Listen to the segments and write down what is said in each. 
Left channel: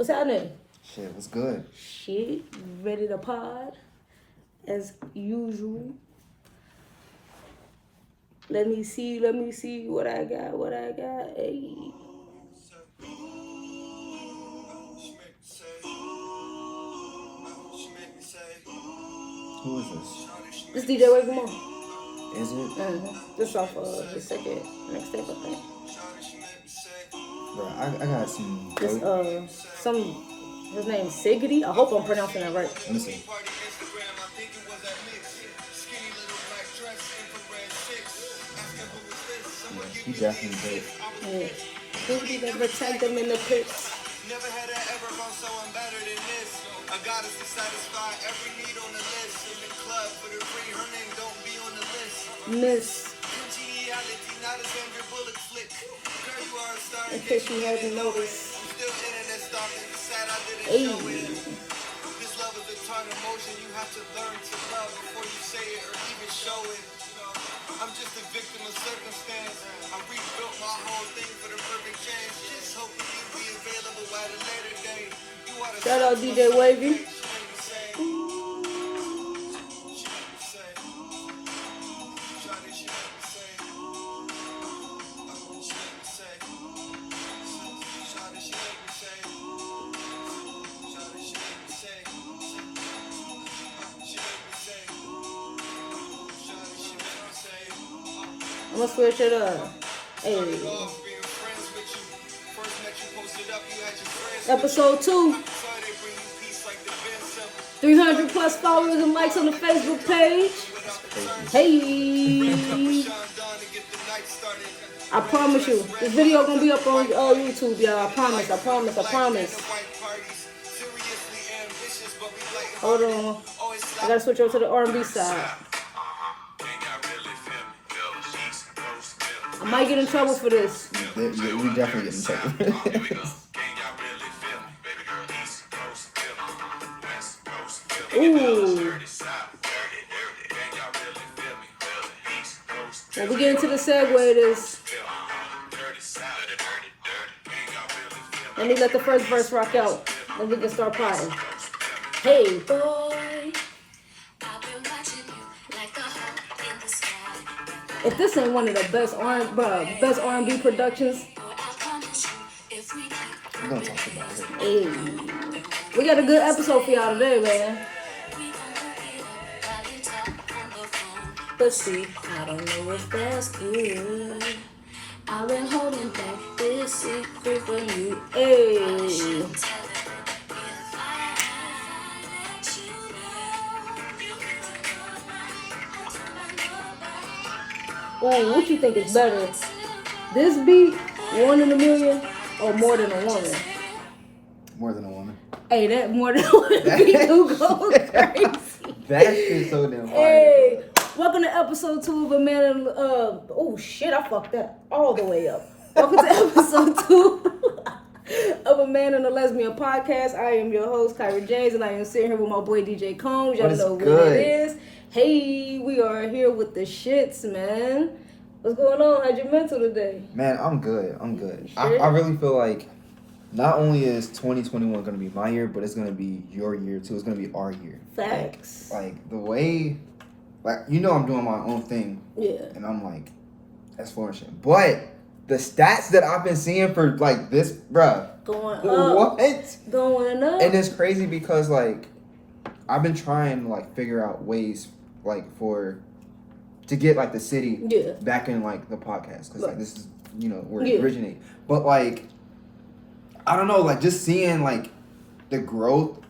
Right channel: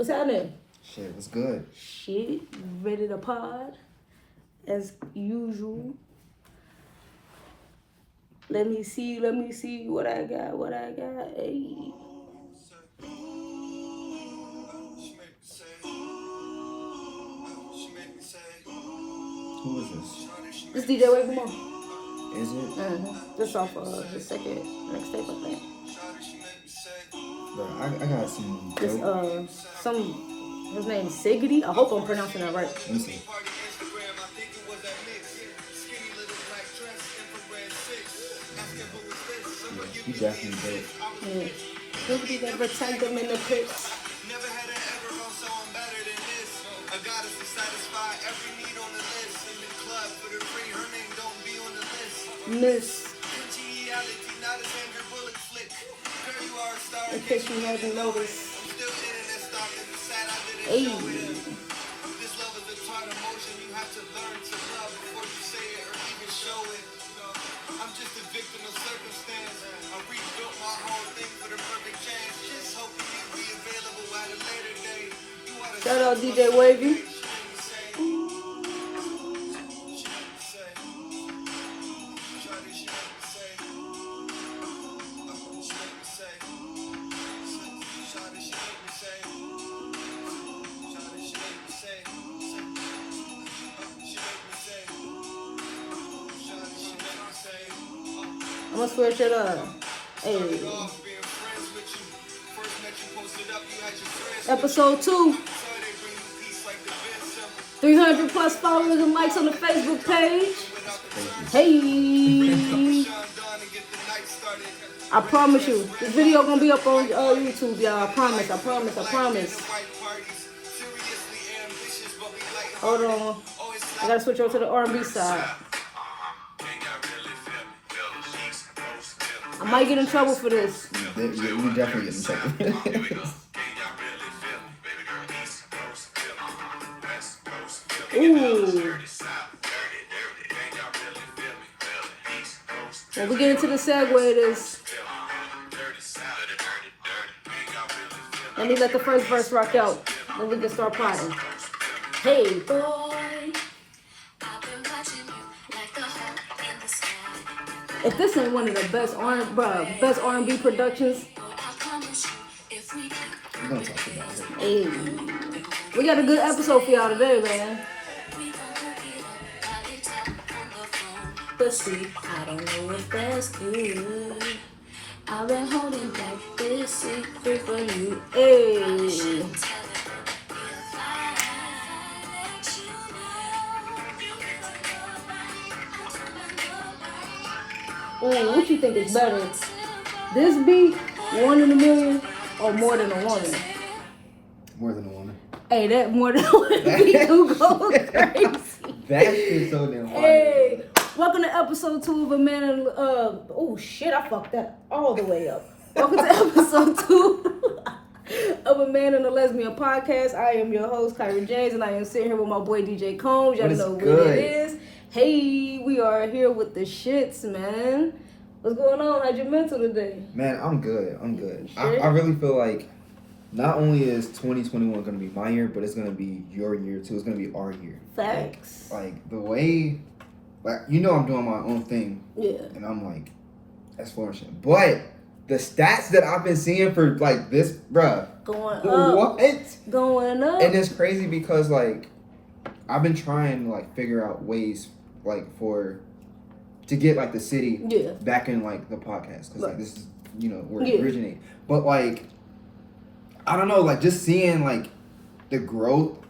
What's happening? Shit, what's good? Shit, ready to pod as usual. Let me see what I got. Hey. Who is this? This DJ Wavy Mo. Is it? This off the second mixtape, I think. Bro, I got some. This his name's Sigidy. I hope I'm pronouncing that right. Let me see. Yeah, he definitely did. Yeah. Sigidy never tagged them in the pics. Never had it ever gone so I'm better than this. I got us to satisfy every need on the list. In the club for the free, her name don't be on the list. Miss. Reality, not a Sandra Bullock flick. Girl, you are a star. In case you hadn't noticed. I'm still internet stalking. It's sad I didn't Hey. know it. This love is a tart emotion. You have to learn to love before you say it or even show it. I'm just a victim of circumstance. I rebuilt my whole thing for the perfect chance. Just hoping you'll be available at a later date. Shout out DJ Wavy. I'm gonna switch it up. Hey. Episode 2. 300 plus followers and likes on the Facebook page. Hey. I promise you, this video gonna be up on YouTube, y'all. I promise. Hold on. I gotta switch over to the R&B side. I might get in trouble for this. You definitely get in trouble. Ooh. When we get into the segue, this. Let me let the first verse rock out. Then we can start potting. Hey, boy. If this ain't one of the best R&B productions, I'm gonna talk about it. hey, we got a good episode for y'all today, man. But see, I don't know if that's good. I've been holding back this secret from you. Hey. Ooh, what you think is better? This beat, 1 in a million, or More Than a Woman? More Than a Woman. Hey, that More Than a Woman beat do go crazy. That shit's so damn fire. Hey, welcome to episode 2 of A Man and oh shit, I fucked that all the way up. Welcome to episode 2 of A Man and a Lesbian podcast. I am your host, Kyra James, and I am sitting here with my boy DJ Combs. Y'all know what it is. Hey, we are here with the shits, man. What's going on? How's your mental today? Man, I'm good. Sure? I really feel like not only is 2021 going to be my year, but it's going to be your year too. It's going to be our year. Facts. Like the way, like, you know, I'm doing my own thing. Yeah. And I'm like, that's flourishing. But the stats that I've been seeing for like this, bruh. Going up. What? Going up. And it's crazy because like, I've been trying to like figure out ways like to get like the city back in like the podcast because like this is, you know, where it originates. But like, I don't know, like just seeing like the growth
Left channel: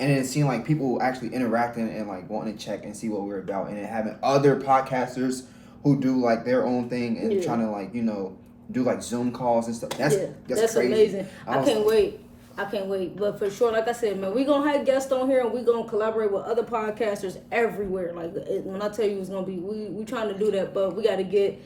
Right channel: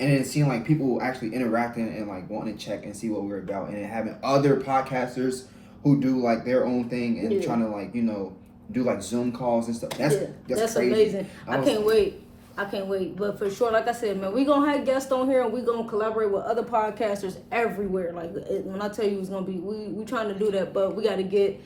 and then seeing like people actually interacting and like wanting to check and see what we're about, and then having other podcasters who do like their own thing and trying to like, you know, do like Zoom calls and stuff. That's crazy. Amazing. I can't wait. But for sure, like I said, man, we gonna have guests on here and we gonna collaborate with other podcasters everywhere. Like when I tell you it's gonna be, we trying to do that, but we got to get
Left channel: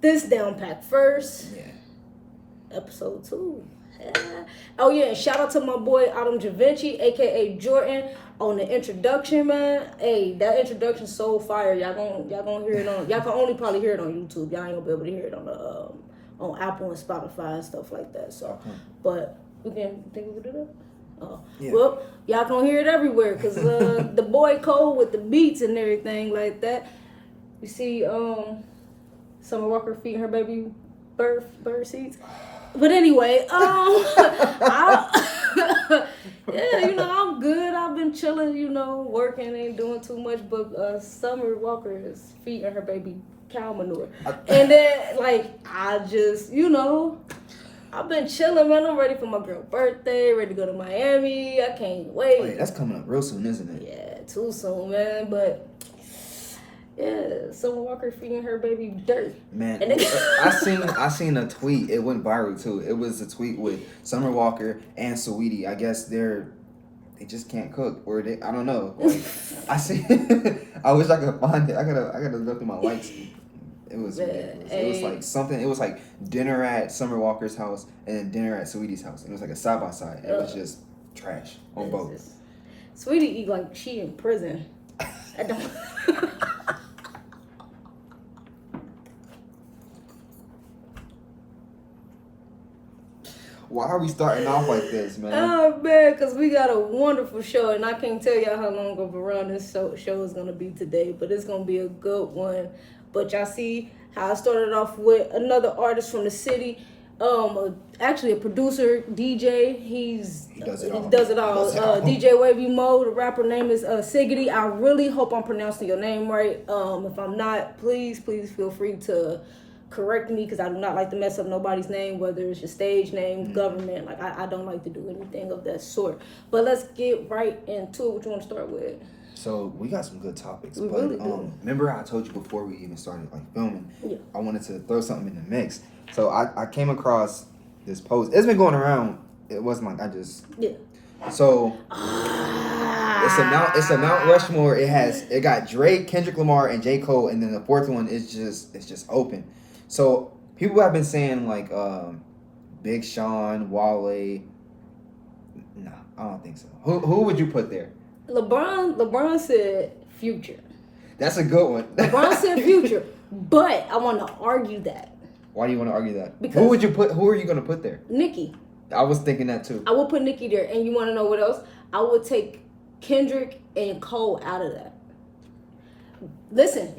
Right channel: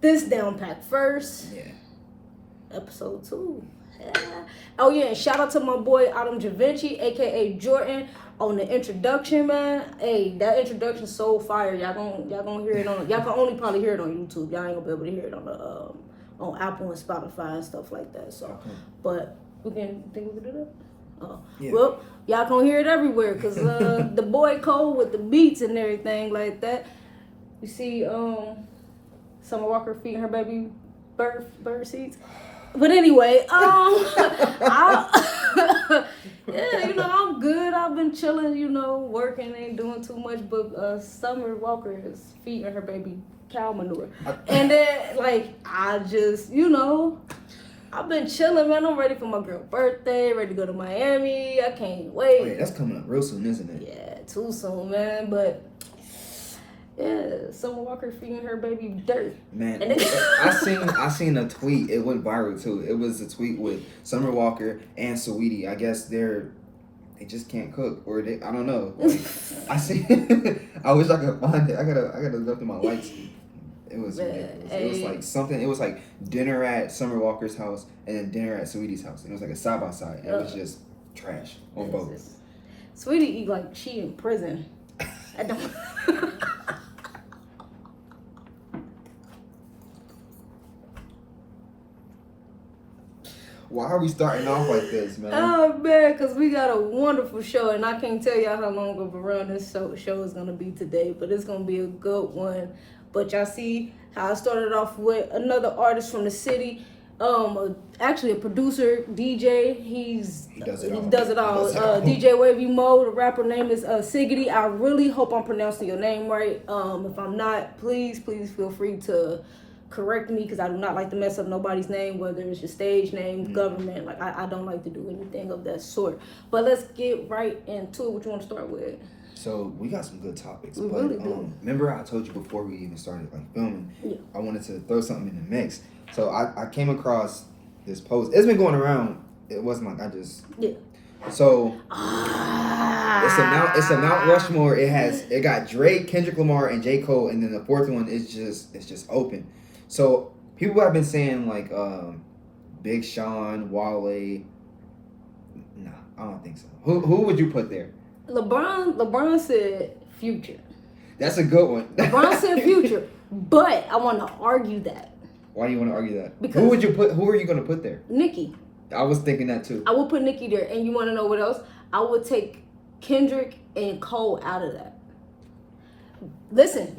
this down pat first. Yeah. Episode 2. Yeah. Oh yeah, and shout out to my boy Adam Javinci, aka Jordan, on the introduction, man. Hey, that introduction's so fire. Y'all gonna hear it on. Y'all can only probably hear it on YouTube. Y'all ain't gonna be able to hear it on the on Apple and Spotify and stuff like that. So, but We can think we can do that. Oh, yeah. Well, y'all gonna hear it everywhere because the boy Cole with the beats and everything like that. You see, Summer Walker feeding her baby bird seeds. But anyway, yeah, you know, I'm good. I've been chilling, you know, working, ain't doing too much. But Summer Walker is feeding her baby cow manure, and then like I just, you know. I've been chilling, man. I'm ready for my girl's birthday. Ready to go to Miami. I can't wait. Oh, yeah, that's coming up real soon, isn't it? Yeah, too soon, man. But yeah, Summer Walker feeding her baby dirt. Man, I seen a tweet. It went viral too. It was a tweet with Summer Walker and Saweetie. I guess they just can't cook, or I don't know. Like, I see. I wish I could find it. I gotta go through my likes. It was ridiculous. It was like something. It was like dinner at Summer Walker's house and then dinner at Saweetie's house. It was like a side by side. It was just trash on both. Saweetie eat like she in prison. I don't. Why are we starting off like this, man? Oh man, because we got a wonderful show, and I can't tell y'all how long of a run this show is gonna be today, but it's gonna be a good one. But y'all see how I started off with another artist from the city, actually a producer, DJ. He does it all. DJ Wavy Mo. The rapper name is Sigidy. I really hope I'm pronouncing your name right. If I'm not, please feel free to correct me because I do not like to mess up nobody's name, whether it's your stage name, government. Like I don't like to do anything of that sort. But let's get right into it. What you want to start with? So we got some good topics. We really do. Remember how I told you before we even started like filming? Yeah. I wanted to throw something in the mix. So I came across this post. It's been going around. It wasn't like I just So it's a Mount Rushmore. It got Drake, Kendrick Lamar, and J. Cole, and then the fourth one is just open. So people have been saying like Big Sean, Wale. No, I don't think so. Who would you put there? LeBron said Future. That's a good one. LeBron said Future, but I want to argue that. Why do you want to argue that? Because who are you going to put there? Nicki. I was thinking that too. I would put Nicki there, and you want to know what else? I would take Kendrick and Cole out of that. Listen.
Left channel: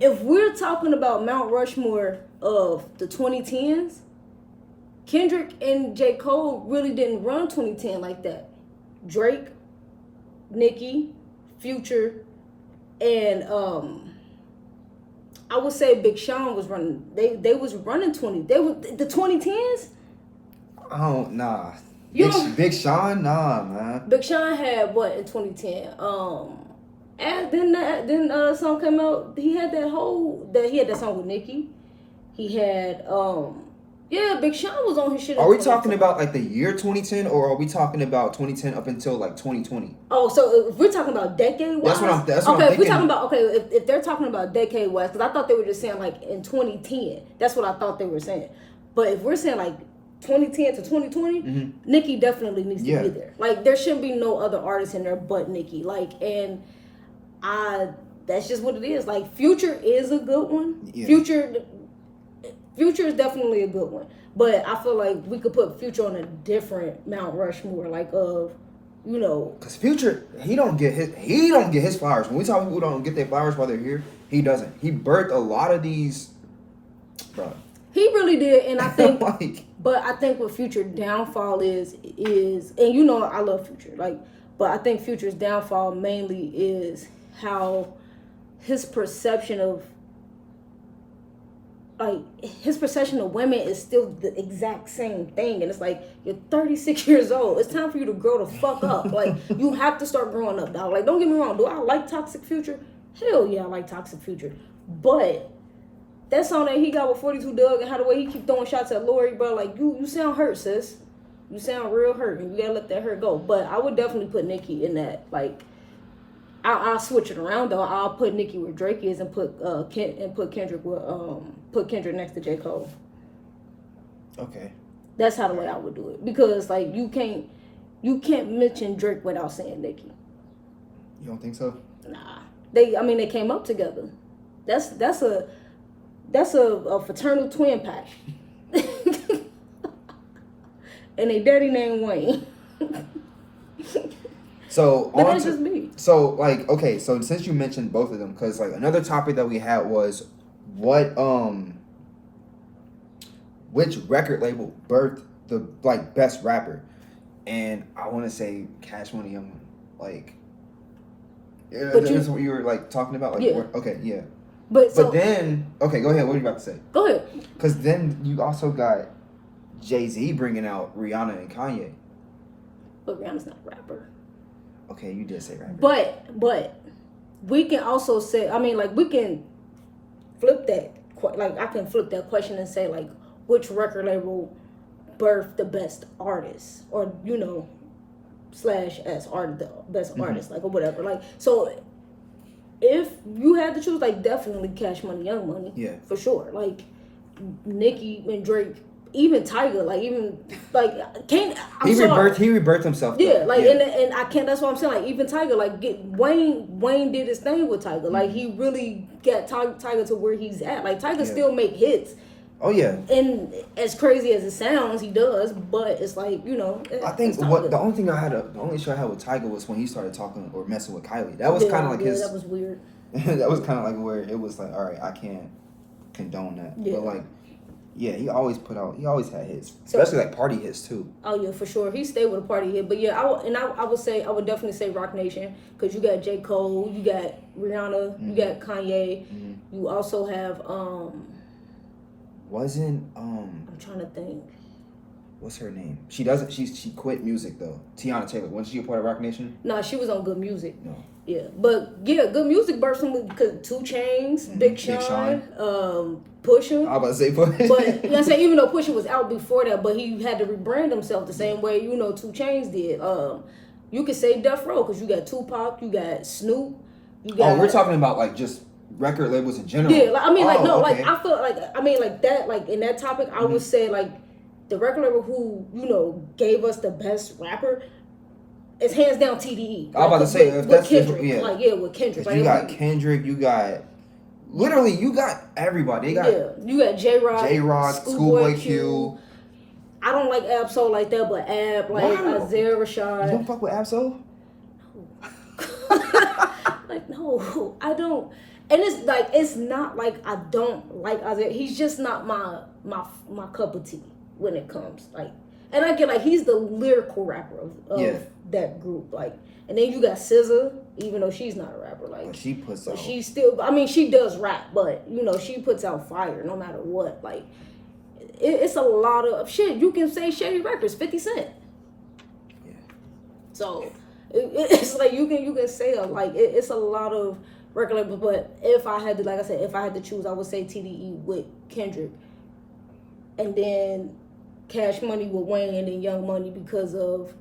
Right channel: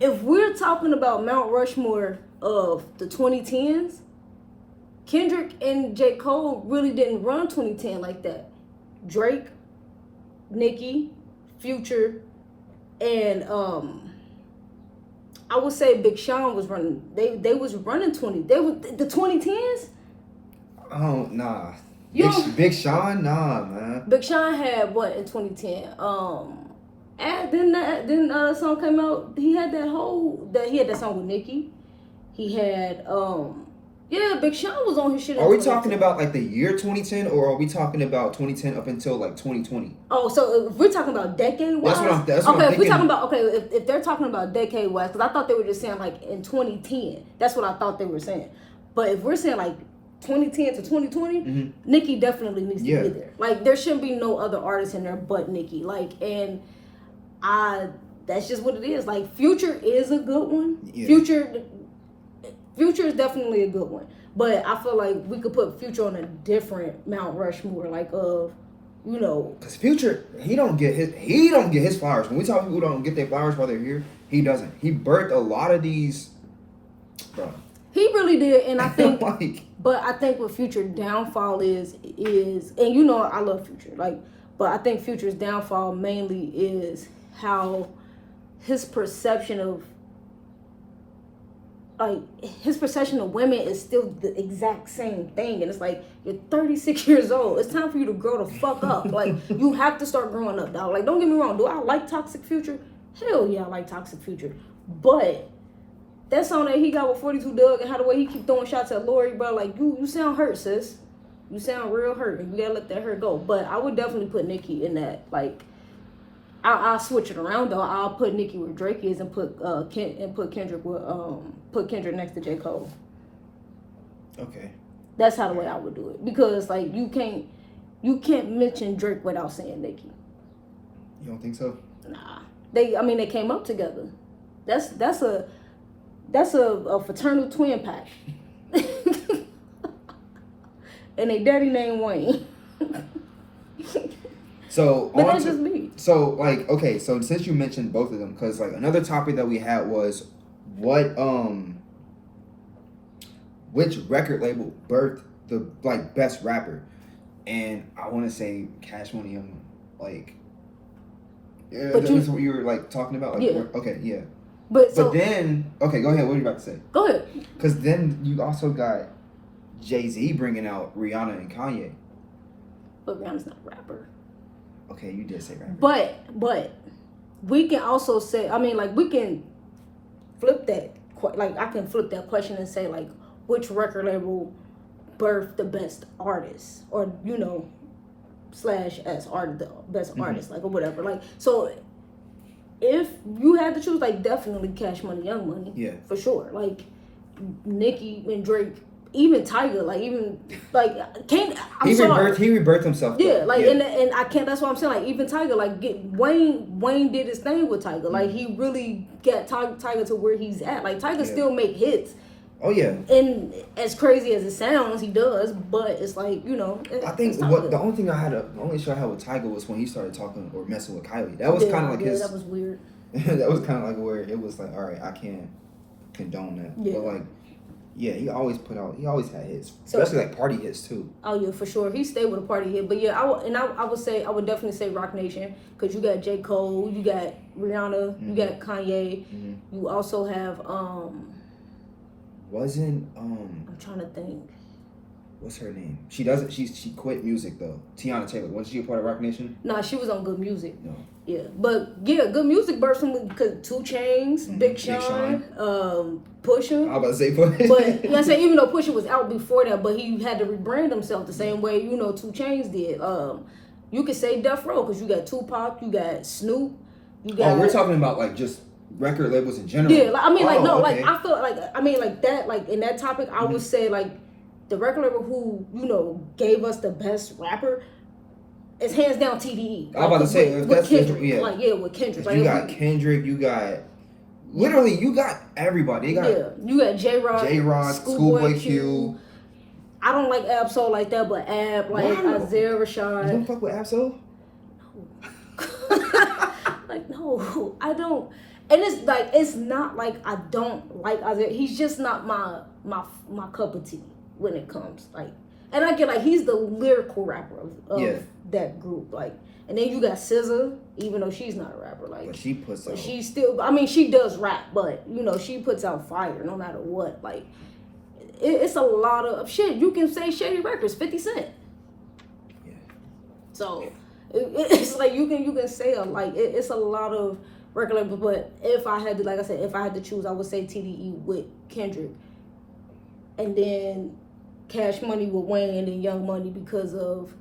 If we're talking about Mount Rushmore of the 2010s, Kendrick and J. Cole really didn't run 2010 like that. Drake, Nicki, Future, and I would say Big Sean was running. They was running 20. They were the 2010s. Oh nah. Big Sean, nah, man. Big Sean had what in 2010? And then song came out. He had that song with Nicki. He had Big Sean was on his shit. Are we talking about like the year 2010, or are we talking about 2010 up until like 2020? Oh, so if we're talking about decade wise, that's what I'm if we're talking about if they're talking about decade wise, because I thought they were just saying like in 2010. That's what I thought they were saying. But if we're saying like 2010 to 2020, Nicki definitely needs to be there. Like there shouldn't be no other artist in there but Nicki. Like that's just what it is. Like Future is a good one. Yeah. Future is definitely a good one, but I feel like we could put Future on a different Mount Rushmore, like because Future he don't get his flowers. When we talk people who don't get their flowers while they're here, he doesn't. He birthed a lot of these, bro. He really did, and I think, but I think what Future downfall is, and I love Future, but I think Future's downfall mainly is how his perception of women is still the exact same thing. And it's like, you're 36 years old. It's time for you to grow the fuck up. Like, you have to start growing up, dog. Like, don't get me wrong. Do I like Toxic Future? Hell yeah, I like Toxic Future. But that song that he got with 42 Doug and how the way he keep throwing shots at Lori, bro, like, you sound hurt, sis. You sound real hurt, and you gotta let that hurt go. But I would definitely put Nicki in that. Like, I'll switch it around though. I'll put Nicki where Drake is and put Kendrick next to J. Cole. Okay. That's how the way I would do it, because like you can't mention Drake without saying Nicki. You don't think so? Nah. They came up together. That's a fraternal twin pack. and they daddy named Wayne. So, but that's just me. So, like, okay, so since you mentioned both of them, because, like, another topic that we had was which record label birthed the, like, best rapper? And I want to say Cash Money Young Money. Like, that's what you were, like, talking about? Like, yeah. Okay, yeah. But then, okay, go ahead. What are you about to say? Go ahead. Because then you also got Jay-Z bringing out Rihanna and Kanye. But Rihanna's not a rapper. Okay, you did say rapper. But we can also say, I mean, like, we can flip that. Like, I can flip that question and say, like, which record label birthed the best artist? Or, you know, / as art, the best artist, like, or whatever. Like, so if you had to choose, like, definitely Cash Money, Young Money. Yeah. For sure. Like, Nicki and Drake, even Tyga, like, even, like, can't, He rebirthed himself. Yeah, though. Like, and I can't, that's what I'm saying, like, even Tyga, like, Wayne did his thing with Tyga. Like, he really got Tyga to where he's at. Like, Tyga still make hits. Oh, yeah. And as crazy as it sounds, he does, but it's like, you know. I think the only issue I had with Tyga was when he started talking or messing with Kylie. That was kind of like his. That was weird. That was kind of like where it was like, all right, I can't condone that. Yeah. But like, yeah, he always had hits, especially like party hits too. Oh yeah, for sure. He stayed with a party hit, but yeah, I would definitely say Rock Nation, because you got J. Cole, you got Rihanna, you got Kanye, you also have I'm trying to think. What's her name? She quit music though. Tiana Taylor. Wasn't she a part of Rock Nation? Nah, she was on Good Music. No. Yeah, but yeah, Good Music birthed him because 2 Chainz, Big Sean, Pusha. I was about to say Pusha. But I say even though Pusha was out before that, but he had to rebrand himself the same way 2 Chainz did. You could say Death Row, because you got Tupac, you got Snoop, you got. Oh, we're talking about like just record labels in general. Yeah, like, I mean, okay. I feel like, I mean, like that, like in that topic, I would say like the record label who gave us the best rapper is hands down TDE. I was about to say with Kendrick, with Kendrick. Like, you got Kendrick, you got everybody. You got J-Rock, Schoolboy Q. I don't like Ab-Soul like that, but Ab, like Isaiah Rashad. You don't fuck with Ab-Soul? Like, no, I don't. And it's like, it's not like I don't like Isaiah. He's just not my cup of tea when it comes, like, and I get like he's the lyrical rapper of that group, like, and then you got SZA, even though she's not a rapper, like, but she puts out. She's still, I mean, she does rap, but she puts out fire no matter what. Like, it's a lot of shit. You can say Shady Records, 50 Cent. Yeah. So it's like you can say it's a lot of record labels, but if I had to, like I said, if I had to choose, I would say TDE with Kendrick, and then Cash Money with Wayne, and then Young Money because of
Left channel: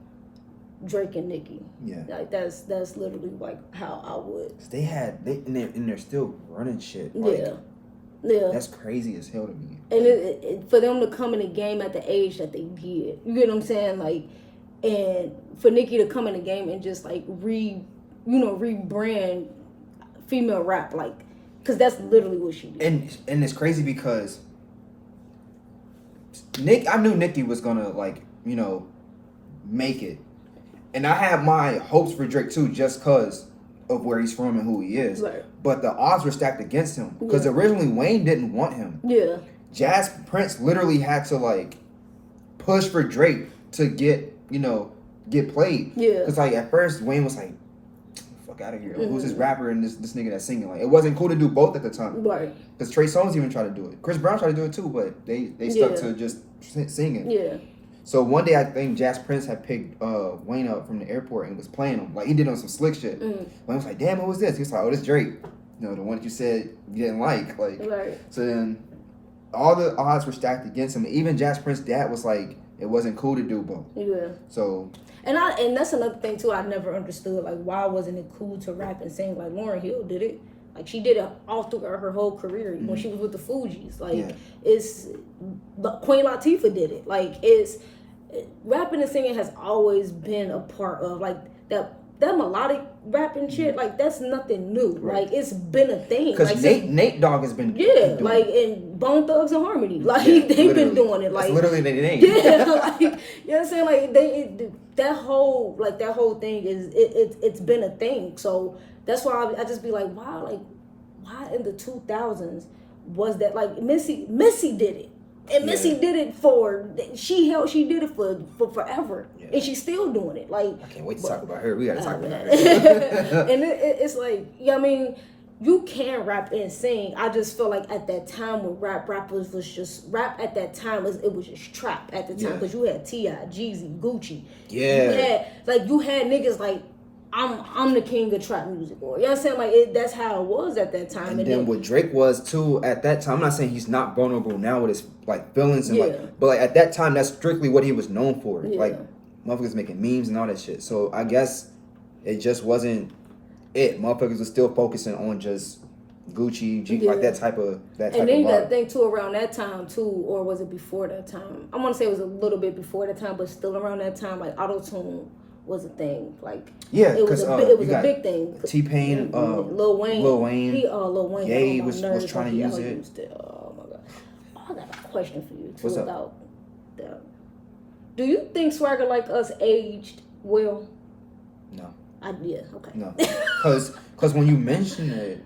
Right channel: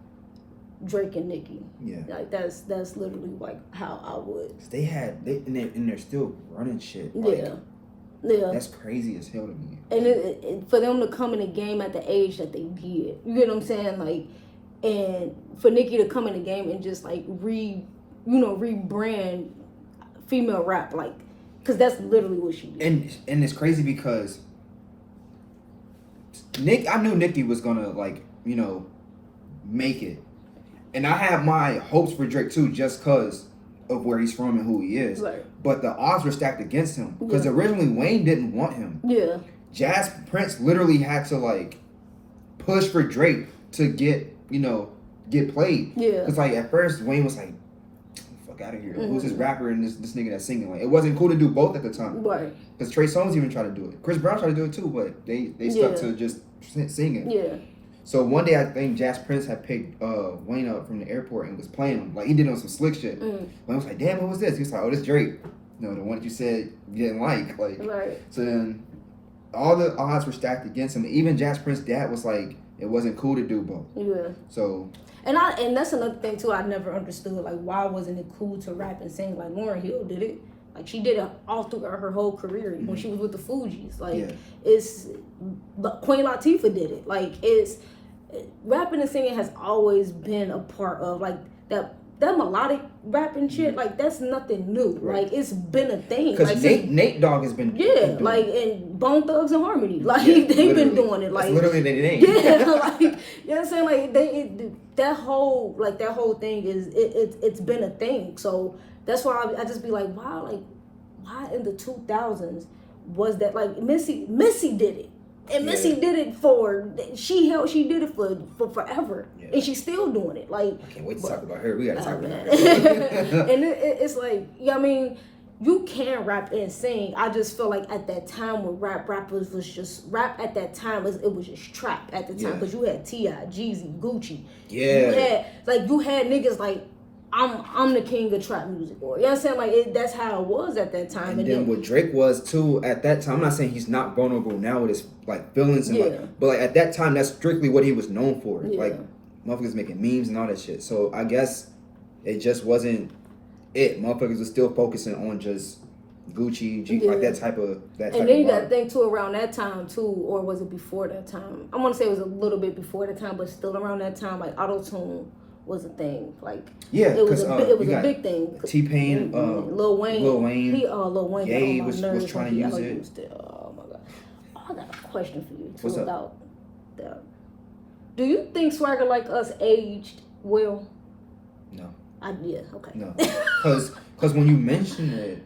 Drake and Nicki. Yeah, like that's literally like how I would. And they're still running shit. Like, yeah, that's crazy as hell to me. And for them to come in the game at the age that they did, you get what I'm saying? Like, and for Nicki to come in the game and just like rebrand female rap, like, because that's literally what she did. And it's crazy because I knew Nicki was gonna like make it, and I had my hopes for Drake too, just because of where he's from and who he is. Right. But the odds were stacked against him because originally Wayne didn't want him. Yeah. Jazz Prince literally had to like push for Drake to get played. Yeah. Because like at first Wayne was like, fuck out of here. Who's this rapper and this nigga that's singing? Like, it wasn't cool to do both at the time. Right. Because Trey Songz even tried to do it. Chris Brown tried to do it too, but they stuck to just singing. Yeah. So one day I think Jazz Prince had picked Wayne up from the airport and was playing him. Like, he did on some slick shit. Wayne was like, damn, who was this? He was like, oh, this Drake. The one that you said you didn't like. Like, right. So then all the odds were stacked against him. Even Jazz Prince's dad was like, it wasn't cool to do both. Yeah. So. And that's another thing too. I never understood, like, why wasn't it cool to rap and sing? Like, Lauryn Hill did it. Like, she did it all throughout her whole career when she was with the Fugees. Like, Queen Latifah did it. Like, rapping and singing has always been a part of like that that melodic rapping shit, like that's nothing new. Right. Like it's been a thing. Because like, Nate Dogg has been like and Bone Thugs and Harmony, like they've been doing it. Like that's literally their name. Yeah, like you know what I'm saying. Like that whole thing is it's been a thing. So that's why I just be like, why in the 2000s was that like Missy did it. And Missy did it she did it for forever, and she's still doing it. Like I can't wait to talk about her. We gotta talk about her. And it's like, you know what I mean, you can rap and sing. I just feel like at that time when rappers was just rap at that time it was just trap at the time because you had T.I., Jeezy, Gucci. Yeah, you had niggas like I'm the king of trap music, or you know what I'm saying? Like that's how it was at that time. And then what Drake was too at that time. I'm not saying he's not vulnerable now with his like feelings and but like at that time that's strictly what he was known for. Like motherfuckers making memes and all that shit. So I guess it just wasn't it. Motherfuckers were still focusing on just Gucci, like that type of And then you got to think too around that time too, or was it before that time? I want to say it was a little bit before that time, but still around that time, like auto-tune was a thing. Like it was a big thing. T-Pain, Lil Wayne, Lil Wayne, Ye was trying to use it. Oh my god! I got a question for you too. What's up? About that. Do you think Swagger Like Us aged well? No. Okay. No, because when you mention it,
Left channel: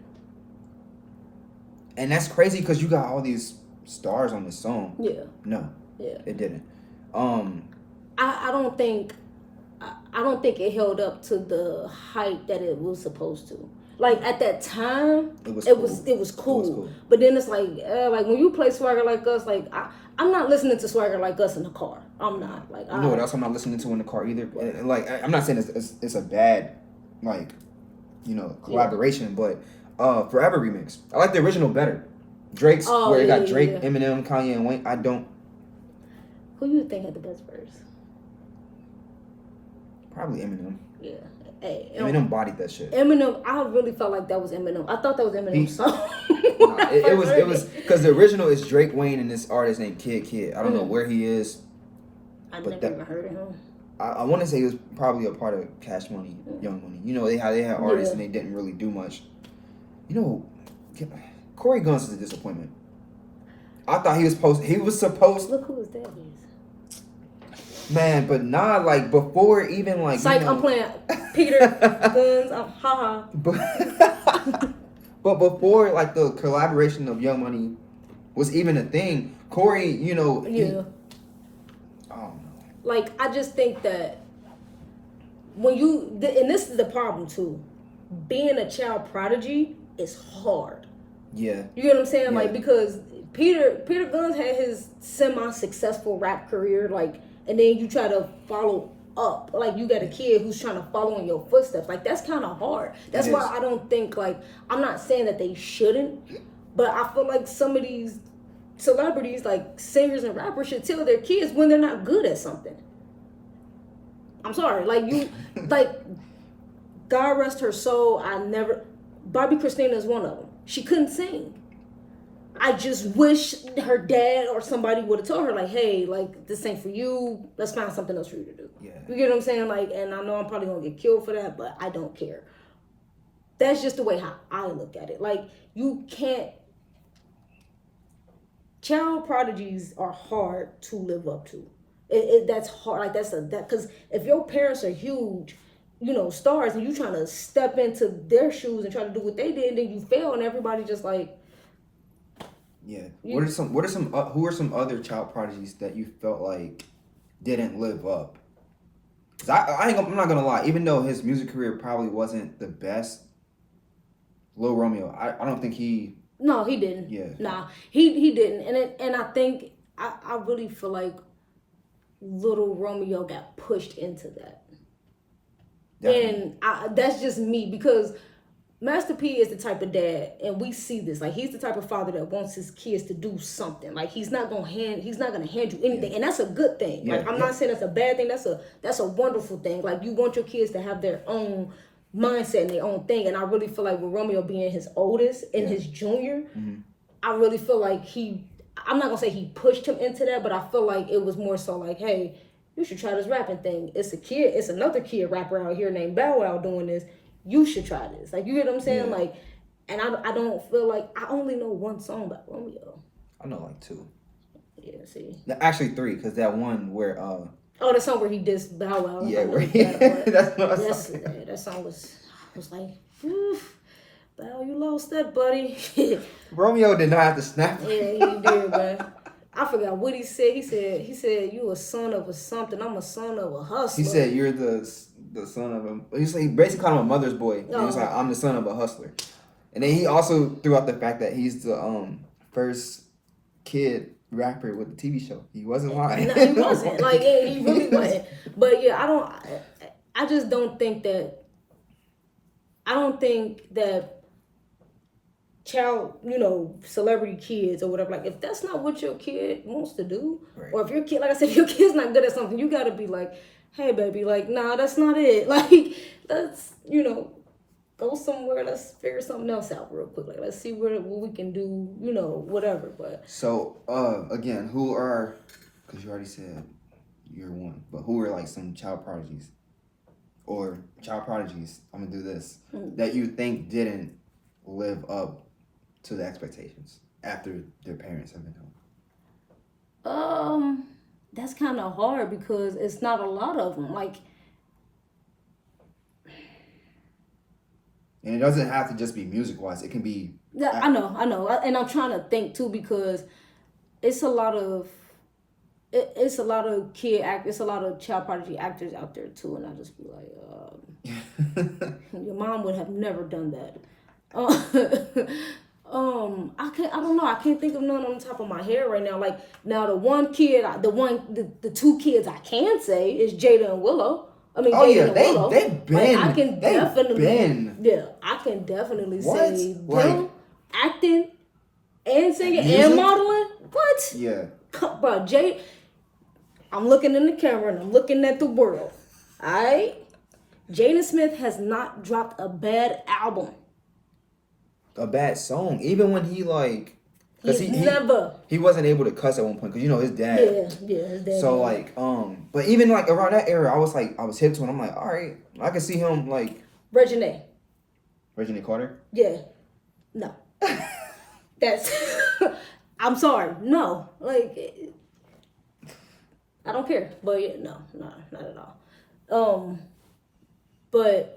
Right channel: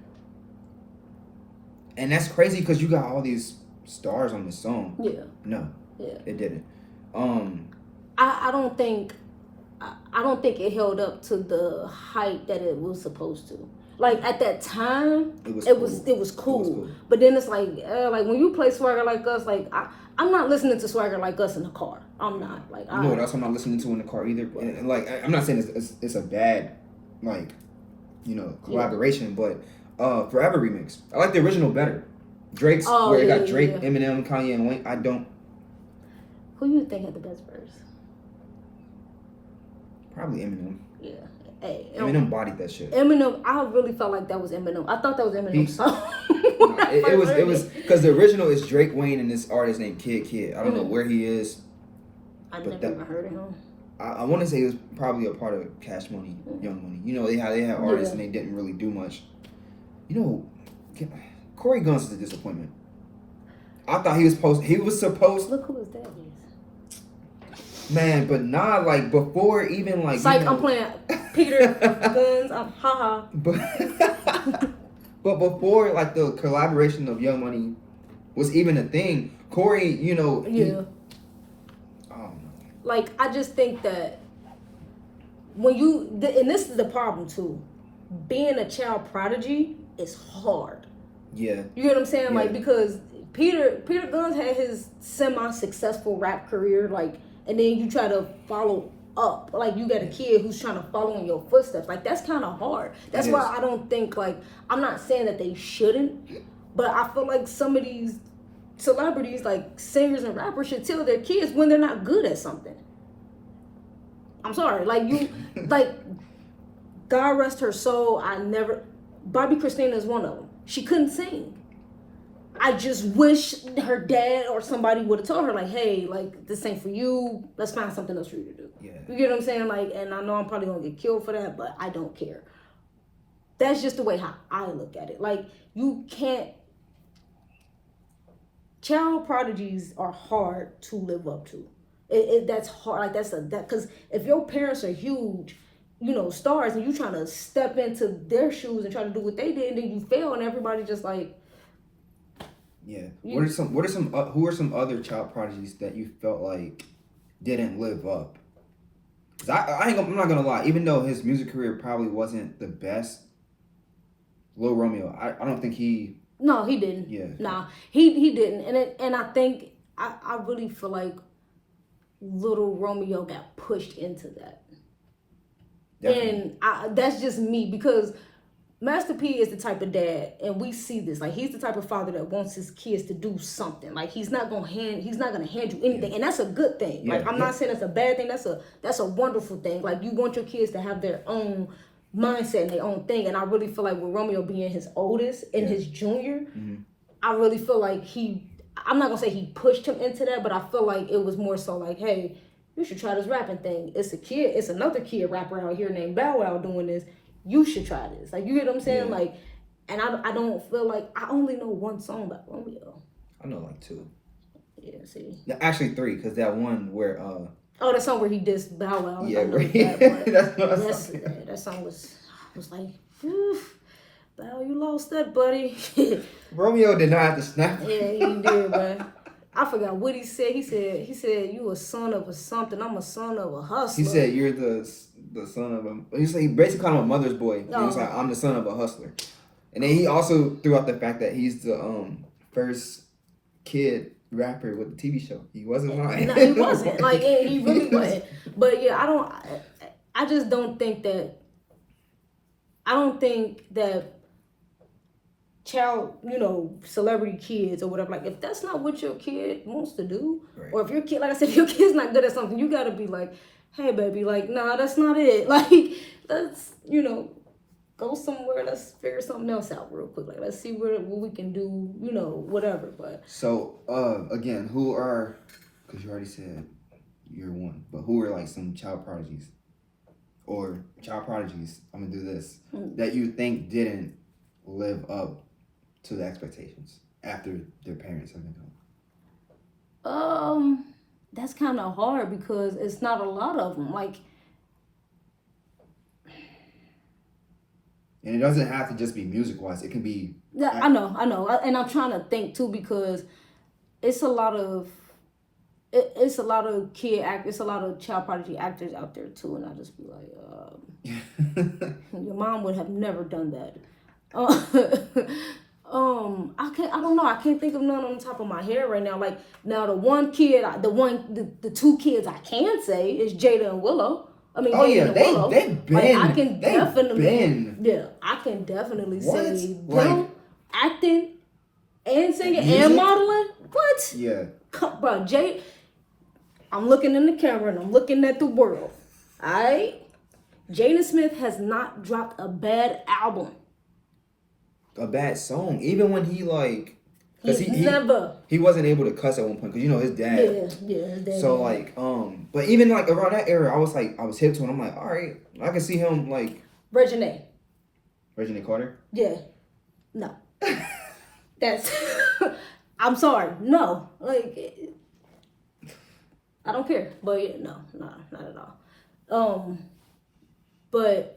and that's crazy because you got all these stars on this song. Yeah. No. Yeah. It didn't. I don't think it held up to the hype that it was supposed to. Like at that time, it was cool. But then it's like when you play Swagger Like Us, like I'm not listening to Swagger Like Us in the car. I'm not like. You know what else I'm not listening to in the car either. And like I'm not saying it's a bad like collaboration, but Forever remix. I like the original better. Drake's where it got Drake, Eminem, Kanye, and Wayne. I don't. Who you think had the best verse? Probably Eminem. Yeah. Hey, Eminem bodied that shit. Eminem, I really felt like that was Eminem. I thought that was Eminem's song. It was because the original is Drake, Wayne, and this artist named Kid. I don't know where he is. I never even heard of him. I want to say he was probably a part of Cash Money, Young Money. You know, they had artists and they didn't really do much. You know, Corey Guns is a disappointment. I thought he was supposed. Look who his dad is. Man, but not like before even like. Psych, I'm playing Peter Guns. I'm haha. But before like the collaboration of Young Money was even a thing, Corey, you know. Yeah. I don't know. Like I just think that when and this is the problem too, being a child prodigy is hard. Yeah. You get what I'm saying? Yeah. Like because Peter Guns had his semi-successful rap career, like, and then you try to follow up. Like you got a kid who's trying to follow in your footsteps. Like that's kind of hard. That's why I don't think like I'm not saying that they shouldn't, but I feel like some of these celebrities, like singers and rappers, should tell their kids when they're not good at something. I'm sorry, like you, like God rest her soul. Bobby Christina is one of them. She couldn't sing. I just wish her dad or somebody would have told her, like, hey, like, this ain't for you. Let's find something else for you to do. Yeah. You get what I'm saying? Like, and I know I'm probably going to get killed for that, but I don't care. That's just the way how I look at it. Like, you can't... Child prodigies are hard to live up to. That's hard. Like, because if your parents are huge, you know, stars, and you trying to step into their shoes and try to do what they did, and then you fail, and everybody just like... Yeah. Who are some other child prodigies that you felt like didn't live up? Cause I'm not gonna lie. Even though his music career probably wasn't the best, Lil Romeo, I don't think he. No, he didn't. Yeah. Nah, he didn't. And I think I really feel like Lil Romeo got pushed into that. Definitely. And that's just me because Master P is the type of dad, and we see this. Like he's the type of father that wants his kids to do something. Like he's not gonna hand you anything, and that's a good thing. Like I'm not saying that's a bad thing. That's a wonderful thing. Like you want your kids to have their own mindset and their own thing. And I really feel like with Romeo being his oldest and his junior, I really feel like I'm not gonna say he pushed him into that, but I feel like it was more so like, hey, you should try this rapping thing. It's another kid rapper out here named Bow Wow doing this. You should try this. Like, you get what I'm saying? Yeah. Like, and I don't feel like, I only know one song by Romeo. I know like 2. Yeah, see. Actually 3, because that one where Oh, that song where he dissed Bow Wow. yeah, That song was like, oof, Bow, you lost that, buddy. Romeo did not have to snap. Yeah, he did, man. I forgot what he said. He said you a son of a something. I'm a son of a hustler. He said you're the son of a. He basically called him a mother's boy. He was like, I'm the son of a hustler. And then he also threw out the fact that he's the first kid rapper with the TV show. He wasn't lying. No, he wasn't. Like, he really wasn't. But yeah, I just don't think that. I don't think that child, celebrity kids or whatever, like, if that's not what your kid wants to do, right. Or if your kid, like I said, if your kid's not good at something, you gotta be like, hey baby, like, nah, that's not it. Like, let's, go somewhere, let's figure something else out real quick. Like, let's see what we can do, whatever. But so again, who are, because you already said you're one, but who are like some child prodigies I'm gonna do this, that you think didn't live up to the expectations after their parents have been home? That's kind of hard because it's not a lot of them. Like, and it doesn't have to just be music wise. It can be. Yeah, I know, and I'm trying to think too because it's a lot of child prodigy actors out there too, and I just be like, your mom would have never done that. I don't know. I can't think of none on the top of my head right now. Like, now the 2 kids I can say is Jada and Willow. I mean, Jada and Willow. They've been. Like, I can definitely say them acting and singing and modeling. What? Yeah. Bro, Jada, I'm looking in the camera and I'm looking at the world. All right? Jaden Smith has not dropped a bad album. A bad song, even when he like, he wasn't able to cuss at one point because his dad. Yeah, his dad. So like, but even like around that era, I was hip to it. I'm like, all right, I can see him like Regine Carter. Yeah, no, that's. I'm sorry, no, like, I don't care, but yeah, no, not at all. But.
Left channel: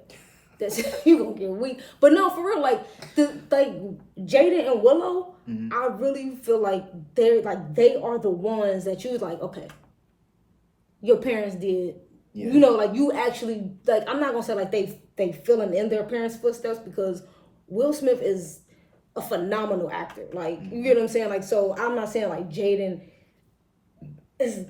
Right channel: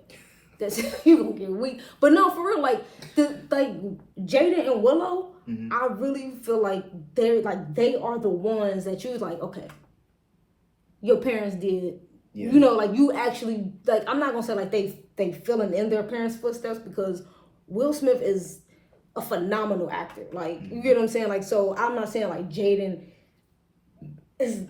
You gonna get weak, but no, for real, like Jada and Willow, I really feel like they are the ones that you was like, okay, your parents did, like you actually, like, I'm not gonna say like they filling in their parents' footsteps because Will Smith is a phenomenal actor, like, you get what I'm saying, like, so I'm not saying like Jaden is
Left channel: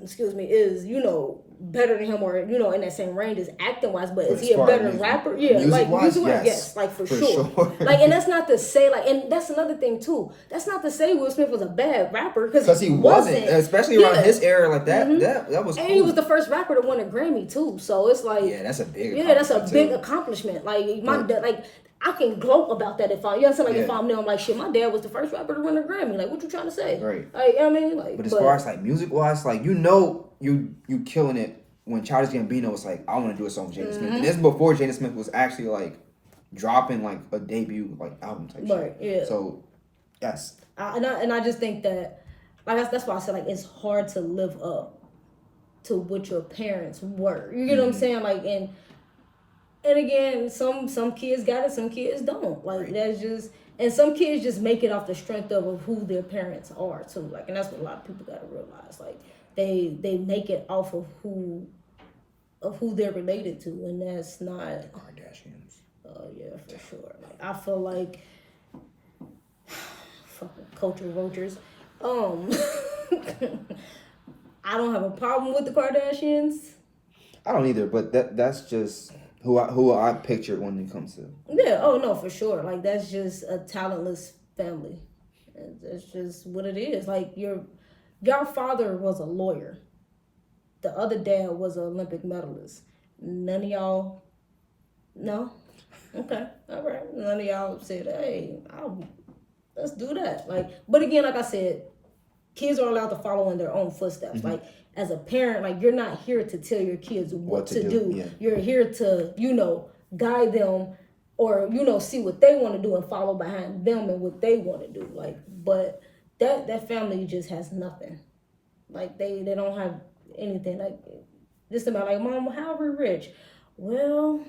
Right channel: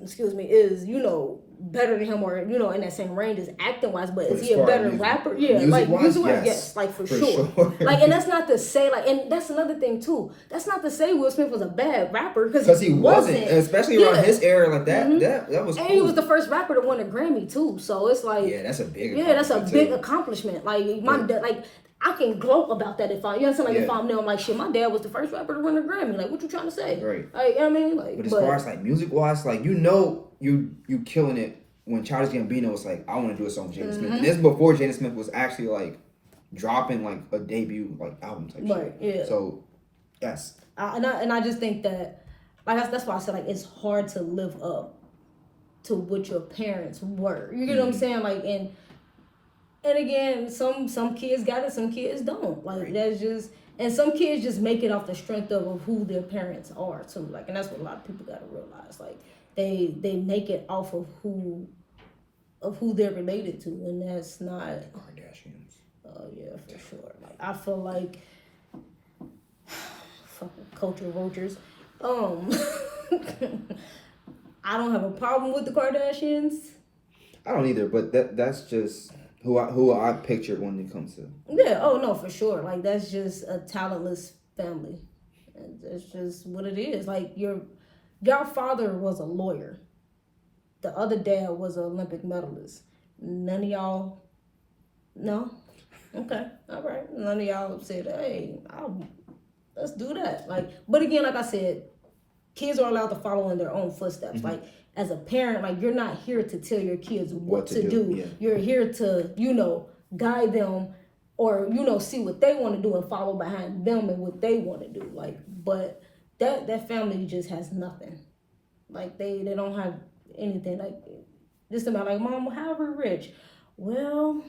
better than him or in that same range as acting wise, but is he a better rapper? Yeah, like music wise, yes, like for sure. Like, and that's not to say like, and that's another thing too. That's not to say Will Smith was a bad rapper because he wasn't, especially around his era like that. That was. And cool. He was the first rapper to win a Grammy too. So it's like, that's a big. Yeah, that's a big accomplishment. Like my dad, like. I can gloat about that if if I'm there, I'm like, shit, my dad was the first rapper to win a Grammy. Like, what you trying to say? Right. Like, I mean, like. But as far as like music wise, like, you killing it when Childish Gambino was like, I want to do a song with Jaden Smith. And this is before Jaden Smith was actually like dropping like a debut like album type shit. Yeah. So, yes. And I just think that, like, that's why I said like it's hard to live up to what your parents were. You get what I'm saying? Like, and again, some kids got it, some kids don't. Like, that's just, and some kids just make it off the strength of who their parents are too. Like, and that's what a lot of people gotta realize. Like, they make it off of who they're related to, and that's not Kardashians. Oh yeah, for sure. Like, I feel like fucking culture vultures. I don't have a problem with the Kardashians. I don't either, but that's just who I pictured when it comes to. Yeah, oh no, for sure. Like, that's just a talentless family. That's just what it is. Like, your father was a lawyer. The other dad was an Olympic medalist. None of y'all, no? Okay, all right. None of y'all said, hey, let's do that. Like, but again, like I said, kids are allowed to follow in their own footsteps. Like, as a parent, like, you're not here to tell your kids what to do. Yeah. You're here to, you know, guide them or, you know, see what they want to do and follow behind them and what they want to do. Like, but that family just has nothing. Like, they don't have anything. Like, just about like, Mom, how are we rich? Well,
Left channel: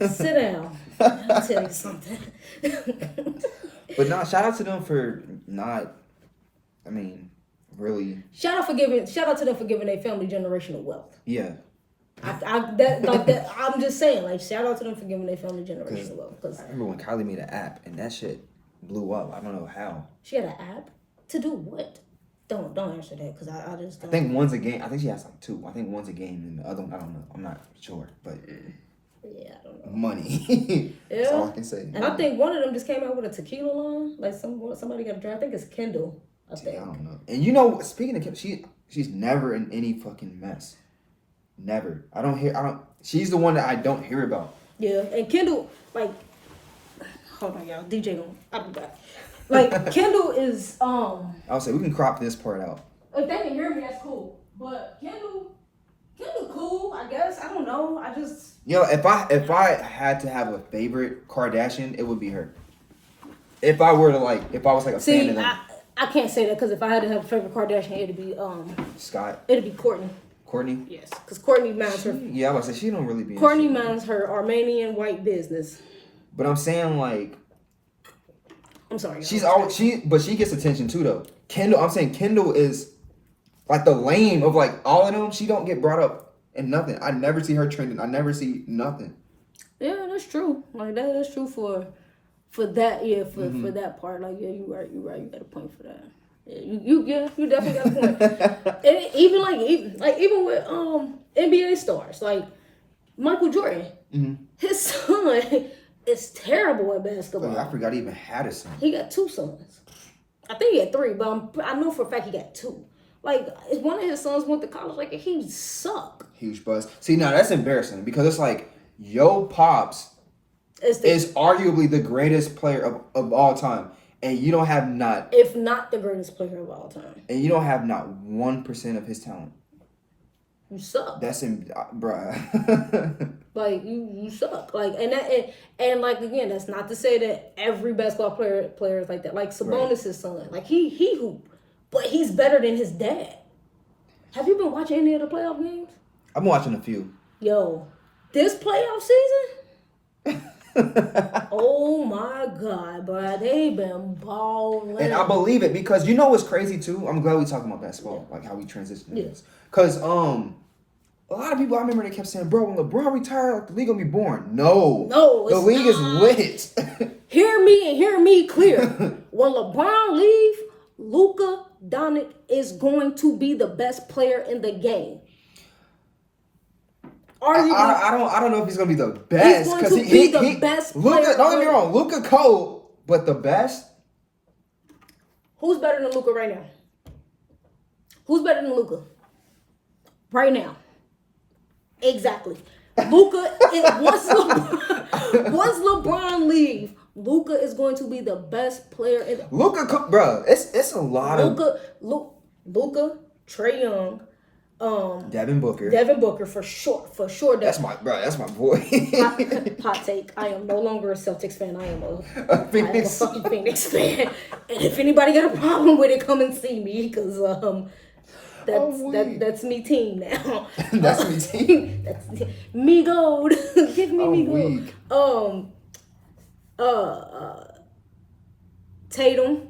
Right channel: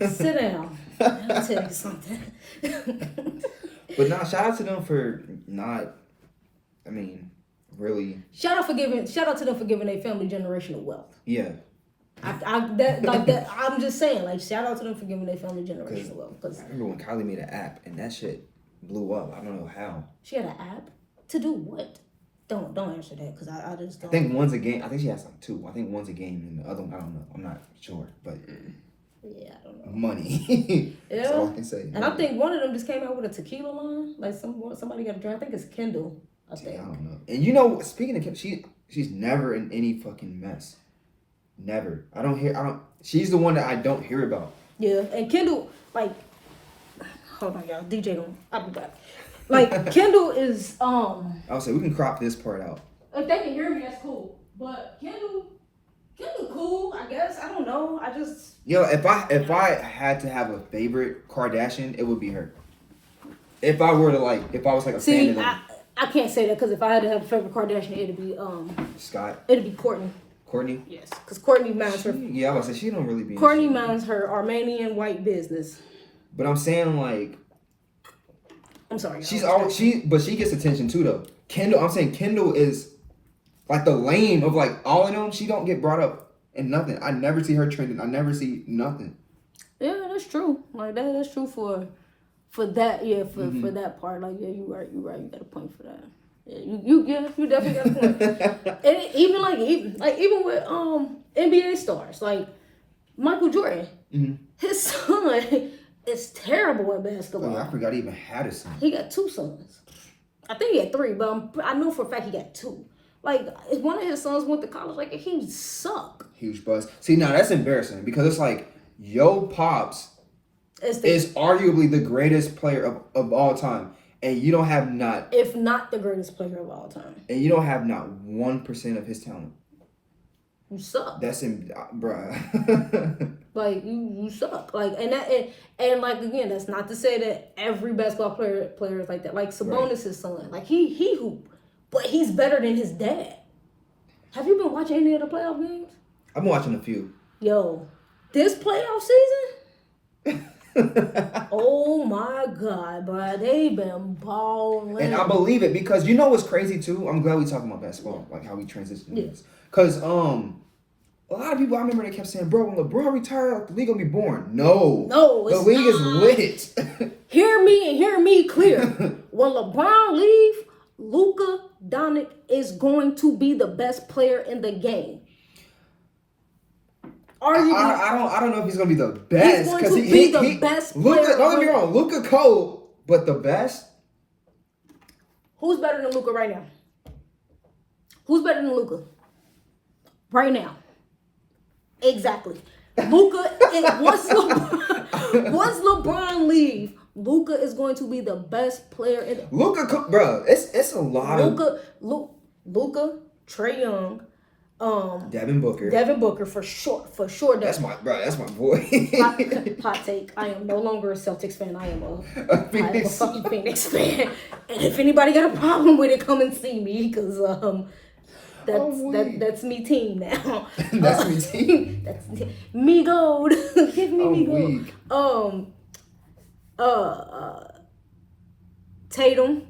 sit down. I'll tell you something. But shout out to them for not, I mean, really. Shout out to them for giving their family generational wealth. Yeah. I'm just saying, like, shout out to them for giving their family generational wealth. I remember when Kylie made an app and that shit blew up. I don't know how. She had an app to do what? Don't answer that because I just don't. I think one's a game. I think she has like two. I think one's a game and the other one, I don't know. I'm not sure, but yeah, I don't know. Money. Yeah. That's all I can say. And I think one of them just came out with a tequila line. Like somebody got a drink. I think it's Kendall. I don't know. And you know, speaking of Kendall, she's never in any fucking mess. Never. She's the one that I don't hear about. Yeah, and Kendall, like, hold on, y'all. DJ, I'll be back. Like, Kendall is, I'll say, we can crop this part out. If they can hear me, that's cool. But Kendall cool, I guess. I don't know. Yo, if I had to have a favorite Kardashian, it would be her. If I was like a fan of them. I can't say that because if I had to have a favorite Kardashian, it'd be, Scott. It'd be Kourtney. Kourtney? Yes, because Kourtney minds her. Yeah, I was say she don't really be. Kourtney minds her Armenian white business. But I'm saying like. I'm sorry. But she gets attention too though. Kendall is like the lame of like all of them. She don't get brought up in nothing. I never see her trending. I never see nothing. Yeah, that's true. Like that's true for that. Yeah, for that part. Like yeah, you right. You got a point for that. Yeah, you definitely got a point. And even with NBA stars like Michael Jordan, his son is terrible at basketball. Oh, I forgot he even had a son. He got 2 sons. I think he had 3, but I know for a fact he got 2. Like one of his sons went to college, like he suck. Huge buzz. See, now that's embarrassing because it's like yo pops is arguably the greatest player of all time. And you don't have if not the greatest player of all time. And you don't have not 1% of his talent. You suck. That's bruh. Like you suck. Like and like again, that's not to say that every basketball player is like that. Like Sabonis' son, like he hoop, but he's better than his dad. Have you been watching any of the playoff games? I've been watching a few. Yo, this playoff season. Oh my God, bro. They been balling. And I believe it because you know what's crazy too? I'm glad we talking about basketball, like how we transition to this. Because a lot of people I remember they kept saying, bro, when LeBron retired, like, the league gonna be boring. No, the league is lit. Hear me clear. When LeBron leave, Luka Doncic is going to be the best player in the game. I don't know if he's gonna be the best because he's going to be the best Luka, don't get me wrong, Luka cold, but the best. Who's better than Luka right now? Who's better than Luka right now? Exactly. Luka. Once LeBron leave, Luka is going to be the best player in. Bro, it's a lot of Luka, Trae Young. Devin Booker for sure. That's my boy. hot take. I am no longer a Celtics fan. I am a fucking Phoenix fan. And if anybody got a problem with it, come and see me because that's me team now. That's me team. That's me gold. Give me me gold. Tatum.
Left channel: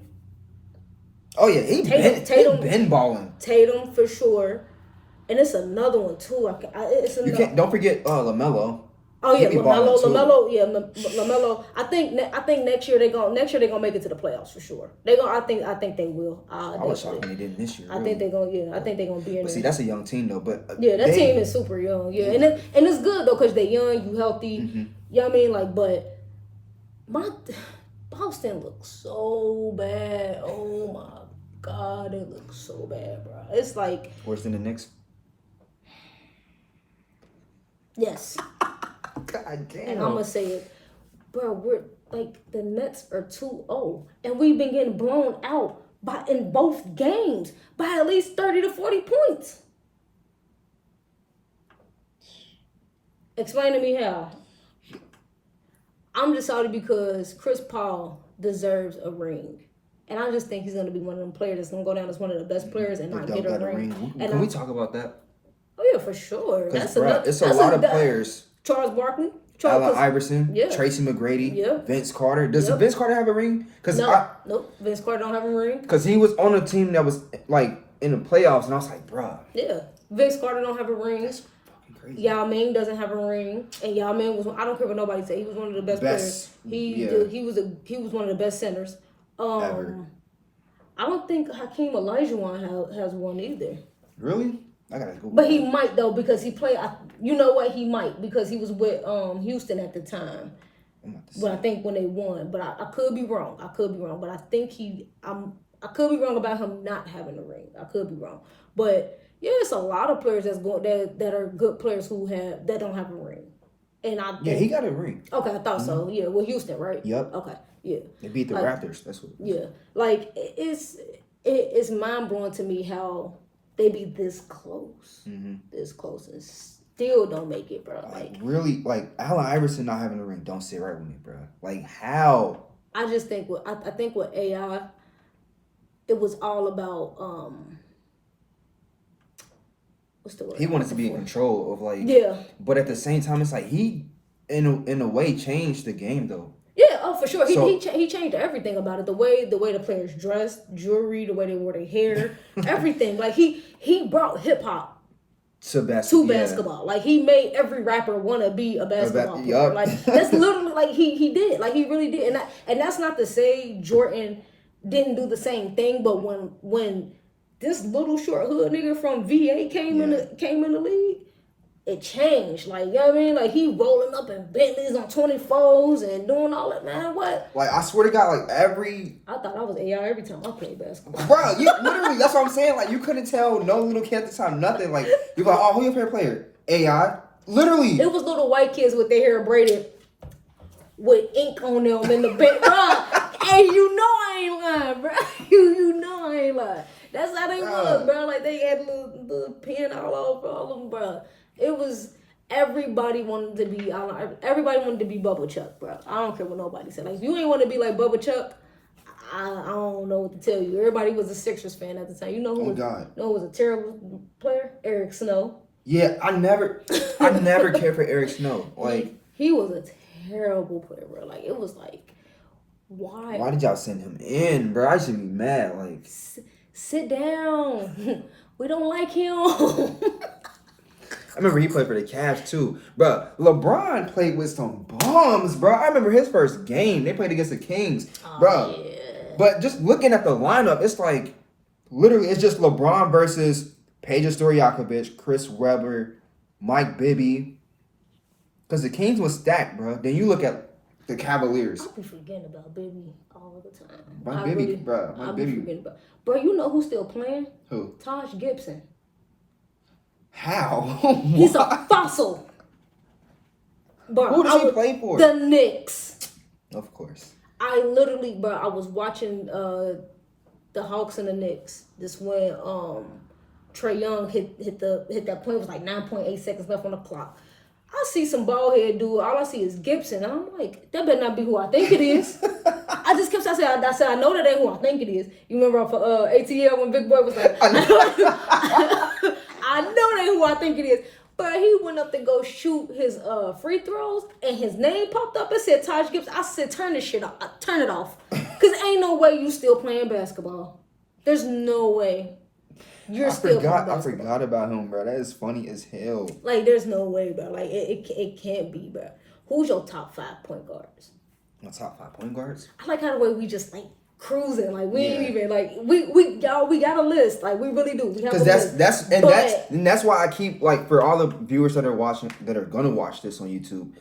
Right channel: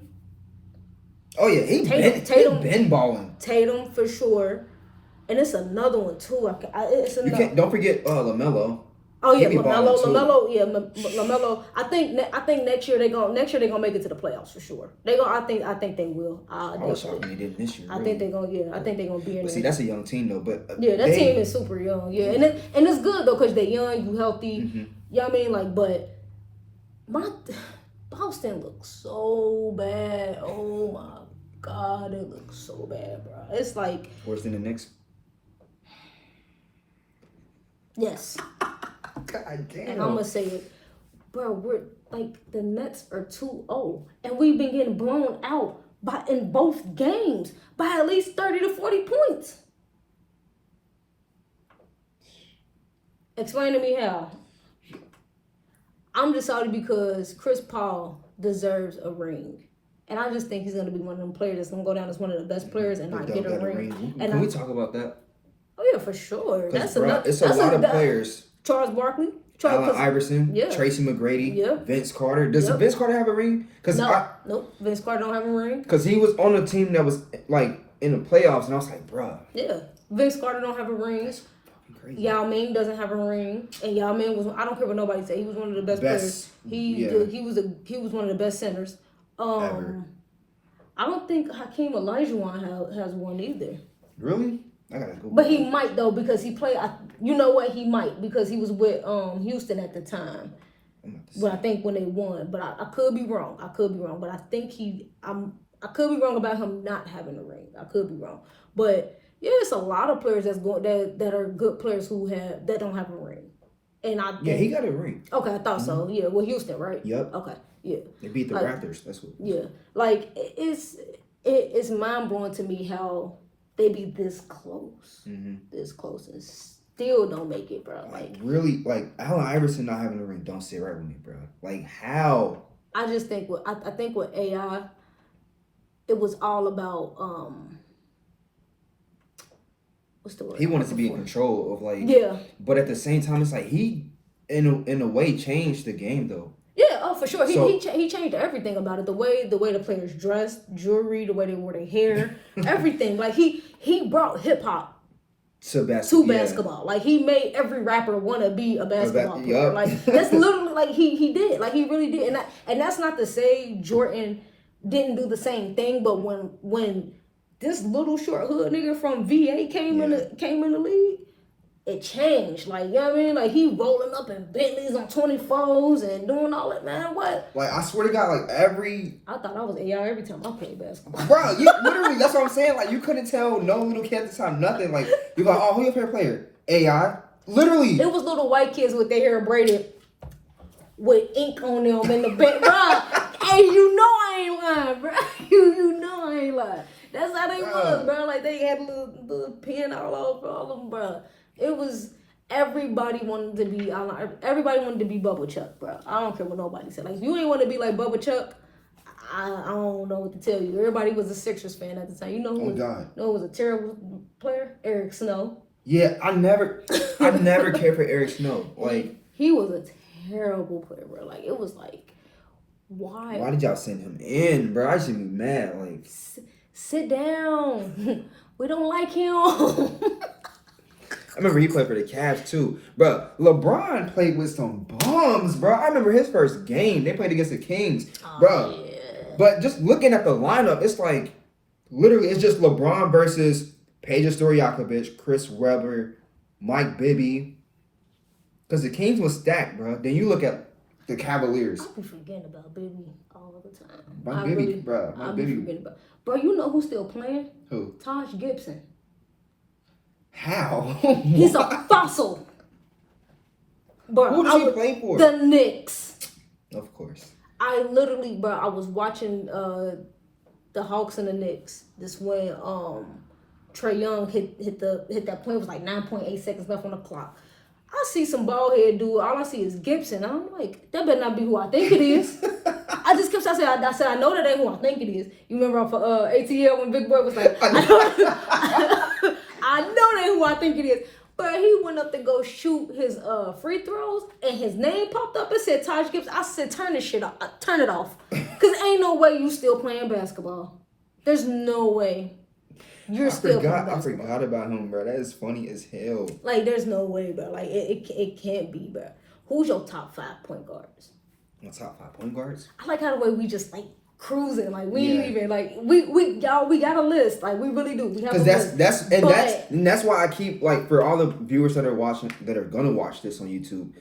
Oh yeah, he been balling. Tatum for sure. And it's another one too. Don't forget LaMelo. Oh yeah, LaMelo. Yeah, LaMelo. I think next year they're gonna make it to the playoffs for sure. I think they will. I was talking they did this year. I think they're gonna be in there. See, that's a young team though. But that team is super young. Yeah, and it's good though because they're young, you healthy. Mm-hmm. You know what I mean? Like, but Boston looks so bad. Oh my God, it looks so bad, bro. It's like worse than the Knicks. Yes. God damn. And I'm gonna say it, bro. We're like the Nets are 2-0, and we've been getting blown out in both games by at least 30 to 40 points. Explain to me how. I'm just salty because Chris Paul deserves a ring. And I just think he's going to be one of them players that's going to go down as one of the best players and not get a ring. Can we talk about that? Oh, yeah, for sure. It's a lot of players. Charles Barkley. Allen Iverson. Yeah. Tracy McGrady. Yeah. Vince Carter. Does Vince Carter have a ring? Nope. Vince Carter don't have a ring. Because he was on a team that was, like, in the playoffs, and I was like, bruh. Yeah. Vince Carter don't have a ring. That's fucking crazy. Yao Ming doesn't have a ring. And Yao Ming was, I don't care what nobody say, he was one of the best players. He was one of the best centers. Ever. I don't think Hakeem Olajuwon has one either. Really? I gotta go. But he might though because he played. You know what? He might because he was with Houston at the time. But I think when they won. But I could be wrong. But I think I could be wrong about him not having a ring. I could be wrong. But yeah, it's a lot of players that are good players that don't have a ring. And he got a ring. Okay, I thought so. Yeah, well, Houston, right? Yep. Okay. Yeah. They beat the Raptors. That's what. Yeah, like it's mind blowing to me how they be this close, and still don't make it, bro. Like really, like Allen Iverson not having a ring don't sit right with me, bro. Like how? I just think I think with AI, it was all about what's the word? He wanted to be in control of but at the same time, it's like he in a way changed the game though. Yeah, oh for sure. He changed everything about it. The way the players dressed, jewelry, the way they wore their hair, everything. Like he brought hip hop to basketball. Like he made every rapper want to be a basketball player. Like that's literally like he did. Like he really did. And that's not to say Jordan didn't do the same thing, but when this little short hood nigga from VA came in the league, it changed. Like, you know what I mean? Like, he rolling up in Bentleys on 24s and doing all that, man. What? Like, I swear to God, like, I thought I was AI every time I played basketball. Bro, literally, that's what I'm saying. Like, you couldn't tell no little kid at the time, nothing. Like, you're like, oh, who your favorite player? AI? Literally. It was little white kids with their hair braided with ink on them in the bed. Bro, hey, you know I ain't lying, bro. You know I ain't lying. That's how they was, bro. Like, they had a little pen all over all of them, bro. It was everybody wanted to be Bubba Chuck, bro. I don't care what nobody said. Like if you ain't want to be like Bubba Chuck, I don't know what to tell you. Everybody was a Sixers fan at the time. You know who was a terrible player? Eric Snow. Yeah, I never cared for Eric Snow. Like he was a terrible player, bro. Like it was like why? Why did y'all send him in, bro? I should be mad. Like sit down. We don't like him. I remember he played for the Cavs too. Bro, LeBron played with some bums, bro. I remember his first game. They played against the Kings. Bro. Yeah. But just looking at the lineup, it's like, literally, it's just LeBron versus Peja Stojakovic, Chris Webber, Mike Bibby. Because the Kings was stacked, bro. Then you look at the Cavaliers. I be forgetting about Bibby all the time. Mike Bibby, bro. Bro, you know who's still playing? Who? Taj Gibson. How? He's a fossil. Bro, who does he play for? The Knicks. Of course. I was watching the Hawks and the Knicks. This when Trae Young hit that point. It was like 9.8 seconds left on the clock. I see some bald head dude. All I see is Gibson. I'm like, that better not be who I think it is. I just kept saying, I said, I know that ain't who I think it is. You remember for ATL when Big Boy was like, I know that ain't who I think it is. But he went up to go shoot his free throws, and his name popped up. It said Taj Gibson. I said, turn this shit off. Turn it off. Because ain't no way you still playing basketball. There's no way. I forgot about him, bro. That is funny as hell. Like, there's no way, bro. Like, it can't be, bro. Who's your top 5 point guards? My top 5 point guards? I like how the way we just, like, cruising. Like, we ain't even, like, we got a list. Like, we really do. We have a list. That's why I keep, like, for all the viewers that are gonna watch this on YouTube,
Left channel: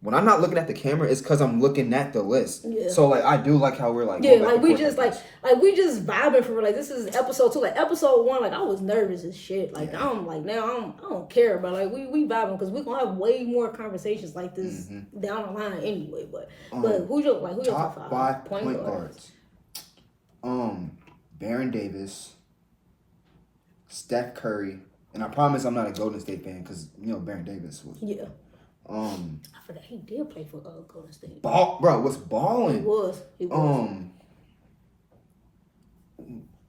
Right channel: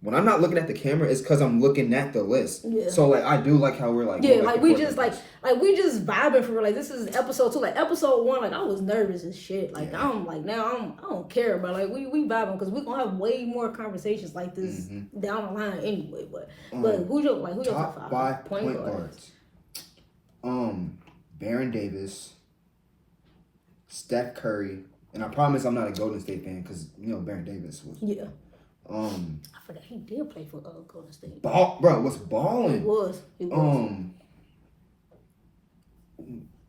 when I'm not looking at the camera, it's because I'm looking at the list. Yeah. So, like, I do like how we're, like, we just vibing for real. Like, this is episode 2. Like, episode 1, like, I was nervous as shit. Like, I'm like, now I don't care, but like, we vibing because we're gonna have way more conversations like this down the line anyway. But who's your top 5 point guards? Baron Davis, Steph Curry, and I promise I'm not a Golden State fan because Baron Davis was. Yeah. I forgot he did play for Golden State. Was balling. He was.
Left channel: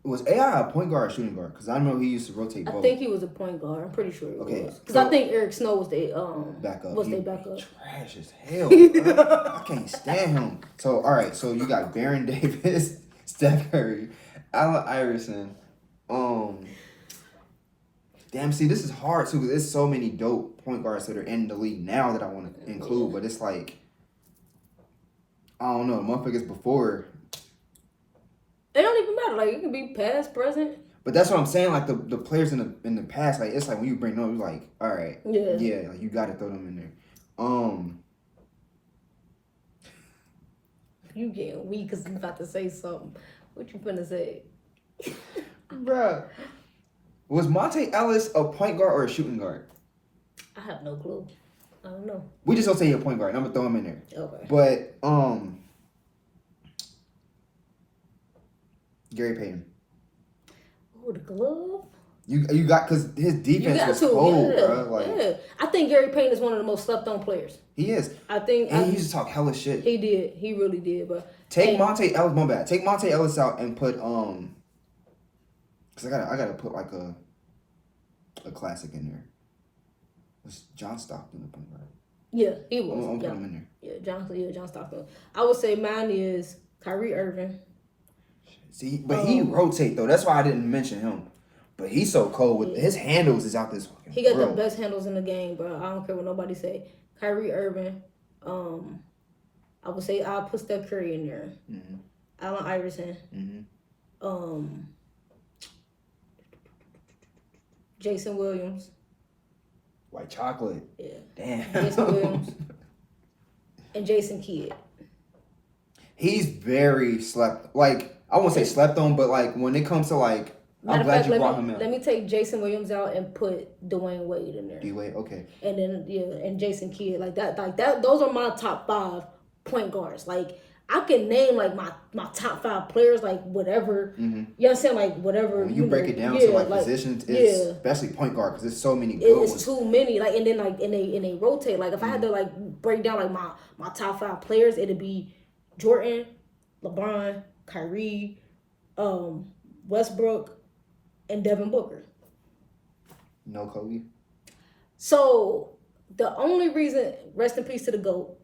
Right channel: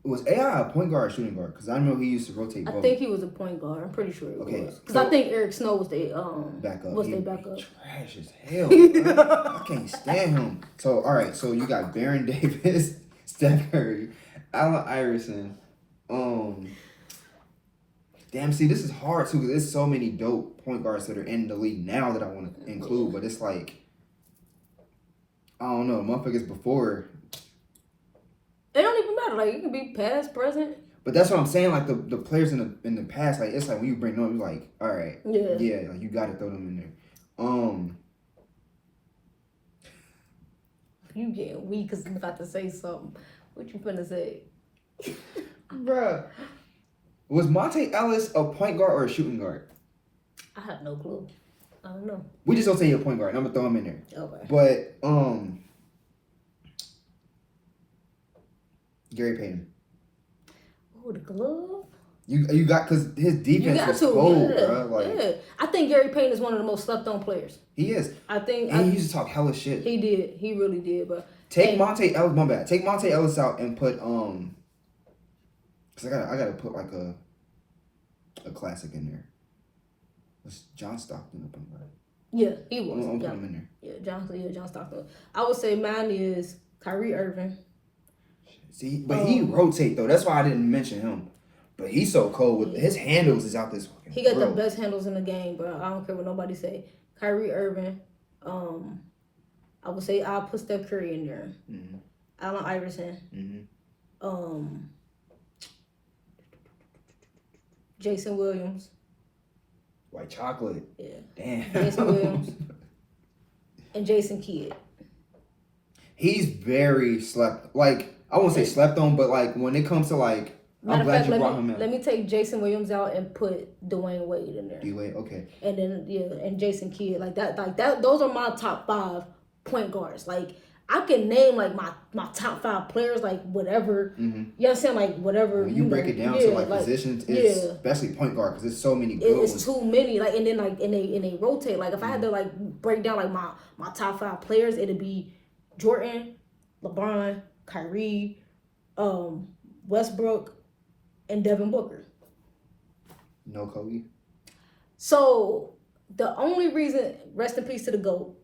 Was AI a point guard or shooting guard? Because I know he used to rotate both. I think he was a point guard. I'm pretty sure he was. Because so, I think Eric Snow was their backup. backup. Trash as hell. I can't stand him. So all right, so you got Baron Davis, Steph Curry, Allen Iverson. Damn, see, this is hard too because there's so many dope point guards that are in the league now that I want to include, but it's like I don't know, motherfuckers before. They don't even matter. Like, it can be past, present. But that's what I'm saying. Like the players in the past, like it's like when you bring them up, you're like, all right, yeah, like you got to throw them in there. You getting weak because you about to say something. What you finna say, bruh? Was Monte Ellis a point guard or a shooting guard? I have no clue. I don't know. We just don't say you're a point guard. I'm gonna throw him in there. Okay. But Gary Payton. Oh, the glove. You got because his defense was cold, bro. Like, I think Gary Payton is one of the most slept on players. He is. I think. And he used to talk hella shit. He did. He really did, bro. Take Monte Ellis. My bad. Take Monte Ellis out and put because I gotta put like a classic in there. Was John Stockton the point guard? Yeah, he was. I'm putting him in there. Yeah, John Stockton. I would say mine is Kyrie Irving. See, but he rotate though. That's why I didn't mention him. But he's so cold with his handles is out this fucking. He got the best handles in the game, bro. I don't care what nobody say. Kyrie Irving. I would say I'll put Steph Curry in there. Mm-hmm. Allen Iverson. Mm-hmm. Jason Williams. White chocolate. Yeah. Damn. Jason Williams. And Jason Kidd. He's very slept. Like, I won't say slept on, but like when it comes to like, I'm glad you brought him in. Let me take Jason Williams out and put Dwayne Wade in there. D-Wade, okay. And then and Jason Kidd like that. Those are my top 5 point guards. Like I can name like my top 5 players, like whatever. Mm-hmm. You understand, like whatever. When you break it down to like positions, especially point guard, because there's so many good ones. It's too many. Like and then like and they rotate. Like if I had to like break down like my top 5 players, it'd be Jordan, LeBron, Kyrie, Westbrook, and Devin Booker. No Kobe. So the only reason, rest in peace to the GOAT,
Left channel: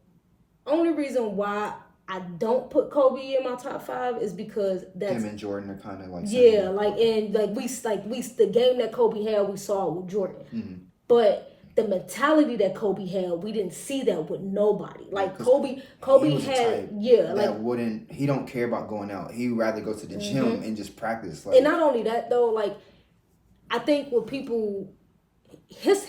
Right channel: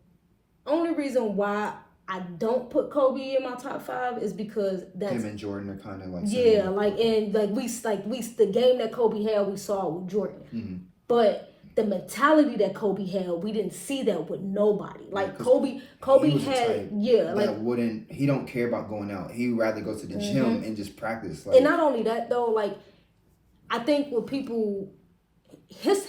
only reason why I don't put Kobe in my top 5 is because that's him and Jordan are kind of like the game that Kobe had we saw with Jordan, but the mentality that Kobe had, we didn't see that with nobody. Like Kobe had he don't care about going out. He'd rather go to the gym and just practice. Like, and not only that though, like I think with people, his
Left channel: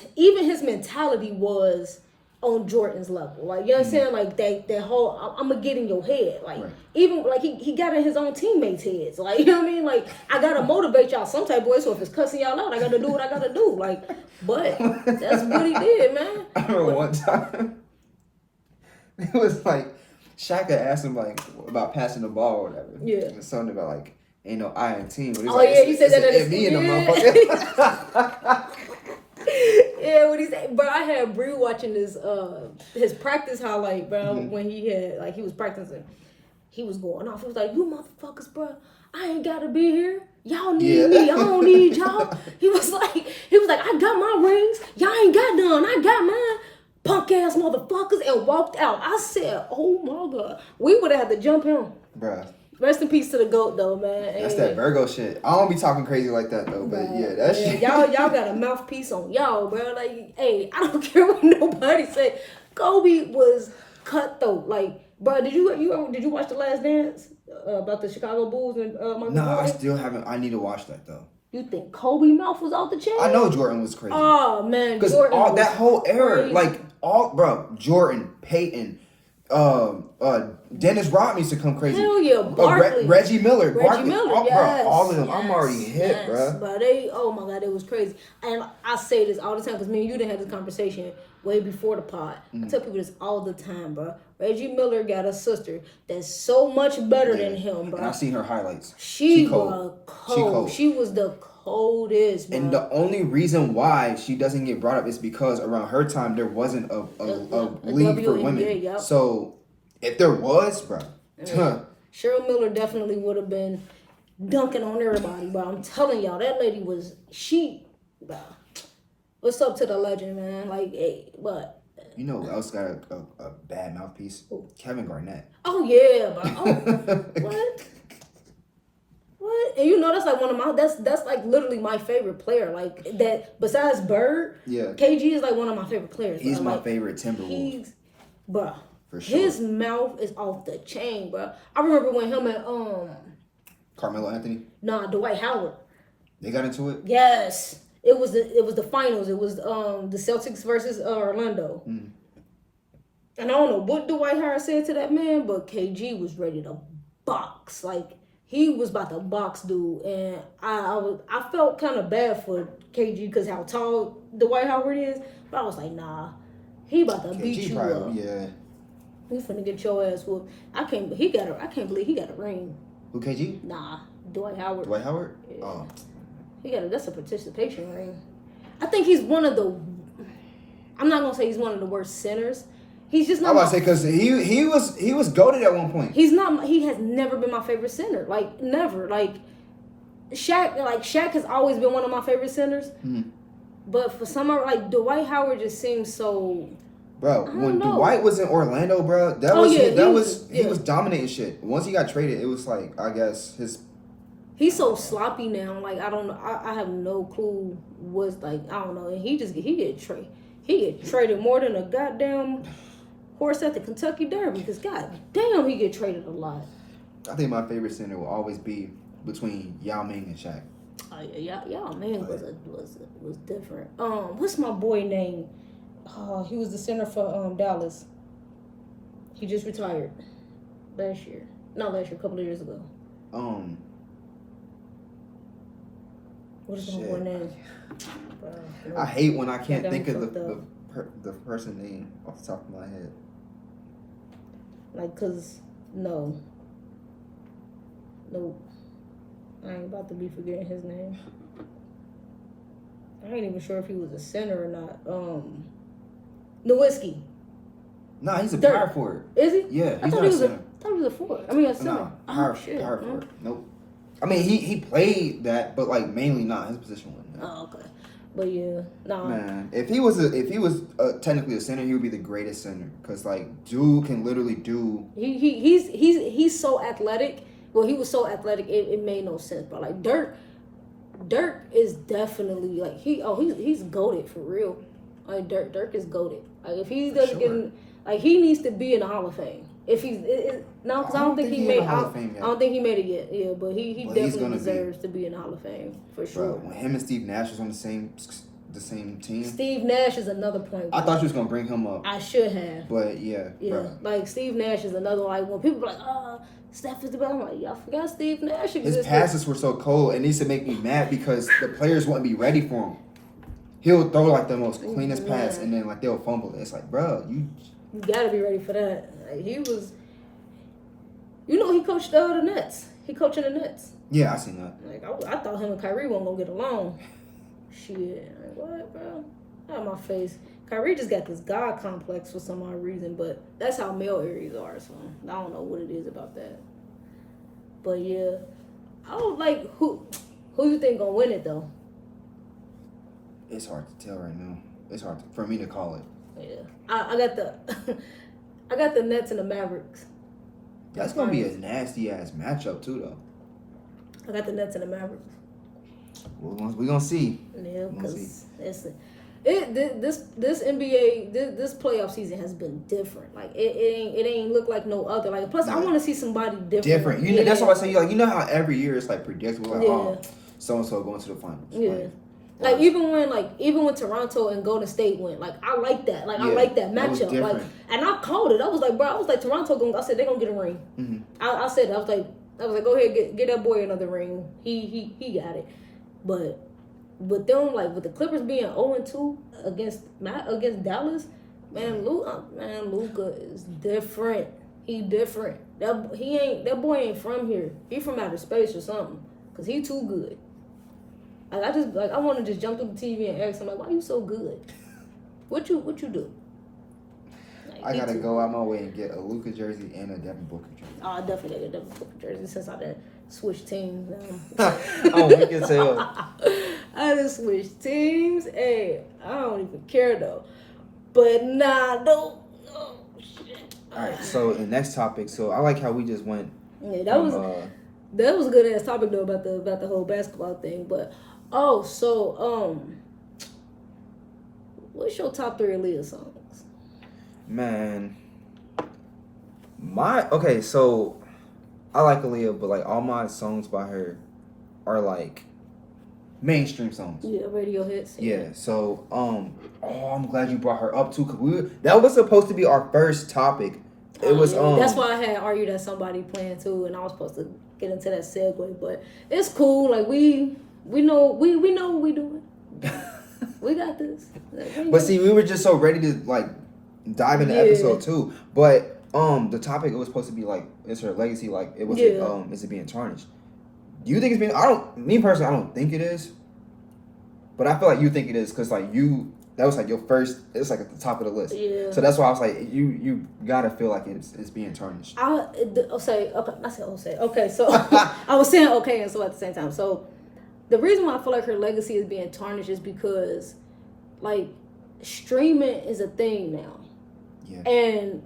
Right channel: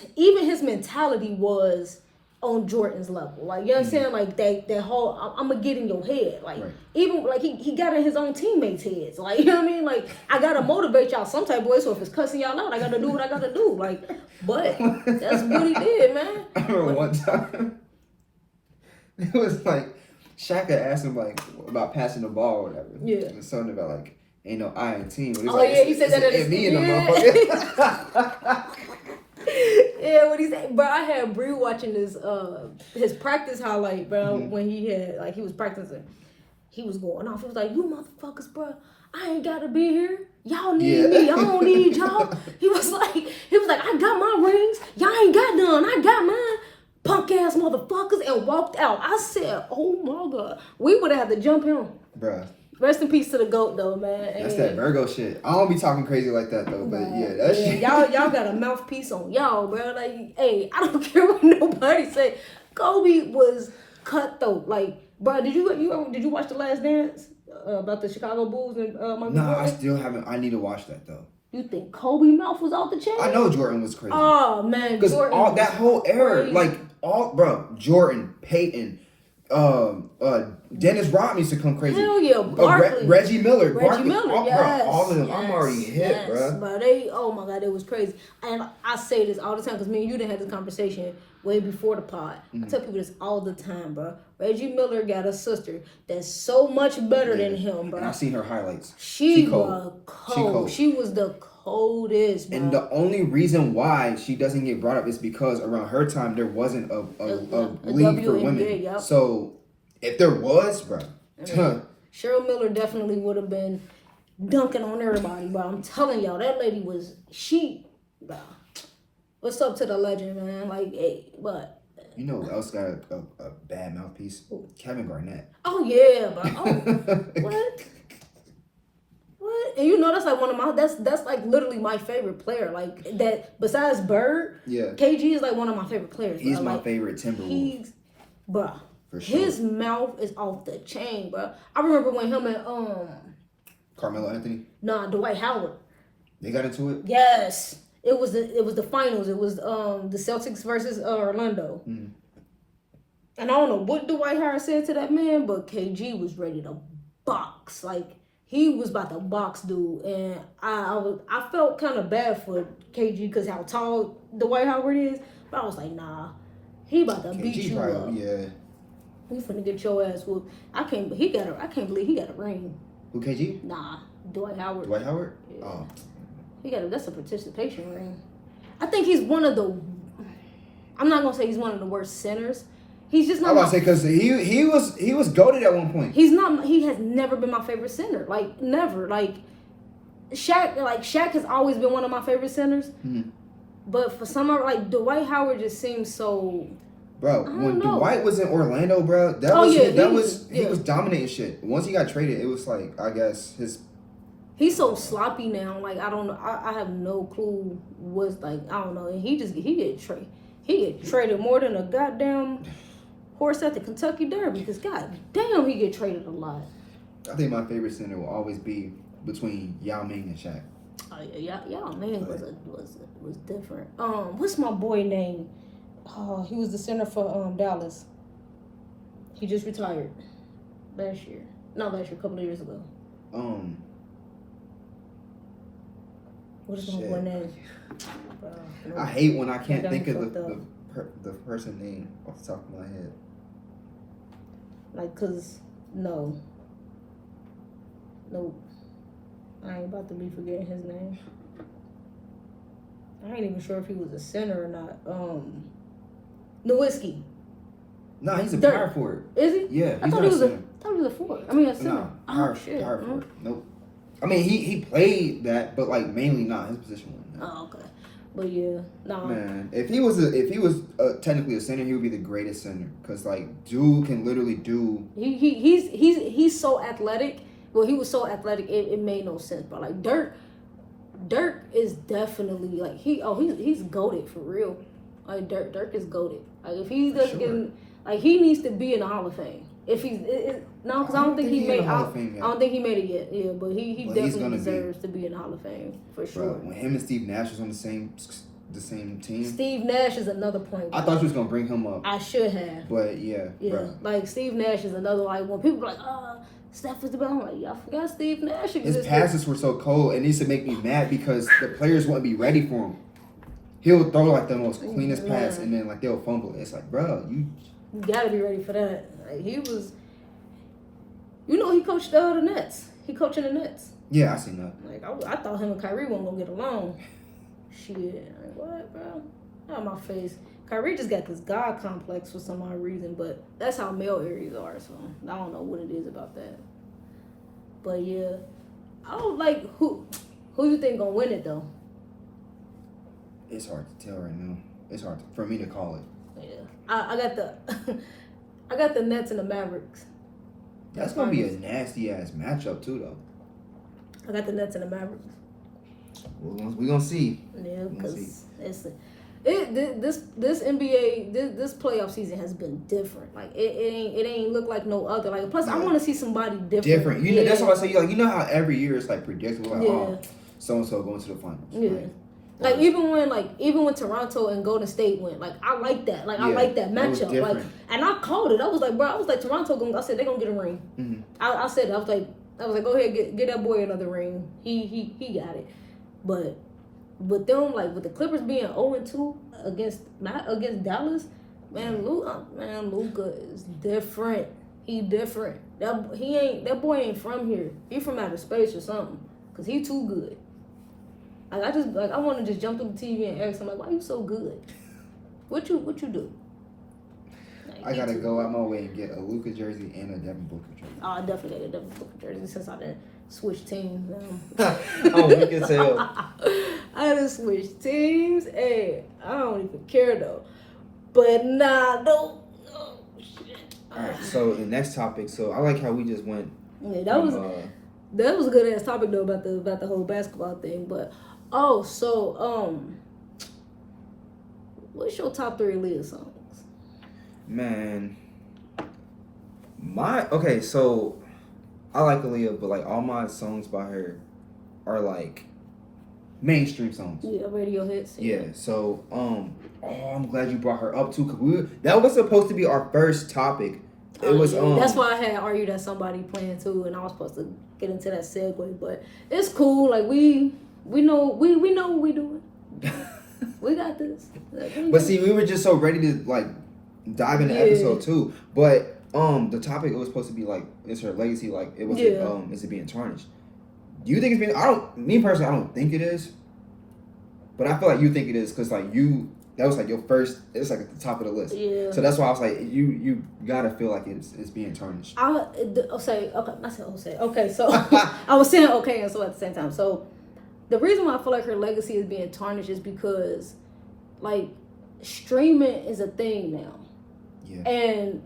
mentality was on Jordan's level. Like, you know what I'm saying? Like that whole I'm gonna get in your head. Like even like he got in his own teammates' heads. Like, you know what I mean? Like I gotta motivate y'all some type of way. So if it's cussing y'all out, I gotta do what I gotta do. Like, but that's what he did, man. I remember one time it was like Shaka asked him like about passing the ball or whatever. Yeah. And something about like ain't no I in team. He said that at the motherfucker. Yeah, what he said, bro. I had Bree watching his practice highlight, bro. When he was practicing, he was going off. He was like, "You motherfuckers, bro, I ain't gotta be here. Y'all need me. I don't need y'all." He was like, "I got my rings. Y'all ain't got none. I got mine. Punk ass motherfuckers," and walked out. I said, "Oh my god, we would have had to jump him, bro." Rest in peace to the GOAT though, man. That's that Virgo shit. I don't be talking crazy like that though, but that shit. Y'all got a mouthpiece on y'all, bro. Like, hey, I don't care what nobody say. Kobe was cutthroat. Like, bro, did you watch The Last Dance about the Chicago Bulls and Michael No, Jordan? I still haven't. I need to watch that though. You think Kobe mouth was off the chain? I know Jordan was crazy. Oh man, because that whole era, crazy. Like Jordan, Payton, Dennis Rodman used to come crazy. Hell yeah, Barkley. Reggie Miller. Yes. Bro, all of them. Yes, I'm already hit, bro. But oh my God, it was crazy. And I say this all the time because me and you didn't have this conversation way before the pod. I tell people this all the time, bro. Reggie Miller got a sister that's so much better than him, bro. And I've seen her highlights. She was cold. She was the coldest, bro. And the only reason why she doesn't get brought up is because around her time there wasn't a league for women. Yep. So if there was, bro, Cheryl Miller definitely would have been dunking on everybody, but I'm telling y'all, that lady was what's up to the legend, man? Like, hey, but you know who else got a bad mouthpiece? Ooh. Kevin Garnett. Oh yeah, but what? And you know that's like one of my that's like literally my favorite player. Like that besides Bird, KG is like one of my favorite players. He's my like, favorite Timberwolves. Bruh. For sure. His mouth is off the chain, bro. I remember when him and Carmelo Anthony? Nah, Dwight Howard. They got into it? Yes. It was the finals. It was the Celtics versus Orlando. Mm. And I don't know what Dwight Howard said to that man, but KG was ready to box. Like he was about to box dude, and I felt kind of bad for KG because how tall Dwight Howard is, but I was like, nah, he about to beat you up. Yeah. He finna get your ass whooped. I can't believe he got a ring. Who, KG? Nah, Dwight Howard. Dwight Howard? Yeah. Oh. That's a participation ring. I think he's one of the, I'm not gonna say he's one of the worst centers. He's just not. I was about to say because he was goated at one point. He has never been my favorite center. Like never. Like Shaq has always been one of my favorite centers. Mm. But for some like Dwight Howard just seems so. Bro, when Dwight was in Orlando, bro, he was dominating shit. Once he got traded, it was like I guess he's so sloppy now. Like I don't know. I have no clue what's like. I don't know. And he get traded more than a goddamn horse at the Kentucky Derby. Because goddamn, he get traded a lot. I think my favorite center will always be between Yao Ming and Shaq. Oh yeah, Yao Ming was different. What's my boy name? He was the center for Dallas. He just retired last year. Not last year, a couple of years ago. What is my boy name? I hate when I can't think of the person name off the top of my head. Like, cause no, I ain't about to be forgetting his name. I ain't even sure if he was a center or not. Nowitzki. Nah, he's a power forward. Is he? Yeah, I thought he was a forward. I mean, a center. Nah, power forward. Nope. I mean, he played that, but like mainly not his position wasn't. Oh, okay. But yeah, no. Man, if he was technically a center, he would be the greatest center because like dude can literally do. He's so athletic. Well, he was so athletic, it made no sense. But like Dirk is definitely like he's goated for real. Like Dirk is goated. Like if he doesn't get like he needs to be in the Hall of Fame. If he's no, because I don't think he made. I don't think he made it yet. Yeah, but he definitely deserves to be in the Hall of Fame for sure. Bro, when him and Steve Nash was on the same team. Steve Nash is another point. I thought you was gonna bring him up. I should have. But yeah. Bro. Like Steve Nash is another like when people are like, Steph is the best. I'm like, y'all forgot Steve Nash existed. His passes were so cold. It needs to make me mad because the players wouldn't be ready for him. He'll throw like the most cleanest pass and then like they'll fumble it. It's like, bro, you gotta be ready for that. Like, he was, he coached the Nets. He coaching the Nets. Yeah, I seen that. Like I thought him and Kyrie weren't gonna get along. Shit, like what, bro? Out of my face. Kyrie just got this God complex for some odd reason, but that's how male Aries are. So I don't know what it is about that. But yeah, I would like who you think gonna win it though. It's hard to tell right now. It's hard for me to call it. Yeah, I got the Nets and the Mavericks. That's gonna be a nasty ass matchup too, though. I got the Nets and the Mavericks. Well, we gonna see. Yeah, because this NBA this playoff season has been different. Like it ain't look like no other. Like plus, I want to see somebody different. That's why I say you know how every year it's like predictable. Like, so and so going to the finals. Yeah. Like, Like even when Toronto and Golden State went, like I like that. Like I like that matchup. Like, and I called it. I was like, Toronto I said they're gonna get a ring. Mm-hmm. I said it. I was like, go ahead, get that boy another ring. He got it. But with them, like with the Clippers being 0-2 against Dallas, Luka is different. He different. That boy ain't from here. He from outer space or something. Cause he too good. Like I want to just jump through the TV and ask him like, why you so good? What you do? Like, I gotta go out my way and get a Luka jersey and a Devin Booker jersey. Oh, I definitely get a Devin Booker jersey since I done switched teams now. Oh, we can tell. I done switched teams. Hey, I don't even care though. But nah, no. Oh shit. All right. So the next topic. So I like how we just went. Yeah, that was a good ass topic though about the whole basketball thing, but. Oh, so, what's your top 3 Aaliyah songs? Man, so I like Aaliyah, but like all my songs by her are like mainstream songs. Yeah, radio hits. Yeah. So, I'm glad you brought her up too, cause that was supposed to be our first topic. It was That's why I had argued that somebody playing too, and I was supposed to get into that segue, but it's cool. Like we know what we doing. We got this. But see, we were just so ready to like dive into episode 2. But the topic, it was supposed to be like, is her legacy, like it was is it being tarnished? Do you think it's being? I don't think it is. But I feel like you think it is because like that was like your first. It's like at the top of the list. Yeah. So that's why I was like, you gotta feel like it's being tarnished. Okay. So I was saying okay and so at the same time. So. The reason why I feel like her legacy is being tarnished is because, like, streaming is a thing now. Yeah. And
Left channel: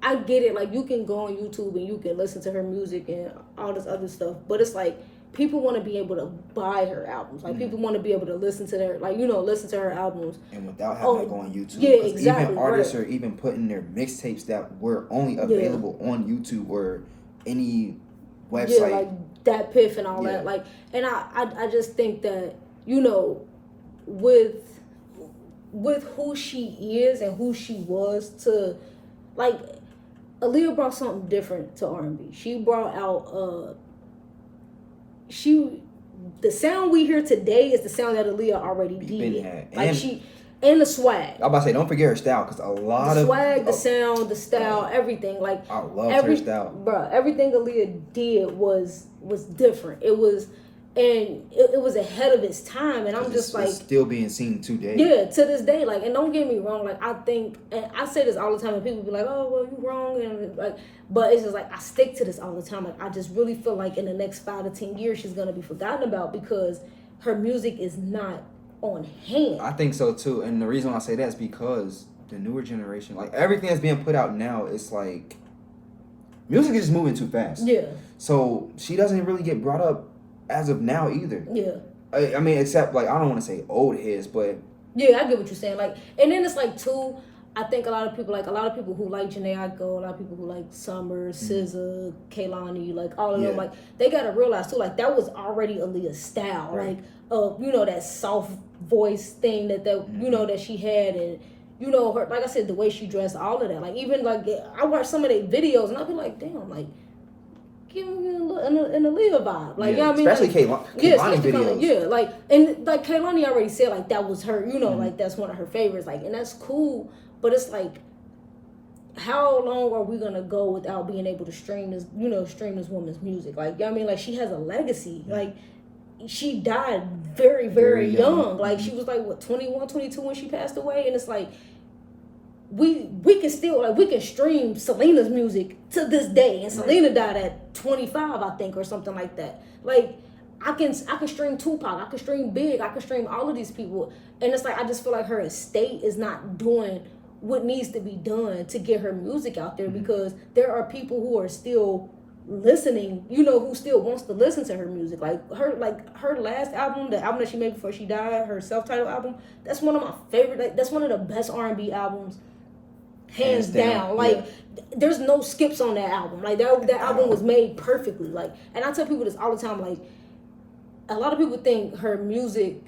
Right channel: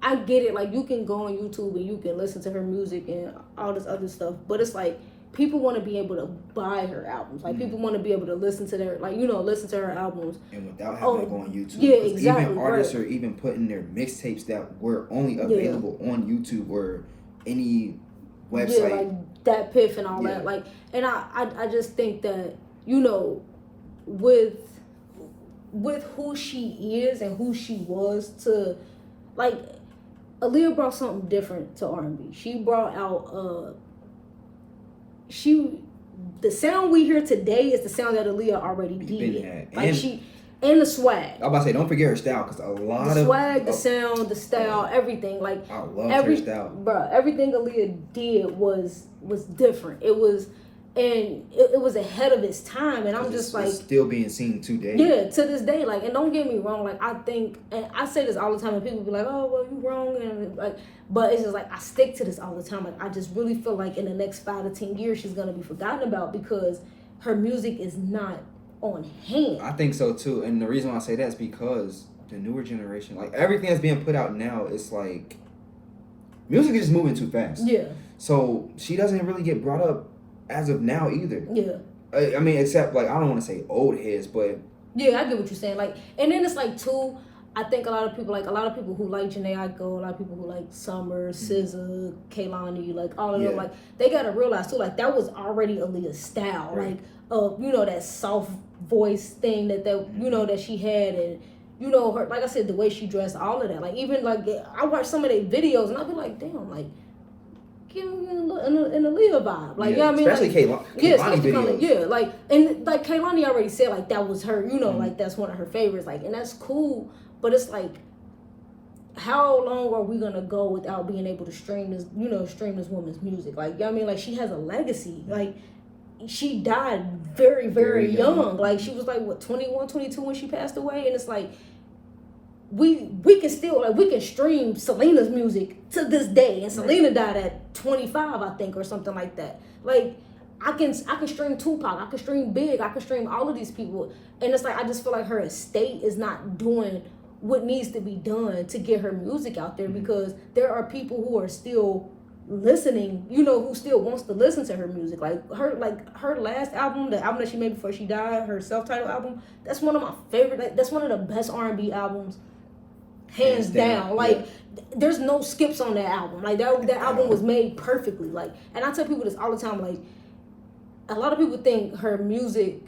I get it. Like, you can go on YouTube and you can listen to her music and all this other stuff. But it's like, people want to be able to buy her albums. Like, people want to be able to listen to listen to her albums. And without having to go on YouTube. Yeah, exactly. Even artists are even putting their mixtapes that were only available on YouTube or any website. Yeah, like that Piff and all that. Like, and I just think that, with who she is and who she was to, like, Aaliyah brought something different to R&B. She brought out, the sound we hear today is the sound that Aaliyah already did. Like, and the swag. I'm about to say, don't forget her style, because the swag, the sound, the style, everything. Like, I love her style. Bruh, everything Aaliyah did was different. It was, and it was ahead of its time. And I'm just like, it's still being seen today. Yeah, to this day. Like, and don't get me wrong. Like, I think, and I say this all the time, and people be like, "Oh, well, you wrong," and like, but it's just like I stick to this all the time. Like, I just really feel like in the next 5 to 10 years, she's gonna be forgotten about because her music is not on hand. I think so too, and the reason why I say that is because the newer generation, like everything that's being put out now, it's like music is just moving too fast. Yeah. So she doesn't really get brought up as of now either. Yeah. I mean, except like I don't want to say old heads, but yeah, I get what you're saying. Like, and then it's like too. I think a lot of people who like Jhené Aiko, a lot of people who like Summer, SZA, Kehlani, like all of them, like they gotta realize too, like that was already Aaliyah's style, right. Like that soft voice thing that that she had, and her, like I said, the way she dressed, all of that. Like even like I watch some of their videos and I'll be like, damn, like give me an Aaliyah vibe, like you know what I mean, especially like, Kehlani videos, like and like Kehlani already said like that was her, like that's one of her favorites, like, and that's cool. But it's like, how long are we gonna go without being able to stream this woman's music? Like, you know what I mean, like she has a legacy. Like, she died very, very young. Like, she was like what 21, 22 when she passed away, and it's like we can still we can stream Selena's music to this day, and Selena died at 25, I think, or something like that. Like, I can stream Tupac, I can stream Big, I can stream all of these people, and it's like I just feel like her estate is not doing what needs to be done to get her music out there, because there are people who are still listening, who still wants to listen to her music. Like her last album, the album that she made before she died, her self-titled album, that's one of my favorite, like that's one of the best R&B albums, hands down. Like there's no skips on that album. Like that album was made perfectly. Like, and I tell people this all the time, like a lot of people think her music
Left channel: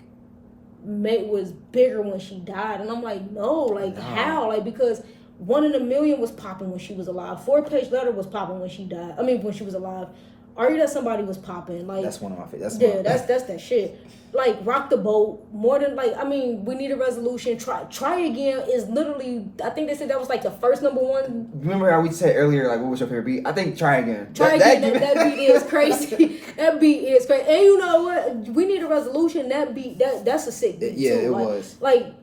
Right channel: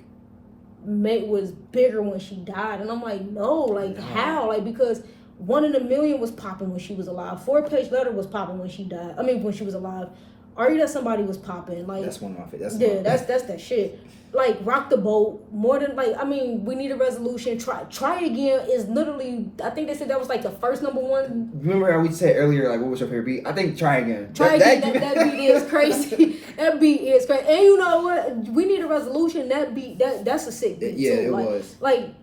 was bigger when she died. And I'm like, no, like how? Like, because 1 in a Million was popping when she was alive. 4-Page Letter was popping when she died. I mean, when she was alive. Are You That Somebody was popping. Like, that's one of my favorites. That's that shit. Like, Rock the Boat, more than, like, I mean, We Need a Resolution. Try Again is literally, I think they said that was like the first #1. Remember how we said earlier, like, what was your favorite beat? I think Try Again. That beat is crazy. That beat is crazy. And you know what? We Need a Resolution, that beat, that's a sick beat. Yeah, too. it Like, was. Like,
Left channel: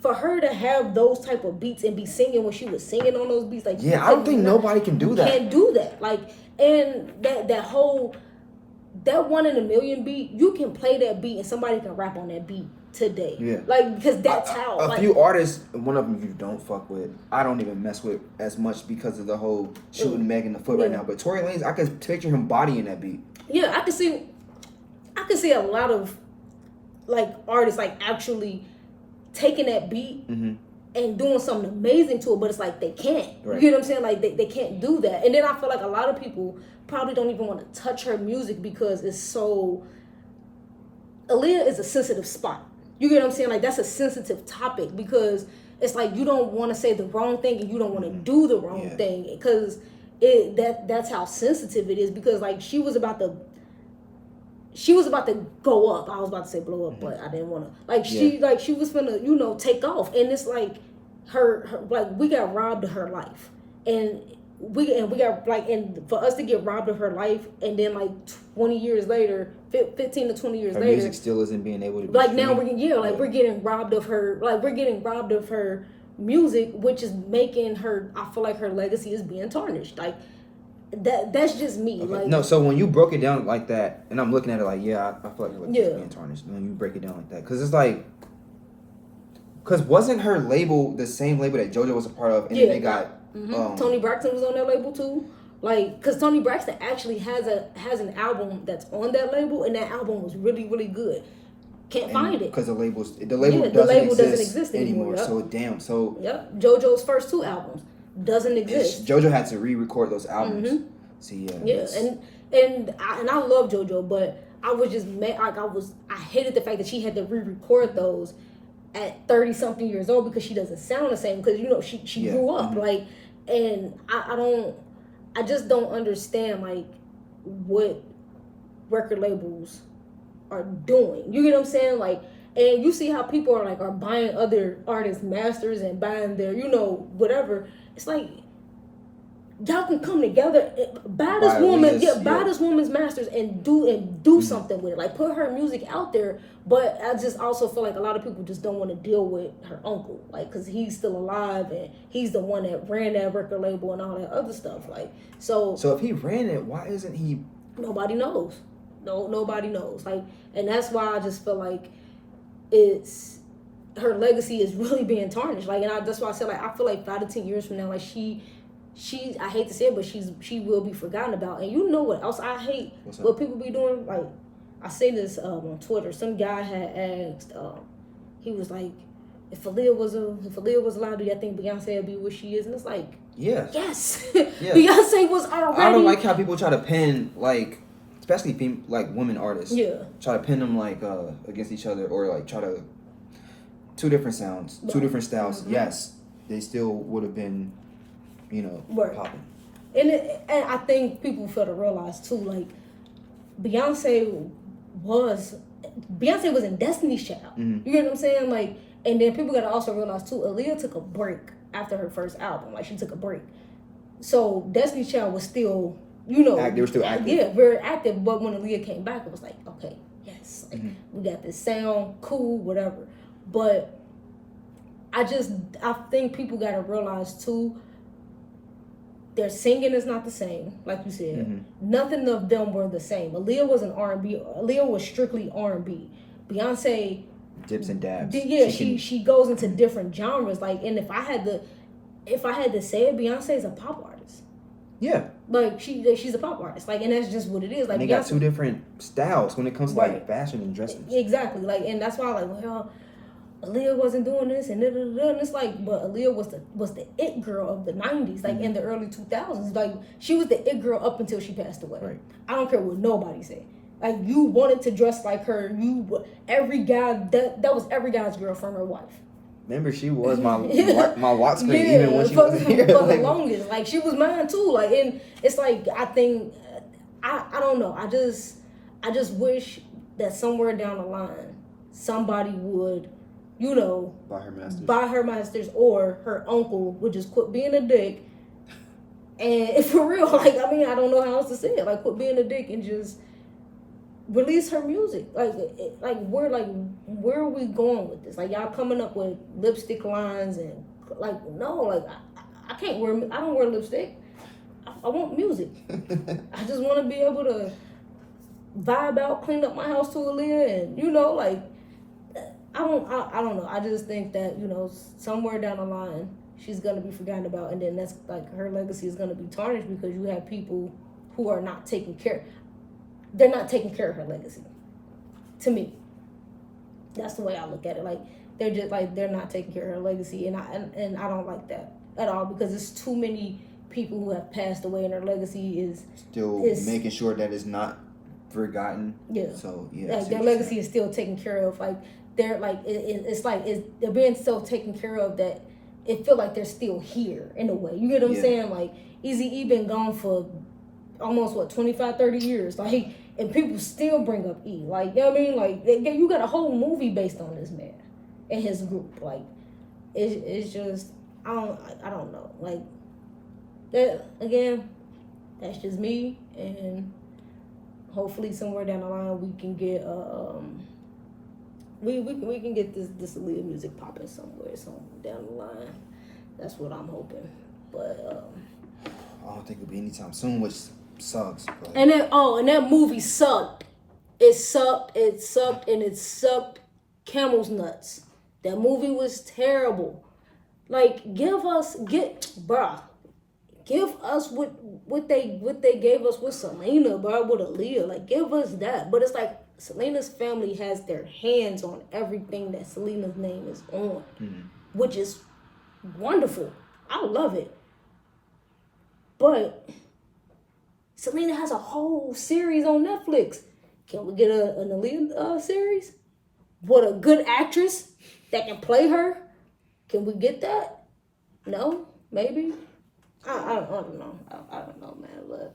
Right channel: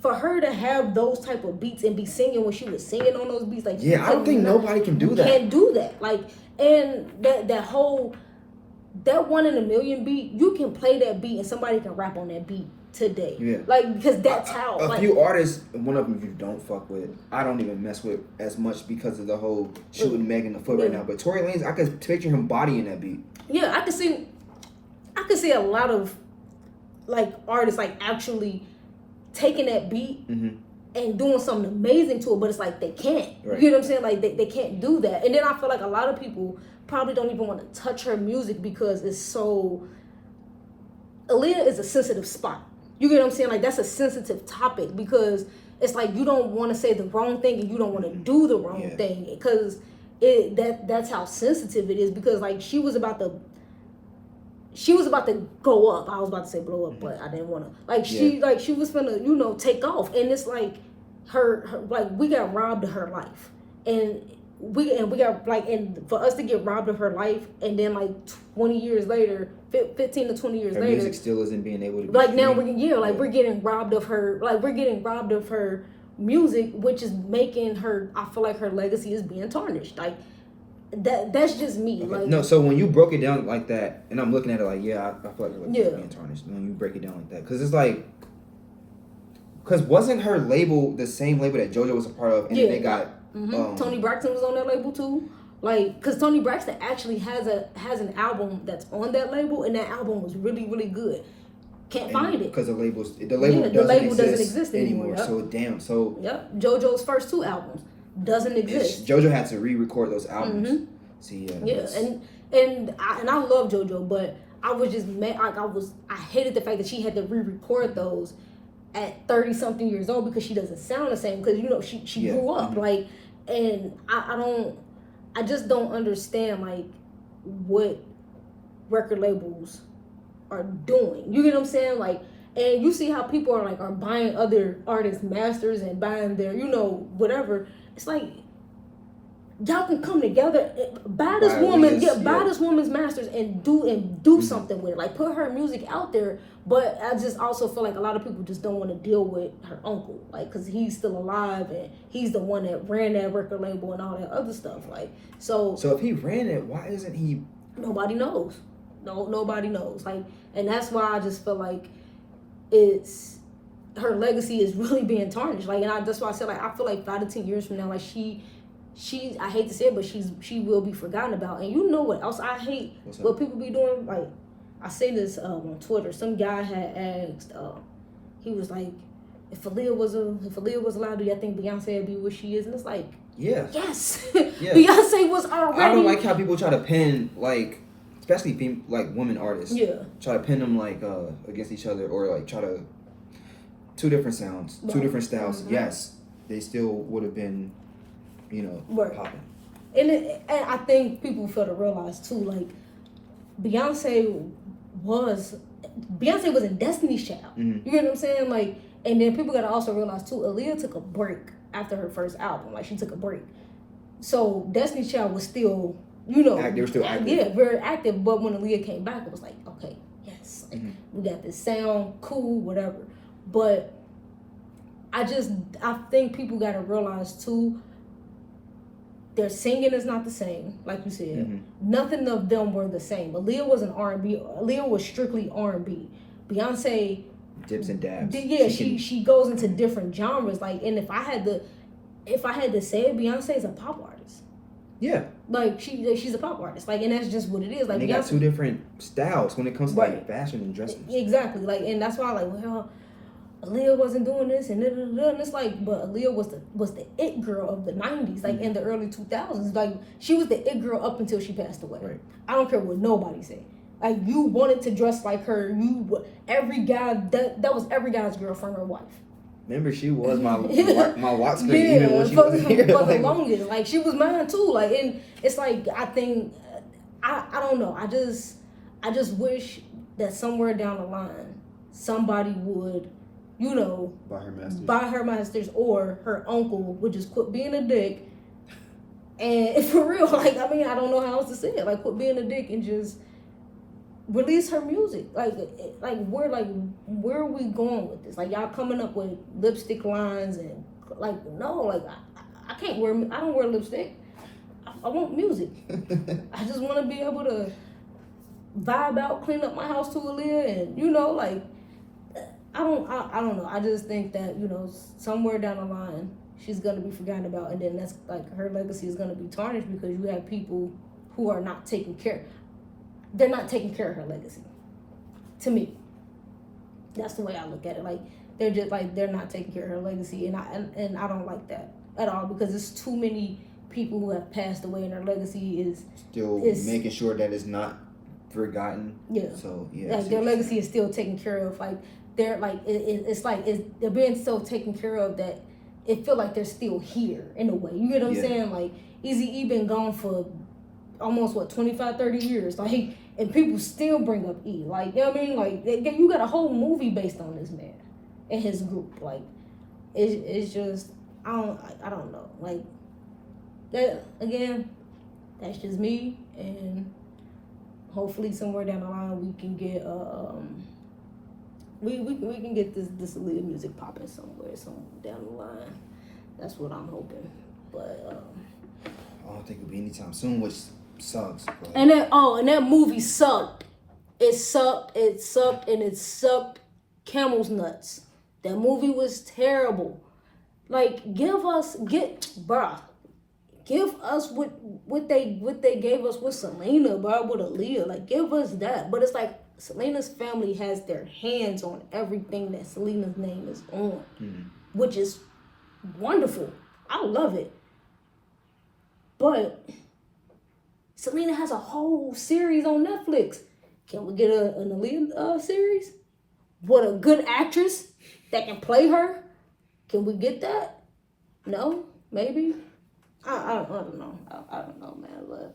for her to have those type of beats and be singing when she was singing on those beats, like, yeah, I don't think nobody can do that. Can't do that. Like, and that whole, that 1 in a Million beat, you can play that beat and somebody can rap on that beat today. Yeah. Like, because that's how. A few artists, one of them you don't fuck with, I don't even mess with as much because of the whole shooting Meg in the foot right now. But Tory Lanez, I can picture him bodying that beat. Yeah, I can see a lot of, like, artists, like, actually taking that beat and doing something amazing to it, but it's like they can't. Right. You know what I'm saying? Like, they can't do that. And then I feel like a lot of people probably don't even want to touch her music because it's so... Aaliyah is a sensitive spot. You get what I'm saying? Like, that's a sensitive topic because it's like you don't want to say the wrong thing and you don't want to do the wrong thing because that's how sensitive it is. Because, like, she was about to go up. I was about to say blow up, but I didn't want to. Like, she was gonna, take off. And it's like her like, we got robbed of her life. And we got, like, and for us to get robbed of her life and then, like, 20 years later, 15 to 20 years her later, music still isn't being able to be like, now streamed. we're getting robbed of her music, which is making her, I feel like her legacy is being tarnished. Like, that's just me. Okay. Like, no, so when you broke it down like that, and I'm looking at it like, I feel like your legacy is being tarnished when you break it down like that, because it's like, because wasn't her label the same label that JoJo was a part of, and then they got Tony Braxton was on that label too. Like, because Tony Braxton actually has an album that's on that label, and that album was really, really good. Can't find it because the label doesn't exist anymore. Yep. So damn. So JoJo's first 2 albums doesn't exist. JoJo had to re-record those albums. See, and I love JoJo, but I was just mad. Like, I hated the fact that she had to re-record those at 30 something years old because she doesn't sound the same because she grew up like, and I just don't understand, like, what record labels are doing. You get what I'm saying? Like, and you see how people are buying other artists' masters and buying their, whatever. It's like, y'all can come together, buy this woman's masters and do something with it. Like, put her music out there. But I just also feel like a lot of people just don't want to deal with her uncle, like, because he's still alive and he's the one that ran that record label and all that other stuff. Like, so if he ran it, why isn't he? Nobody knows. Nobody knows. Like, and that's why I just feel like it's, her legacy is really being tarnished. Like, and that's why I said, like, I feel like 5 to 10 years from now, like, she I hate to say it, but she will be forgotten about. And you know what else I hate? What people be doing? Like, I say this on Twitter. Some guy had asked, he was like, if Aaliyah was allowed, do you think Beyonce would be what she is? And it's like, yes. Yeah. Beyonce was already. I don't like how people try to pin, like, especially like women artists. Yeah. Try to pin them like against each other, or like try to two different sounds, two different styles. Mm-hmm. Yes, they still would have been, popping. And I think people fail to realize too, like, Beyonce was in Destiny's Child. Mm-hmm. You get what I'm saying? Like, and then people gotta also realize too, Aaliyah took a break after her first album. Like, she took a break. So Destiny's Child was still, they were still active. Yeah, very active. But when Aaliyah came back, it was like, okay, yes, like, we got this sound, cool, whatever. But I think people gotta realize too, their singing is not the same, like you said. Mm-hmm. Nothing of them were the same. Aaliyah was an R&B. Aaliyah was strictly R&B. Beyonce dips and dabs. Yeah, she goes into different genres. Like, and if I had to say it, Beyonce is a pop artist. Yeah. Like, she's a pop artist. Like, and that's just what it is. Like, and they got two different styles when it comes to like fashion and dressing. Exactly. Like, and that's why, like, well, Aaliyah wasn't doing this and it's like, but Aaliyah was the it girl of the 90s, like, in the early 2000s. Like, she was the it girl up until she passed away. Right. I don't care what nobody say. Like, you wanted to dress like her. Every guy, that was every guy's girlfriend or wife. Remember, she was my lock screen even when she was here. For the longest. Like, she was mine too. Like, and it's like, I think, I don't know. I just wish that somewhere down the line, somebody would, you know, buy her masters, or her uncle would just quit being a dick. And for real, like, I mean, I don't know how else to say it. Like, quit being a dick and just release her music. Like where are we going with this? Like, y'all coming up with lipstick lines and like, no, like I don't wear lipstick. I want music. I just want to be able to vibe out, clean up my house to Aaliyah, and you know, like, I don't know. I just think that, you know, somewhere down the line she's gonna be forgotten about, and then that's like, her legacy is gonna be tarnished because you have people who are not taking care. They're not taking care of her legacy. To me, that's the way I look at it. Like, they're just like, they're not taking care of her legacy, and I don't like that at all, because it's too many people who have passed away and their legacy is still making sure that it's not forgotten. Yeah. So yeah, like, their legacy is still taken care of. Like, they're like, they're being so taken care of that it feel like they're still here in a way. You get what I'm saying? Like, Eazy-E been gone for almost 25, 30 years. Like, and people still bring up E. Like, you know what I mean? Like, you got a whole movie based on this man and his group. Like, it's just, I don't know. Like, that, again, that's just me, and hopefully somewhere down the line we can get we can get this Aaliyah music popping somewhere down the line. That's what I'm hoping. But I don't think it'll be anytime soon, which sucks. But... And that movie sucked. It sucked, and it sucked camel's nuts. That movie was terrible. Like, give us what they gave us with Selena, bro, with Aaliyah. Like, give us that. But it's like, Selena's family has their hands on everything that Selena's name is on, which is wonderful. I love it. But Selena has a whole series on Netflix. Can we get an Aaliyah series? What, a good actress that can play her? Can we get that? No? Maybe? I don't know. I don't know, man. But...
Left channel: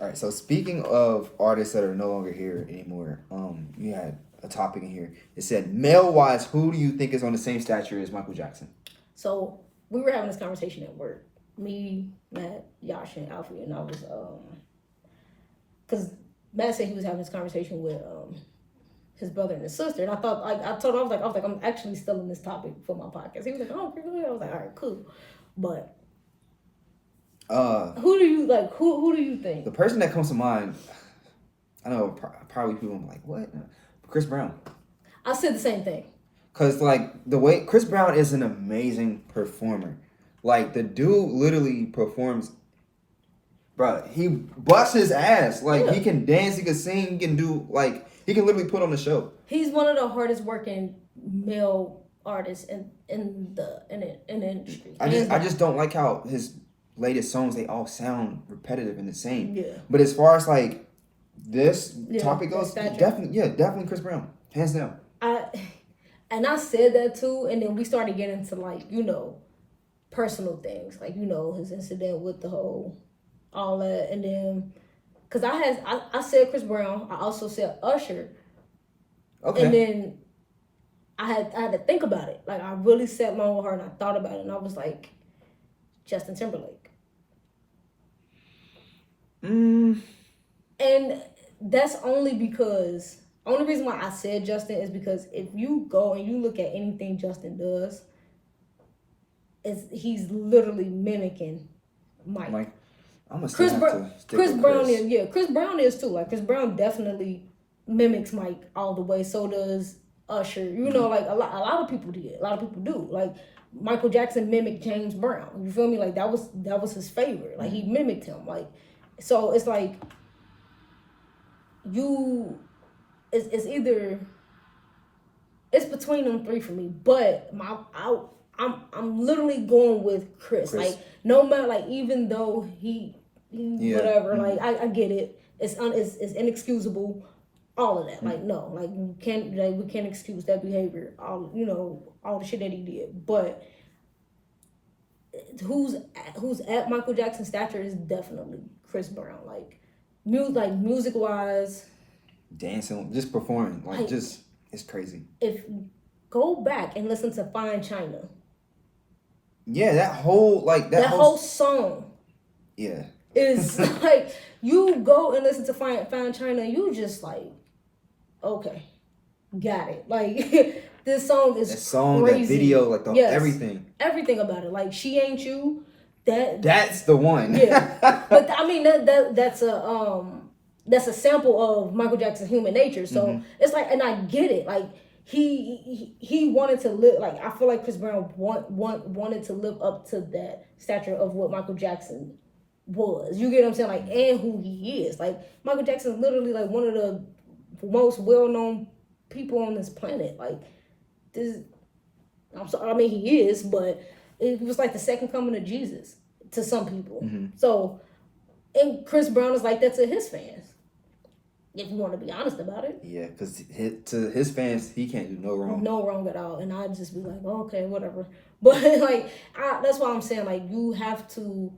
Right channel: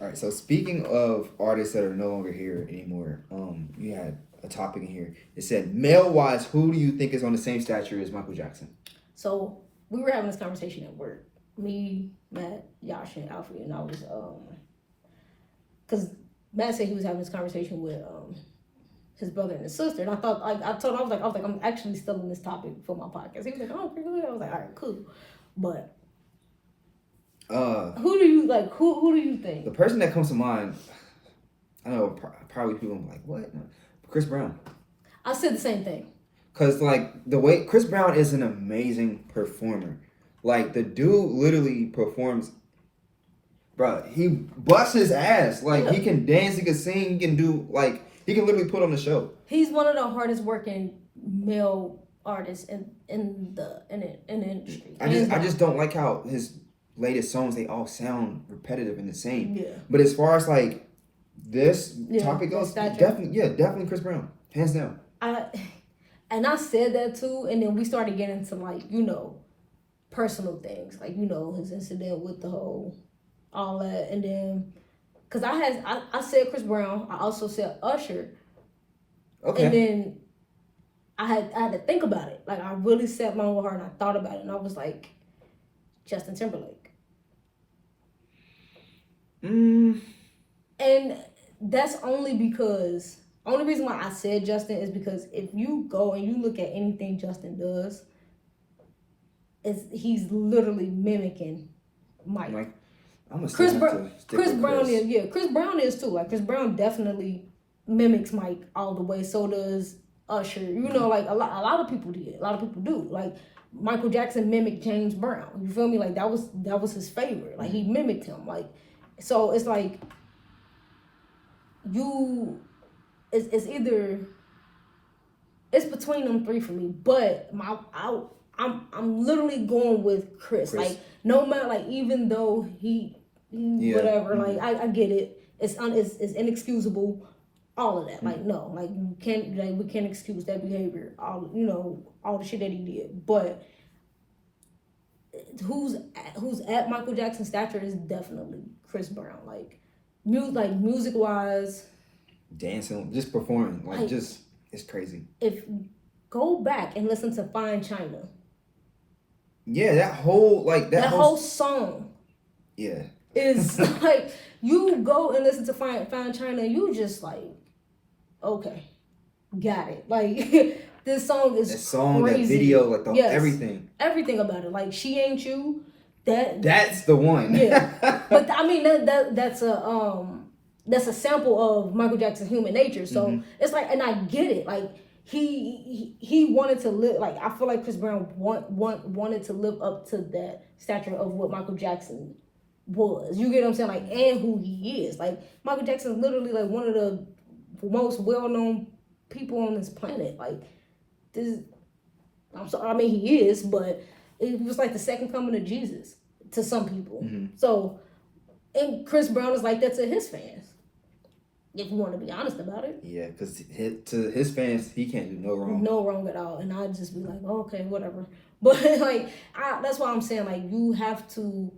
All right, so speaking of artists that are no longer here anymore, you had a topic in here. It said, male-wise, who do you think is on the same stature as Michael Jackson? So, we were having this conversation at work. Me, Matt, Yash, and Alfie, and I was, because Matt said he was having this conversation with his brother and his sister, and I thought, like, I was like, I'm actually still in this topic for my podcast. He was like, oh, really? I was like, all right, cool. But who do you think? The person that comes to mind, I know probably people are like, what? Chris Brown. I said the same thing. Cause like the way Chris Brown is an amazing performer. Like, the dude literally performs, bro. He busts his ass. Like, he can dance, he can sing, he can do, like, he can literally put on a show. He's one of the hardest working male artists in the industry. I just don't like how his latest songs, they all sound repetitive and the same. Yeah. But as far as like this topic goes, definitely Chris Brown, hands down. I said that too, and then we started getting into, like, you know, personal things, like, you know, his incident with the whole all that, and then because I said Chris Brown, I also said Usher. Okay. And then I had to think about it. Like, I really sat my own heart and I thought about it, and I was like, Justin Timberlake. And that's only reason why I said Justin is because if you go and you look at anything Justin does, he's literally mimicking Mike. Chris Brown is too. Like, Chris Brown definitely mimics Mike all the way. So does Usher. You know, like a lot of people did. A lot of people do. Like, Michael Jackson mimicked James Brown. You feel me? Like, that was his favorite. Like, he mimicked him. Like, so it's like it's between them three for me. But I'm literally going with Chris. Like, no matter, like, even though he whatever, like, I get it. It's inexcusable. all of that. Like, no, like you can't, like, we can't excuse that behavior. All, you know, all the shit that he did. But who's at Michael Jackson's stature is definitely Chris Brown. Like music wise, dancing, just performing, like just it's crazy. If go back and listen to Fine China. Yeah, that whole whole song. Yeah. Is like you go and listen to Fine China, you just like, okay, got it. Like this song is crazy. That video, like everything about it. Like She Ain't You. That's the one. Yeah, but I mean that's a sample of Michael Jackson's Human Nature. So it's like, and I get it. Like he wanted to live. Like I feel like Chris Brown wanted to live up to that stature of what Michael Jackson was. You get what I'm saying? Like, and who he is. Like Michael Jackson is literally like one of the most well-known people on this planet. Like this. I'm sorry. I mean, he is, but it was like the second coming of Jesus to some people. So, and Chris Brown is like that to his fans. If you want to be honest about it. Yeah, because to his fans, he can't do no wrong. No wrong at all. And I'd just be like, oh, okay, whatever. But like, that's why I'm saying, like, you have to,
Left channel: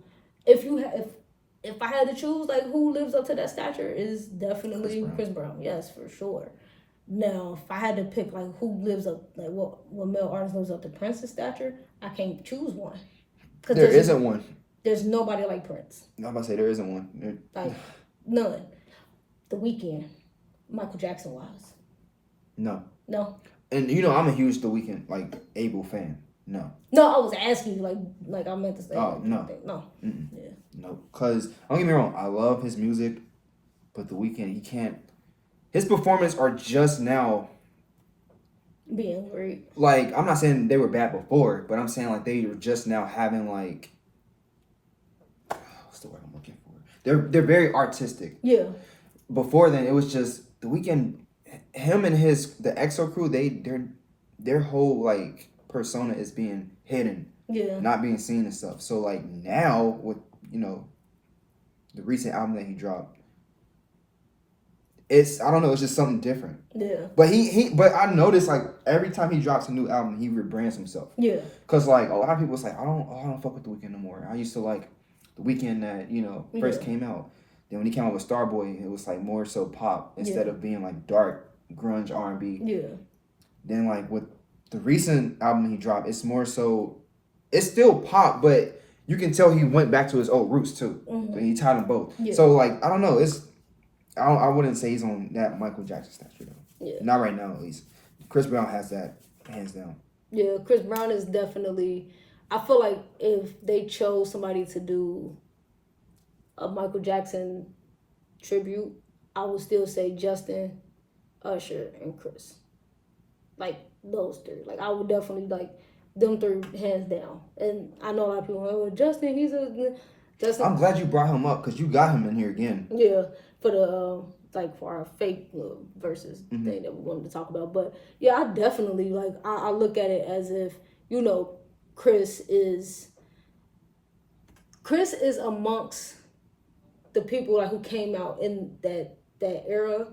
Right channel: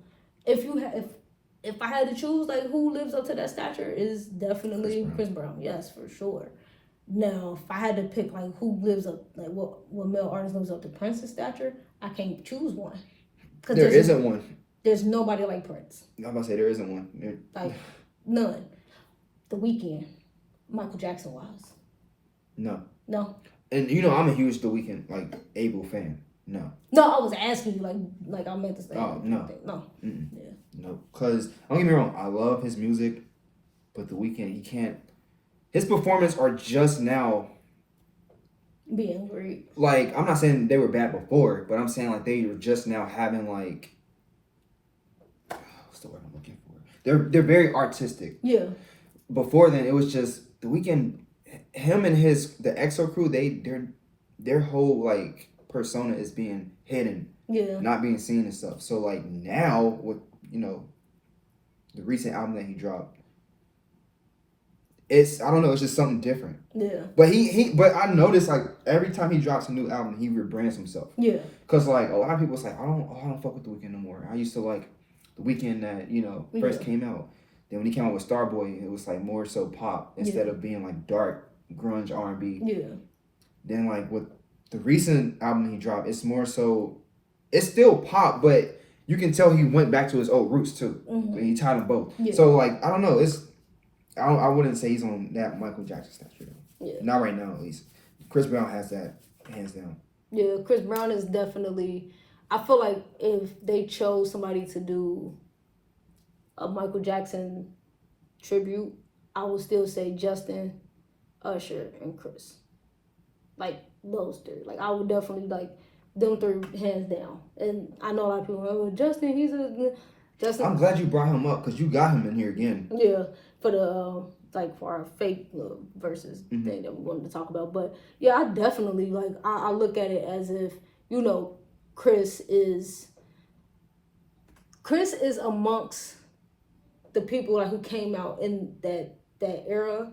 if I had to choose, like, who lives up to that stature is definitely Chris Brown. Yes, for sure. Now, if I had to pick, like, who lives up, like, what male artist lives up to Prince's stature, I can't choose one. There isn't one. There's nobody like Prince. I'm about to say there isn't one. Like, none. The Weeknd, Michael Jackson wise. No. And you know, I'm a huge The Weeknd, like, Abel fan. No, I was asking you, like I meant to say. Oh, no. No. Yeah. No, because, don't get me wrong, I love his music, but The Weeknd, he can't. His performances are just now being great. Like, I'm not saying they were bad before, but I'm saying, like, they were just now having, like, what's the word I'm looking for? They're very artistic. Yeah. Before then, it was just The Weeknd, him and the EXO crew, their whole, like, persona is being hidden. Yeah. Not being seen and stuff. So, like, now, with, you know, the recent album that he dropped, I don't know, it's just something different. Yeah. But I noticed, like, every time he drops a new album, he rebrands himself. Yeah. Because, like, a lot of people was like, I don't fuck with The Weeknd no more. I used to like The Weeknd that, you know, first came out. Then when he came out with Starboy, it was, like, more so pop instead of being, like, dark, grunge, R&B. Yeah. Then, like, with the recent album he dropped, it's more so, it's still pop, but you can tell he went back to his old roots, too. So he tied them both. Yeah. So, like, I don't know, I wouldn't say he's on that Michael Jackson stature, though. Yeah. Not right now, at least. Chris Brown has that, hands down. Yeah, Chris Brown is definitely, I feel like if they chose somebody to do a Michael Jackson tribute, I would still say Justin, Usher, and Chris. Like, those three. Like, I would definitely, like, them three hands down. And I know a lot of people are like, well, Justin. I'm glad you brought him up, because you got him in here again. Yeah, for the, for our fake versus thing that we wanted to talk about. But, yeah, I definitely, like, I look at it as if, you know, Chris is amongst the people, like, who came out in that era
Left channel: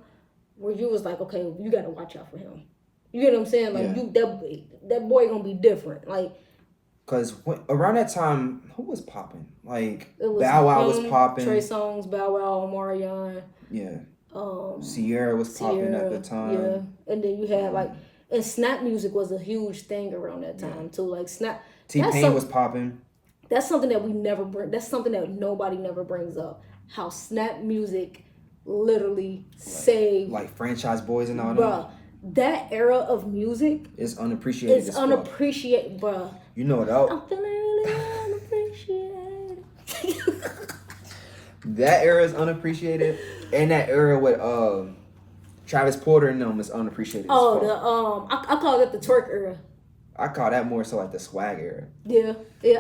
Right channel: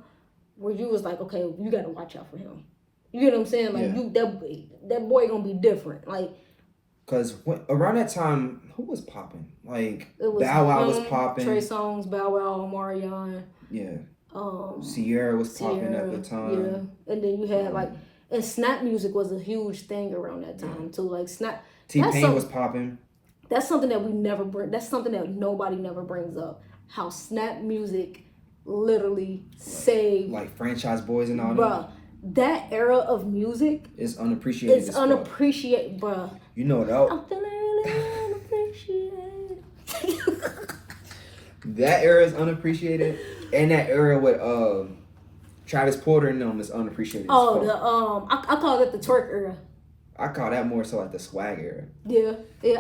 where you was like, okay, you got to watch out for him. You get what I'm saying? Like, that boy gonna be different. Like, because around that time, who was popping? Like, Bow Wow was popping. Trey Songz, Bow Wow, Omarion. Yeah. Sierra was popping at the time. Yeah. And then you had, like, and snap music was a huge thing around that time, too. Like, snap. T-Pain was popping. That's something that we never bring. That's something that nobody never brings up. How snap music literally saved. Like Franchise Boys and all that. Bruh. That era of music is unappreciated. It's unappreciated, bruh. You know what else? I'm feeling really unappreciated. That era is unappreciated, and that era with Travis Porter and them is unappreciated. I call it the twerk era. I call that more so like the swag era. Yeah,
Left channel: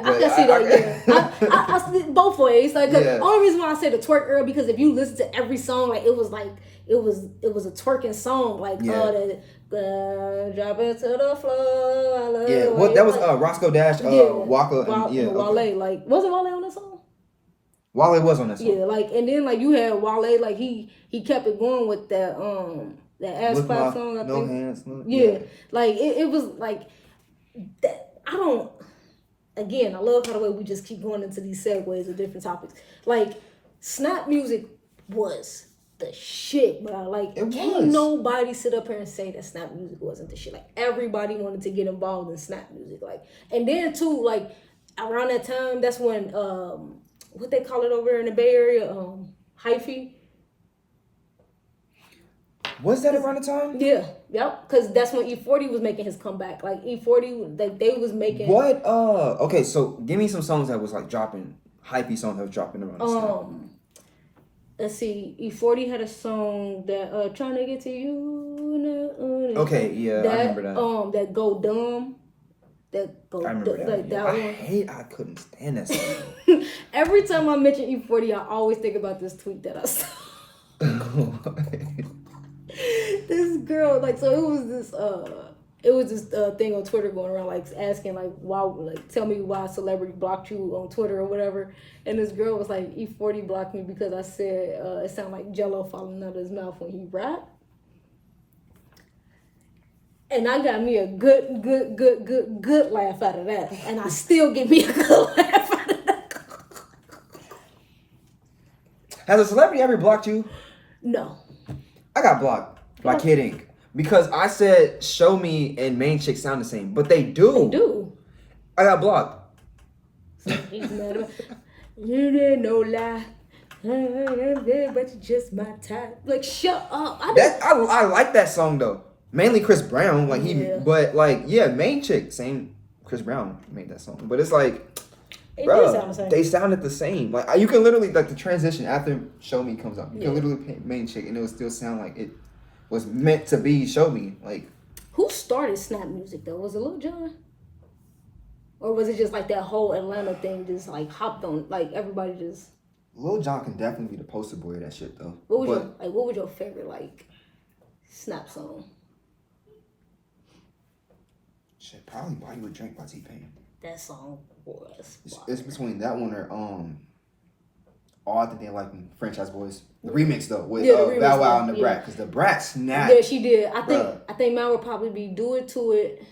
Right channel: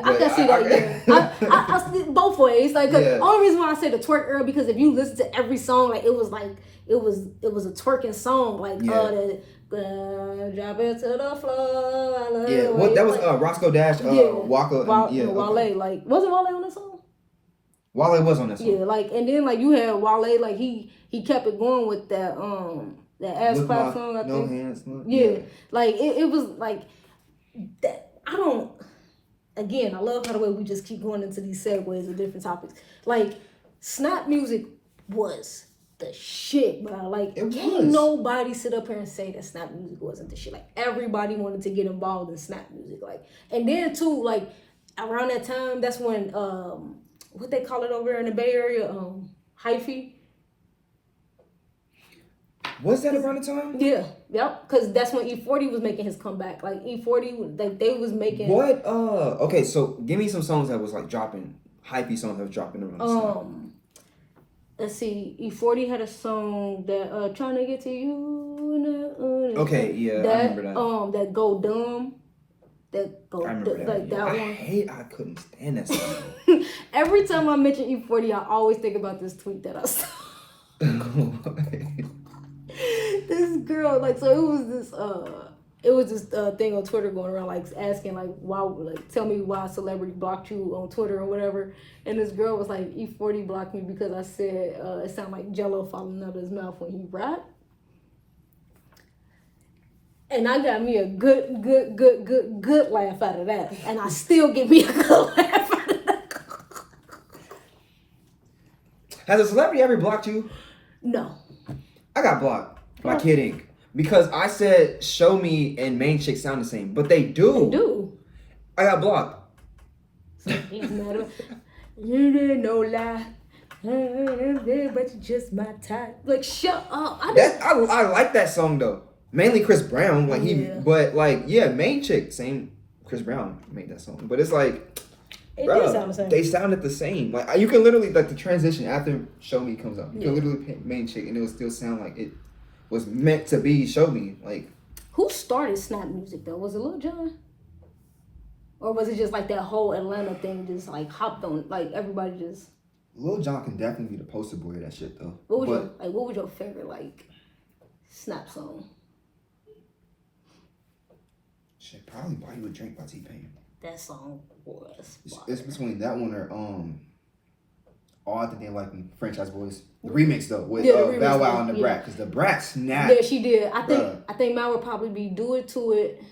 I can see that. I see both ways. Like, the only reason why I say the twerk era, because if you listen to every song, like, it was a twerking song, like drop it to the floor. Yeah, well, that was Roscoe Dash, Waka, Wale. Like, wasn't Wale on that song? Wale was on that song. Yeah, like, and then, like, you had Wale, like, he he kept it going with that ass clap song. I think. No hands. No, yeah, like it was like that. I don't. Again, I love how the way we just keep going into these segues of different topics. Like, snap music was the shit, bro. Like, can't nobody sit up here and say that snap music wasn't the shit. Like, everybody wanted to get involved in snap music. Like, and then too, like, around that time, that's when what they call it over there in the Bay Area, hyphy. Was that around the time? Yeah, yep. Because that's when E40 was making his comeback. Like E40, like they was making. What? Okay. So give me some songs that was like dropping, hypey songs that was dropping around this time. Let's see. E40 had a song that trying to get to you. Okay, yeah, that, I remember that. That Go Dumb. That Go Dumb. Like that one. I couldn't stand that song. Every time I mention E40, I always think about this tweet that I saw. This girl, like, so it was this thing on Twitter going around, like, asking, like, why, like, tell me why a celebrity blocked you on Twitter or whatever. And this girl was like, E40 blocked me because I said it sounded like Jello falling out of his mouth when he rapped. And I got me a good laugh out of that. And I still get me a good laugh out of that. Has a celebrity ever blocked you? No. I got blocked by Kid Ink because I said Show Me and Main Chick sound the same, but they do. They do. I got blocked. You didn't no lie, but you just my type. Like, shut up. I like that song though. Mainly Chris Brown, like but like Main Chick, same. Chris Brown made that song, but it's like. Bro, they sounded the same. Like you can literally like the transition after Show Me comes up. You can literally pick Main Chick and it would still sound like it was meant to be Show Me. Like who started snap music though? Was it Lil Jon? Or was it just like that whole Atlanta thing just like hopped on, like everybody just Lil Jon can definitely be the poster boy of that shit though. What was your favorite like snap song? Shit, probably Buy You a Drink by T-Pain. That song was it's between that one or I Think They Like Me, Franchise Boys. The remix though with Bow Wow and the Brat, because the Brat snapped. Yeah, she did. I think mine would probably be Do It To It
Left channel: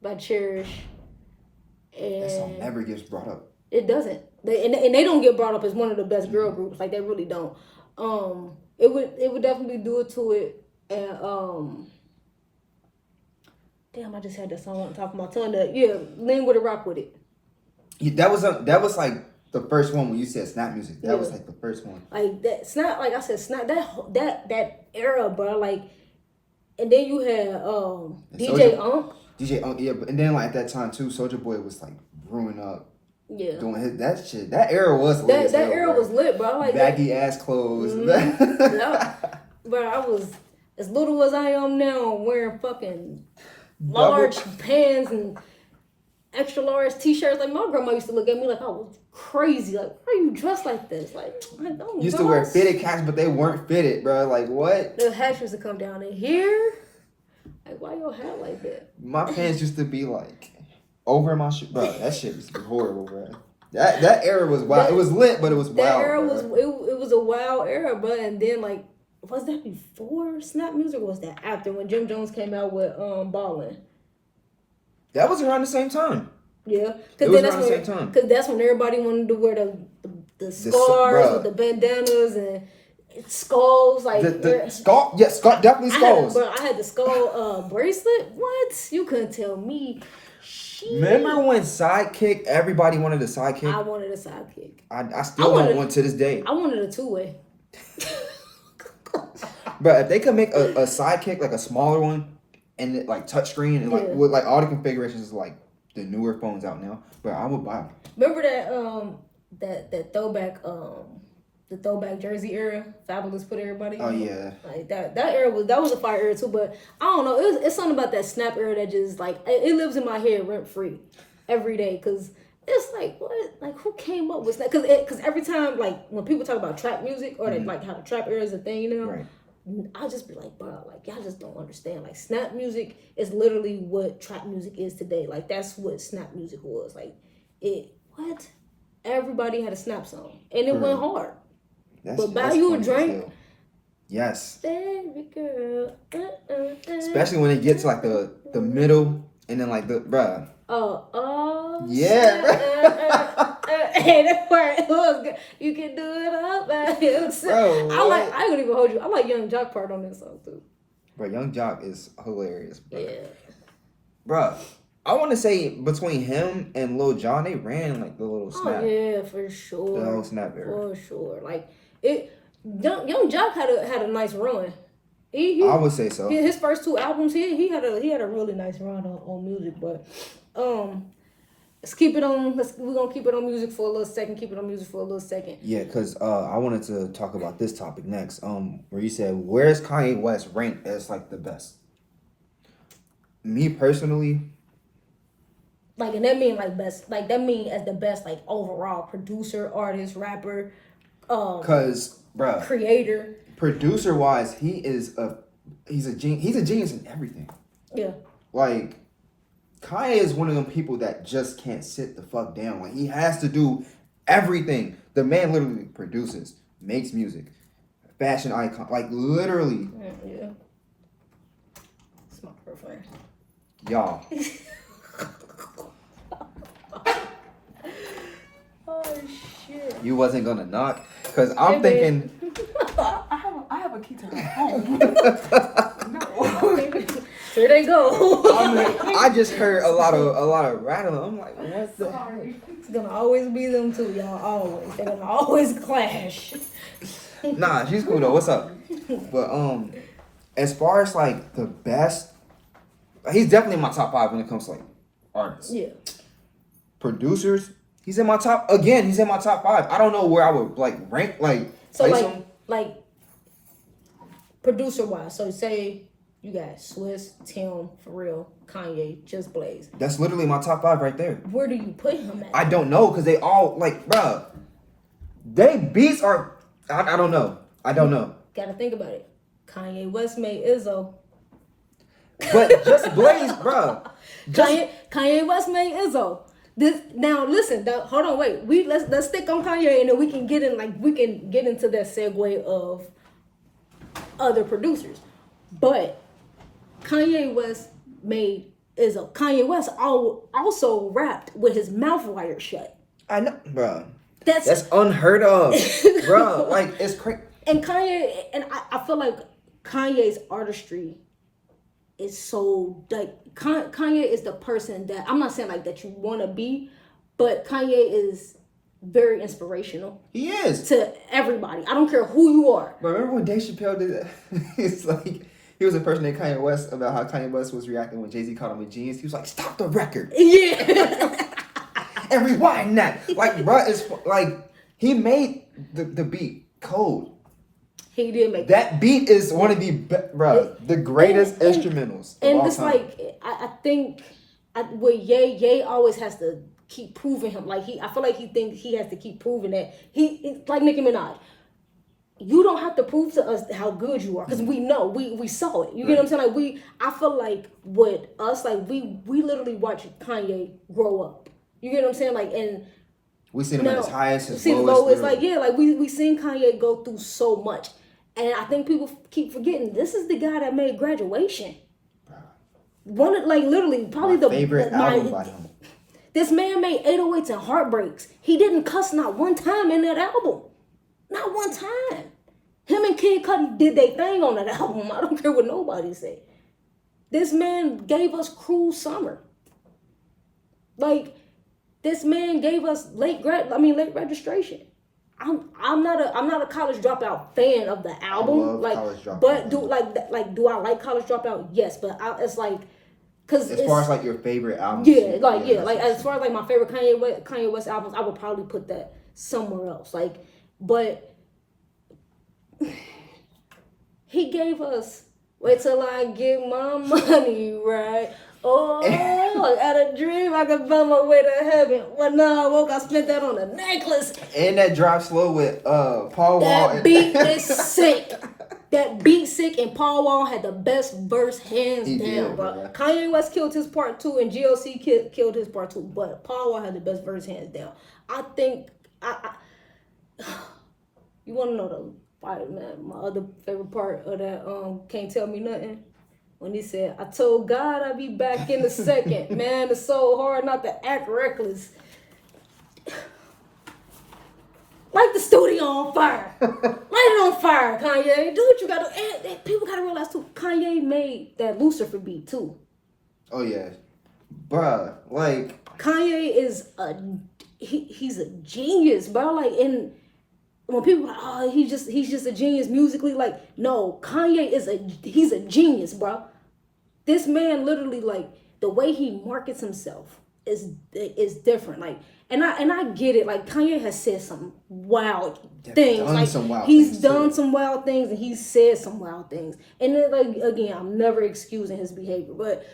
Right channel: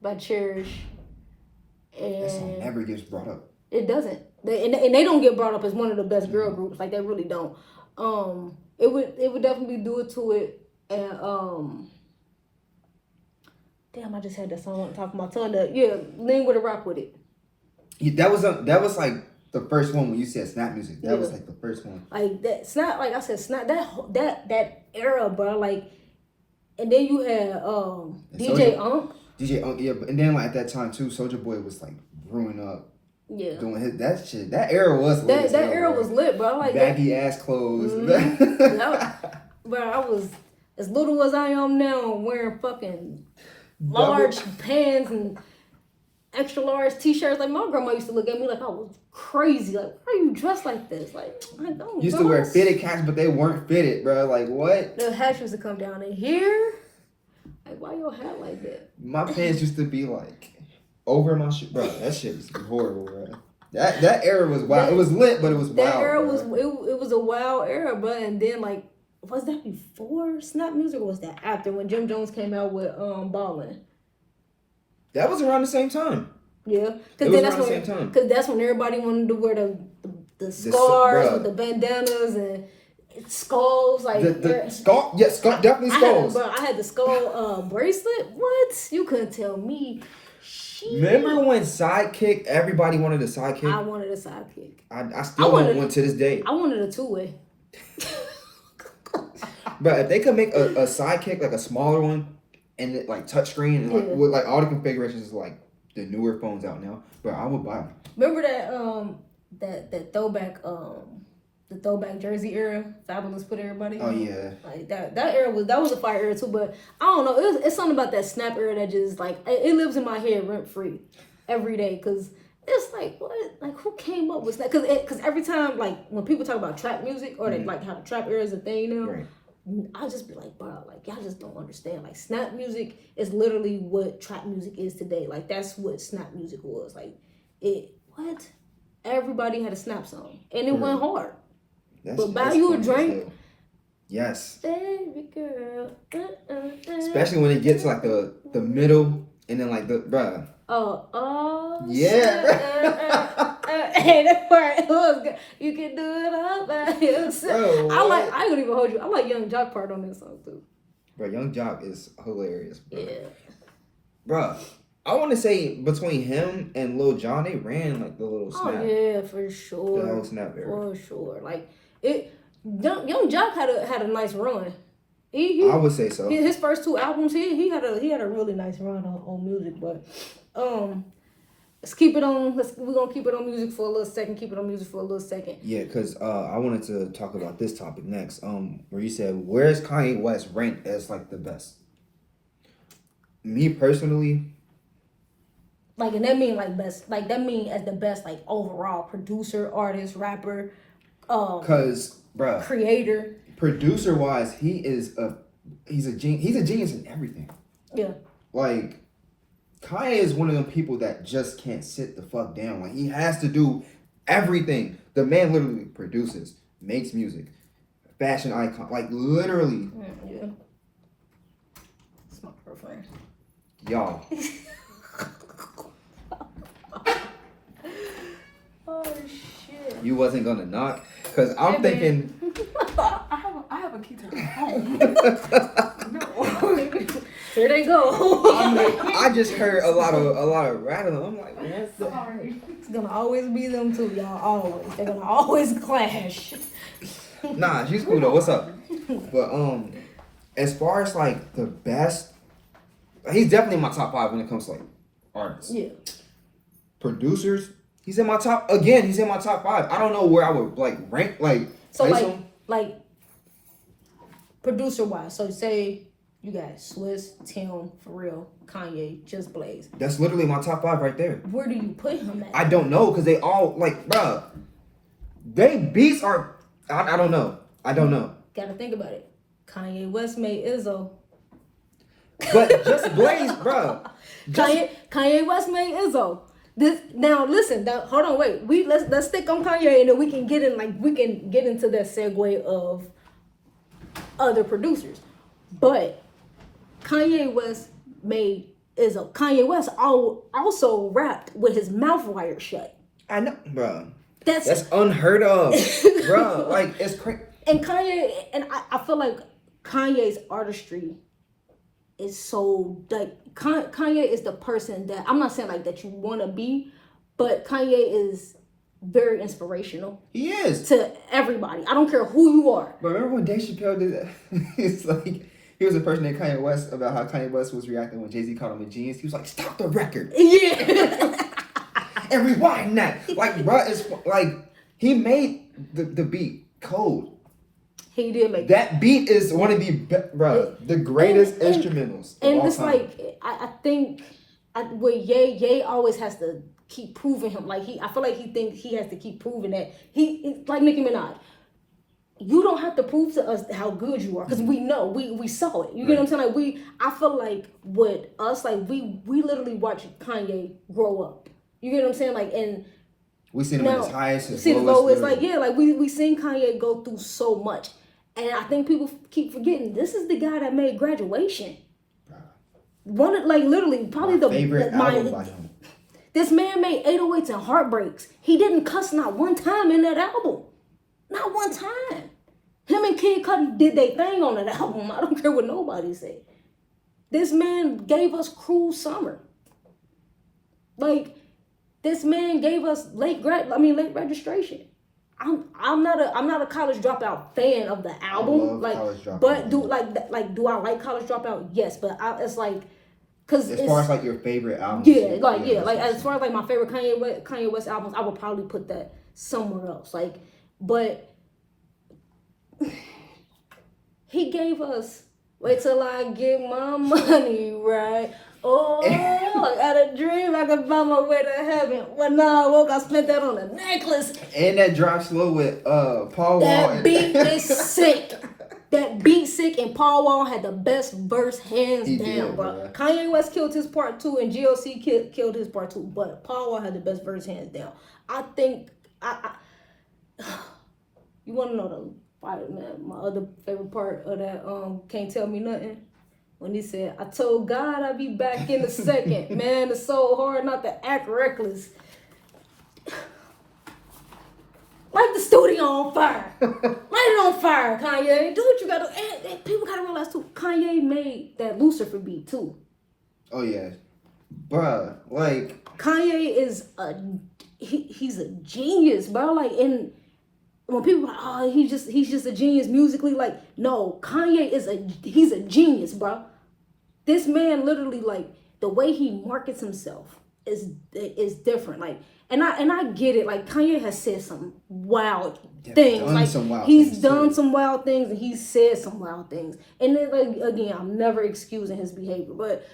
by Cherish. And that song never gets brought up. It doesn't. They don't get brought up as one of the best girl groups. Like they really don't. It would definitely Do It To It and damn, I just had that song on top of my tongue. Lean with a Rock With It. Yeah, that was like the first one when you said snap music. That was like the first one. Like that snap, like I said, snap that era, bro. Like, and then you had DJ Unk. DJ Unk, yeah, and then like at that time too, Soulja Boy was like brewing up. Yeah. Doing his that shit. That era was lit. That era was lit, bro. Like baggy ass clothes. Bro, I was as little as I am now, wearing fucking large pants and extra large t-shirts. Like my grandma used to look at me like I was crazy. Like, why are you dressed like this? Like, I don't. Used to wear fitted caps, but they weren't fitted, bro. Like what? The hats used to come down in here. Like, why your hat like that? My pants used to be like over my shit, bro. That shit used to be horrible, bro. That era was wild. It was lit, but it was wild. That era was it was a wild era, bro. And then like, was that before snap music or was that after when Jim Jones came out with Ballin'? That was around the same time. Yeah, because that's when everybody wanted to wear the scarves with the bandanas and skulls. Like the skull, definitely skulls. I had the skull bracelet. What? You couldn't tell me. Shit. Remember when Sidekick? Everybody wanted a Sidekick. I wanted a Sidekick. I still want one to this day. I wanted a 2-way. But if they could make a Sidekick, like a smaller one, and it, like touchscreen and like with like all the configurations like the newer phones out now, but I would buy them. Remember that throwback the throwback jersey era, Fabulous put everybody in? Oh yeah. Like that era was a fire era too, but I don't know, it's something about that snap era that just like it lives in my head rent free every day, cause it's like what, like who came up with snap? Cause every time like when people talk about trap music or they like how the trap era is a thing, you know. Right. I just be like, bro, like y'all just don't understand. Like snap music is literally what trap music is today. Like that's what snap music was. Like everybody had a snap song and it went hard. But Buy You a Drink, Yes. Baby girl. Especially when it gets like the middle and then like the bruh. Oh. Yeah. Hey, that part was good. You can do it all by yourself. I ain't gonna even hold you. I like Young Jock part on this song too. Bro, Young Jock is hilarious, bro. Yeah. Bruh, I want to say between him and Lil Jon, they ran like the little snap. Oh yeah, for sure. The whole snap era. For sure. Like it. Young Jock had a nice run. I would say so. His first 2 albums, he had a really nice run on music, but let's keep it on. We're gonna keep it on music for a little second. Yeah, because I wanted to talk about this topic next. Where you said, where's Kanye West ranked as like the best? Me personally, like, and that mean like best, like that mean as the best, like overall producer, artist, rapper, cause bruh, creator, producer wise, he's a genius in everything. Yeah, like Kanye is one of them people that just can't sit the fuck down. Like he has to do everything. The man literally produces, makes music, fashion icon, like literally. Yeah. It's my girlfriend. Y'all. Oh shit. You wasn't gonna knock? Cause I'm thinking I have a key to the home. Here they go. I just heard a lot of rattling. I'm like, what the heck? It's gonna always be them two, y'all. Always. They're gonna always clash. Nah, she's cool though. What's up? But as far as like the best, he's definitely in my top 5 when it comes to like artists. Yeah. Producers, he's in my top 5. I don't know where I would like rank like So place him. like producer wise, so say you got Swiss, Tim, Pharrell, Kanye, Just Blaze. That's literally my top 5 right there. Where do you put him at? I don't know because they all like, bruh, they beats are. I don't know. Gotta think about it. Kanye West made Izzo. But Just Blaze, bruh. Kanye West made Izzo. Hold on, wait. Let's stick on Kanye and then we can get into that segue of other producers. But Kanye West made Izzo. Kanye West also rapped with his mouth wired shut. I know, bruh. That's unheard of, bruh. Like it's crazy. And Kanye, and I feel like Kanye's artistry is so like Kanye is the person that I'm not saying like that you want to be, but Kanye is very inspirational. He is to everybody. I don't care who you are. But remember when Dave Chappelle did that? It's like he was impersonating Kanye West about how Kanye West was reacting when Jay-Z called him a genius. He was like, "Stop the record." Yeah. And rewind that. Like, bruh, it's like he made the beat cold. He did make that beat is one of the the greatest instrumentals. And it's time. Like I think with Ye always has to keep proving him. Like I feel like he thinks he has to keep proving that he like Nicki Minaj. You don't have to prove to us how good you are because we know we saw it. You get what I'm saying? Like I feel like with us, like we literally watch Kanye grow up. You get what I'm saying? Like and we seen him at his highest, his lowest. Like we seen Kanye go through so much. And I think people keep forgetting this is the guy that made Graduation. One of literally probably my favorite album by him. This man made 808s and Heartbreaks. He didn't cuss not one time in that album. Not one time. Him and Kid Cudi did their thing on that album. I don't care what nobody say. This man gave us Cruel Summer. Like this man gave us late registration. I'm not a college dropout fan of the album, but do I like College Dropout? Yes, but it's like because as far as like your favorite album, as far as like my favorite Kanye West albums, I would probably put that somewhere else. Like, but he gave us Wait Till I Get My Money Right. Oh, I got a dream I could find my way to heaven. When I woke, I spent that on a necklace. And that drop slow with Paul Wall. That beat is sick. That beat sick, and Paul Wall had the best verse hands down, bro. Kanye West killed his part 2, and GLC killed his part 2, but Paul Wall had the best verse hands down. I think you want to know My other favorite part of that Can't Tell Me Nothing, when he said, I told God I'd be back in a second. Man, it's so hard not to act reckless. Light the studio on fire. Light it on fire, Kanye. Do what you gotta do. And people gotta realize too, Kanye made that Lucifer beat too. Oh yeah. Bruh, like Kanye is he's a genius, bro. Like, and when people are like, oh, he's just a genius musically, like, no, Kanye he's a genius, bro. This man literally, like, the way he markets himself is different. Like, and I get it. Like, Kanye has said some wild things. Like, he's done some wild things, and he's said some wild things. And then, like, again, I'm never excusing his behavior, but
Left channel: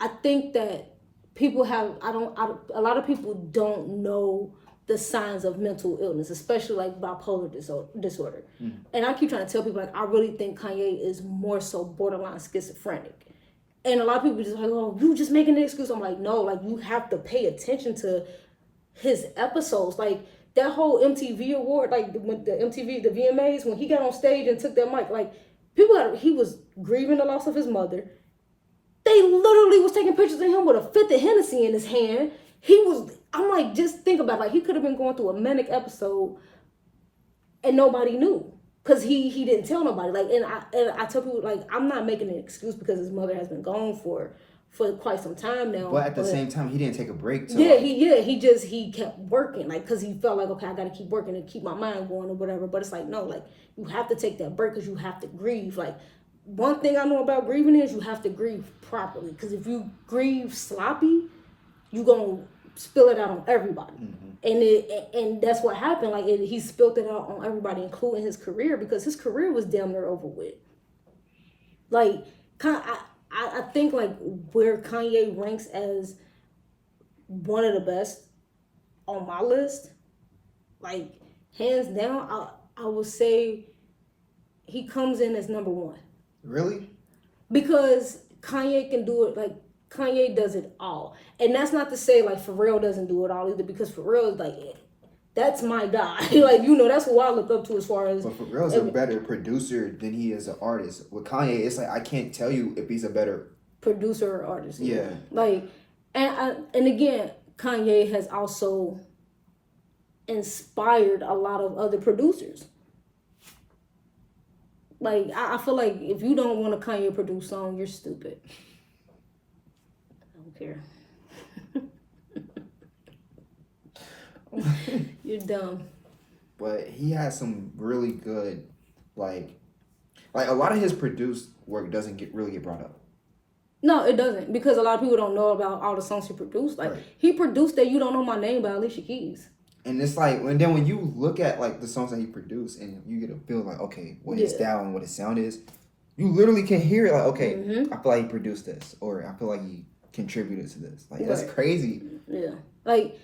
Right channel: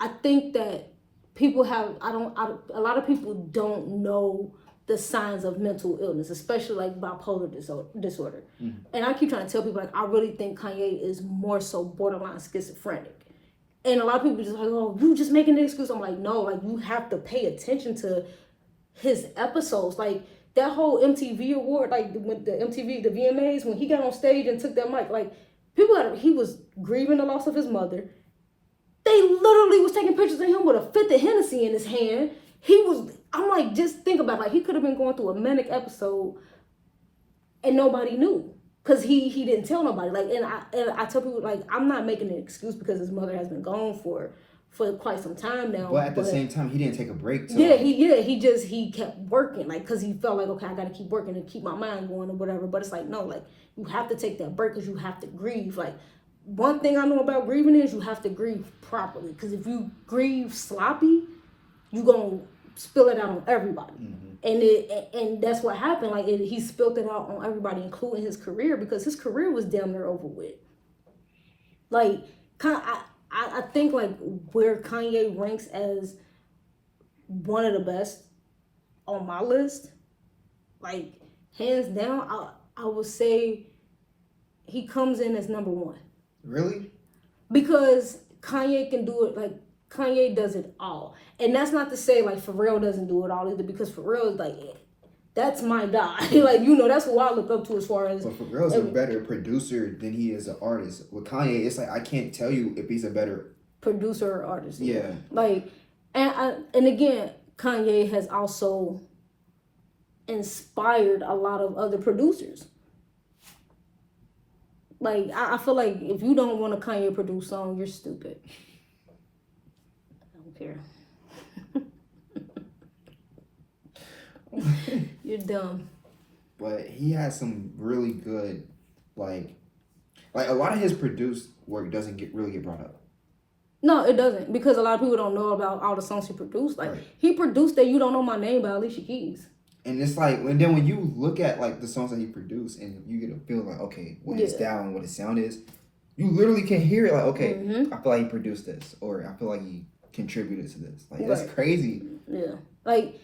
I think that people a lot of people don't know the signs of mental illness, especially like bipolar disorder. Mm-hmm. And I keep trying to tell people, like, I really think Kanye is more so borderline schizophrenic. And a lot of people just like, oh, you just making an excuse. I'm like, no, like, you have to pay attention to his episodes. Like, that whole MTV award, like, the VMAs, when he got on stage and took that mic, like, he was grieving the loss of his mother. They literally was taking pictures of him with a fifth of Hennessy in his hand. I'm like, just think about it. Like, he could have been going through a manic episode and nobody knew. Because he didn't tell nobody. Like, and I tell people, like, I'm not making an excuse because his mother has been gone for quite some time now. But at the same time, he didn't take a break. So he kept working, like, because he felt like, okay, I got to keep working and keep my mind going or whatever. But it's like, no, like, you have to take that break because you have to grieve. Like, one thing I know about grieving is you have to grieve properly. Because if you grieve sloppy, you're going to spill it out on everybody. Mm-hmm. And that's what happened. Like, he spilled it out on everybody, including his career, because his career was damn near over with. Like, I think, like, where Kanye ranks as one of the best on my list, like, hands down, I would say he comes in as number one. Really? Because Kanye can do it, like, Kanye does it all. And that's not to say, like, Pharrell doesn't do it all either, because Pharrell is, like, that's my guy. Like, you know, that's who I look up to as far as... But Pharrell's a better producer than he is an artist. With Kanye, it's like, I can't tell you if he's a better... producer or artist. Yeah. Like, and again, Kanye has also inspired a lot of other producers. Like, I feel like if you don't want a Kanye produced song, you're stupid. I don't care. You're dumb. But he has some really good, like a lot of his produced work doesn't really get brought up. No, it doesn't, because a lot of people don't know about all the songs he produced. Like, right. He produced that You Don't Know My Name by Alicia Keys. And it's like, and then when you look at, like, the songs that he produced and you get a feel like, okay, what his style and what his sound is, you literally can hear it like, okay, I feel like he produced this, or I feel like he contributed to this. Like, that's crazy. Yeah. Like,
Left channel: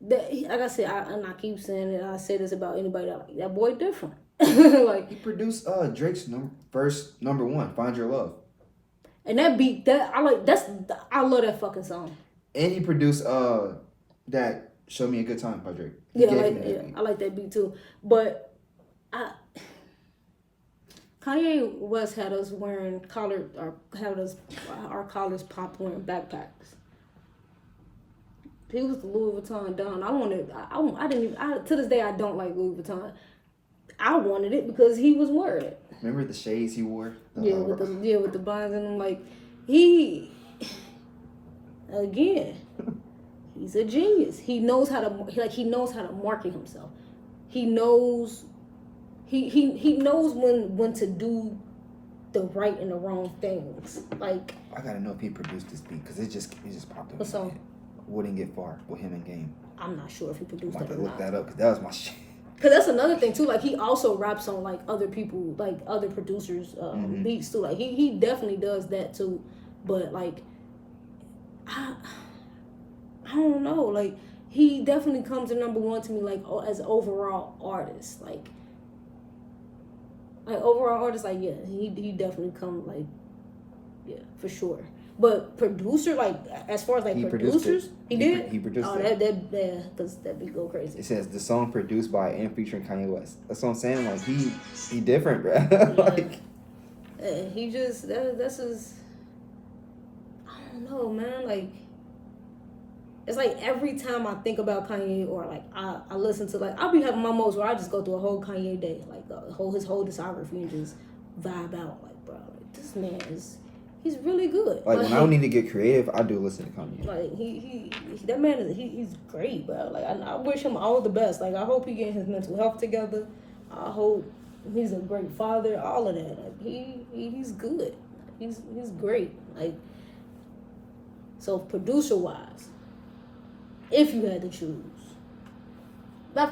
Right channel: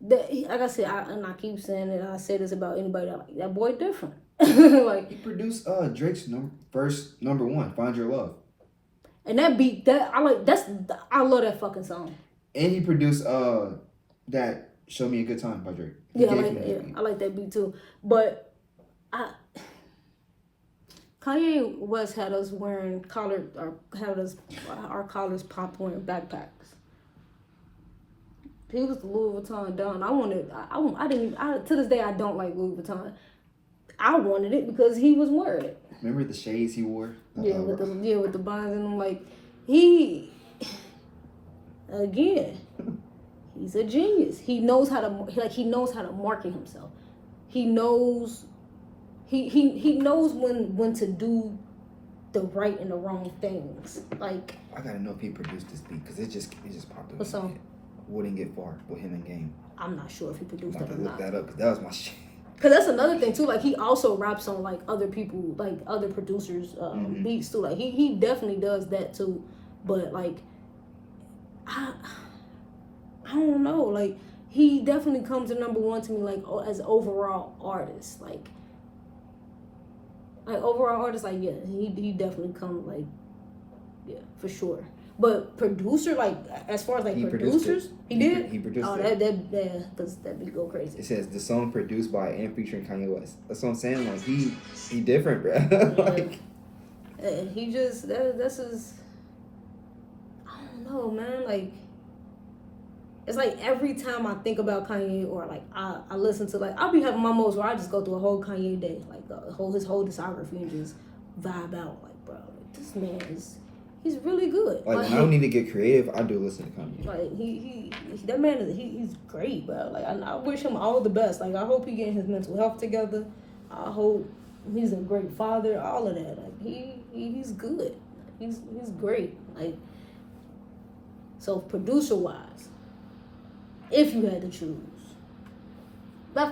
like I said, and I keep saying it, I say this about anybody that boy different. Like, he produced Drake's first number one, Find Your Love. And that beat, I love that fucking song. And he produced that Show Me a Good Time by Drake. I like that beat too. But Kanye West had us wearing our collars popped wearing backpacks. He was the Louis Vuitton Don. To this day I don't like Louis Vuitton. I wanted it because he was wearing it. Remember the shades he wore? With the blinds in them. Like, again, he's a genius. He knows how to market himself. He knows he knows when to do the right and the wrong things. Like, I gotta know if he produced this beat because it just popped up. What song? Wouldn't Get Far with him and Game. I'm not sure if he produced it or not. Look that up because that was my shit. Cause that's another thing too. Like, he also raps on, like, other people, like other producers' beats too. Like, he definitely does that too. But, like, I don't know. Like, he definitely comes to number one to me, like, as overall artist. Like overall artist. Like, yeah, he definitely comes, like, yeah, for sure. But producer, like as far as like producers, he did. He produced it. Because that beat go crazy. It says the song produced by and featuring Kanye West. That's what I'm saying. Like he different, bro. Like and he just that's his. I don't know, man. Like it's like every time I think about Kanye or like I listen to like I'll be having my moments where I just go through a whole Kanye day, like his whole discography and just vibe out. Like bro, like, this man he's really good. when I don't need to get creative, I do listen to Kanye. Like that man he's great, bro. Like I wish him all the best. Like I hope he getting his mental health together. I hope he's a great father. All of that. Like he's good. He's great. Like so producer wise, if you had to choose,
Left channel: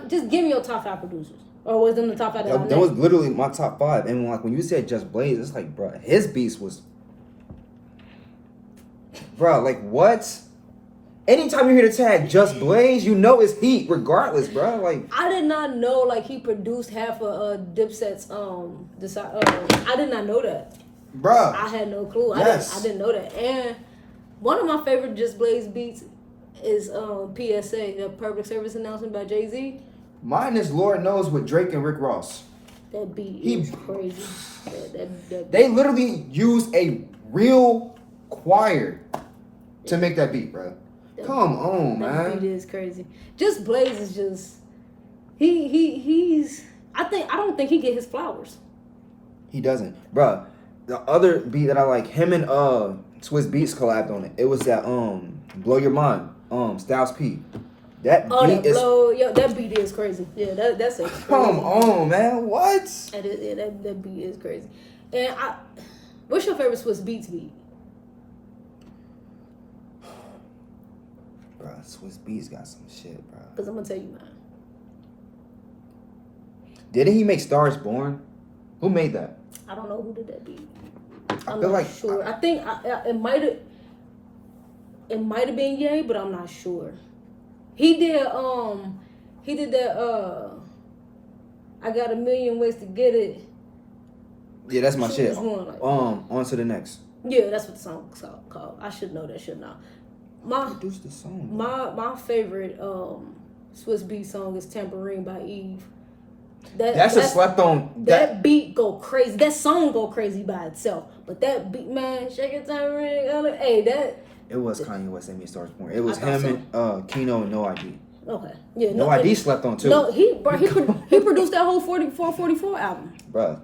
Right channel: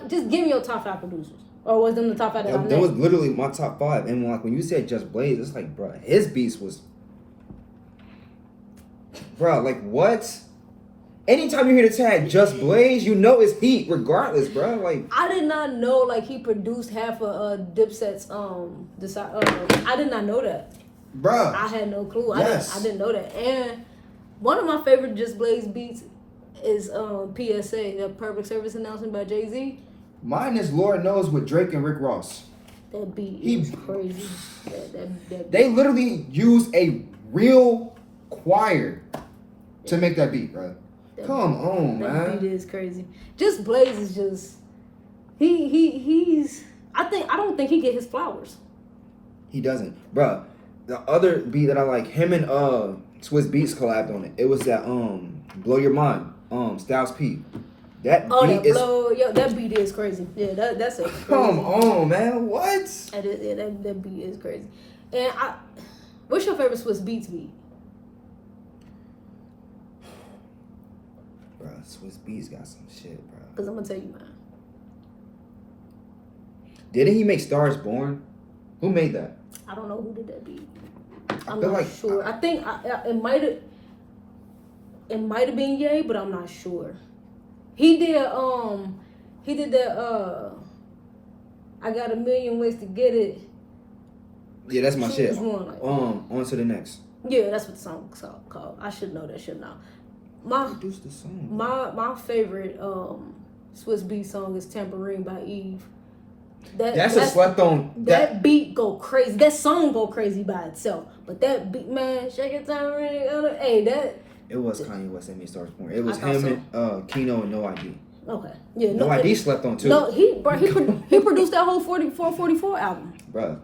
just give me your top 5 producers. Or was them the top 5? That was literally my top 5. And like when you said Just Blaze, it's like, bro, his beats was. Bro, like what? Anytime you hear the tag Just Blaze, you know it's heat regardless, bro. Like I did not know like he produced half of Dipset's I did not know that. Bruh. I had no clue. Yes. I didn't know that. And one of my favorite Just Blaze beats is PSA, the Public Service Announcement by Jay-Z. Mine is Lord Knows with Drake and Rick Ross. That beat is crazy. They literally use a real choir to make that beat, bro. Come on, man. That beat is crazy. Just Blaze is just he's I don't think he get his flowers. He doesn't, bro. The other beat that I like, him and Swiss Beats collabed on it. It was that Blow Your Mind, Styles P. That that beat is crazy. Yeah, that's a crazy. Come on, man. What? That beat is crazy. And what's your favorite Swiss Beats beat? Bro, Swiss Beats got some shit, bro. Because I'm going to tell you mine. Didn't he make Stars Born? Who made that? I don't know who did that beat. I'm feel not like sure. I think it might have been Ye, but I'm not sure. He did that I Got a Million Ways to Get It. Yeah, that's my shit. Like on to the next. Yeah, that's what the song's called. I should know that shit now. Produced the song. My favorite Swiss Beat song is Tambourine by Eve. That's a slept on. That beat go crazy. That song go crazy by itself. But that beat, man, shake it tambourine. Hey, that. It was Kanye West that made Stars Born. It was him and Kino and No ID. Okay. Yeah. No ID slept on too. No, he produced that whole 444 album. Bruh.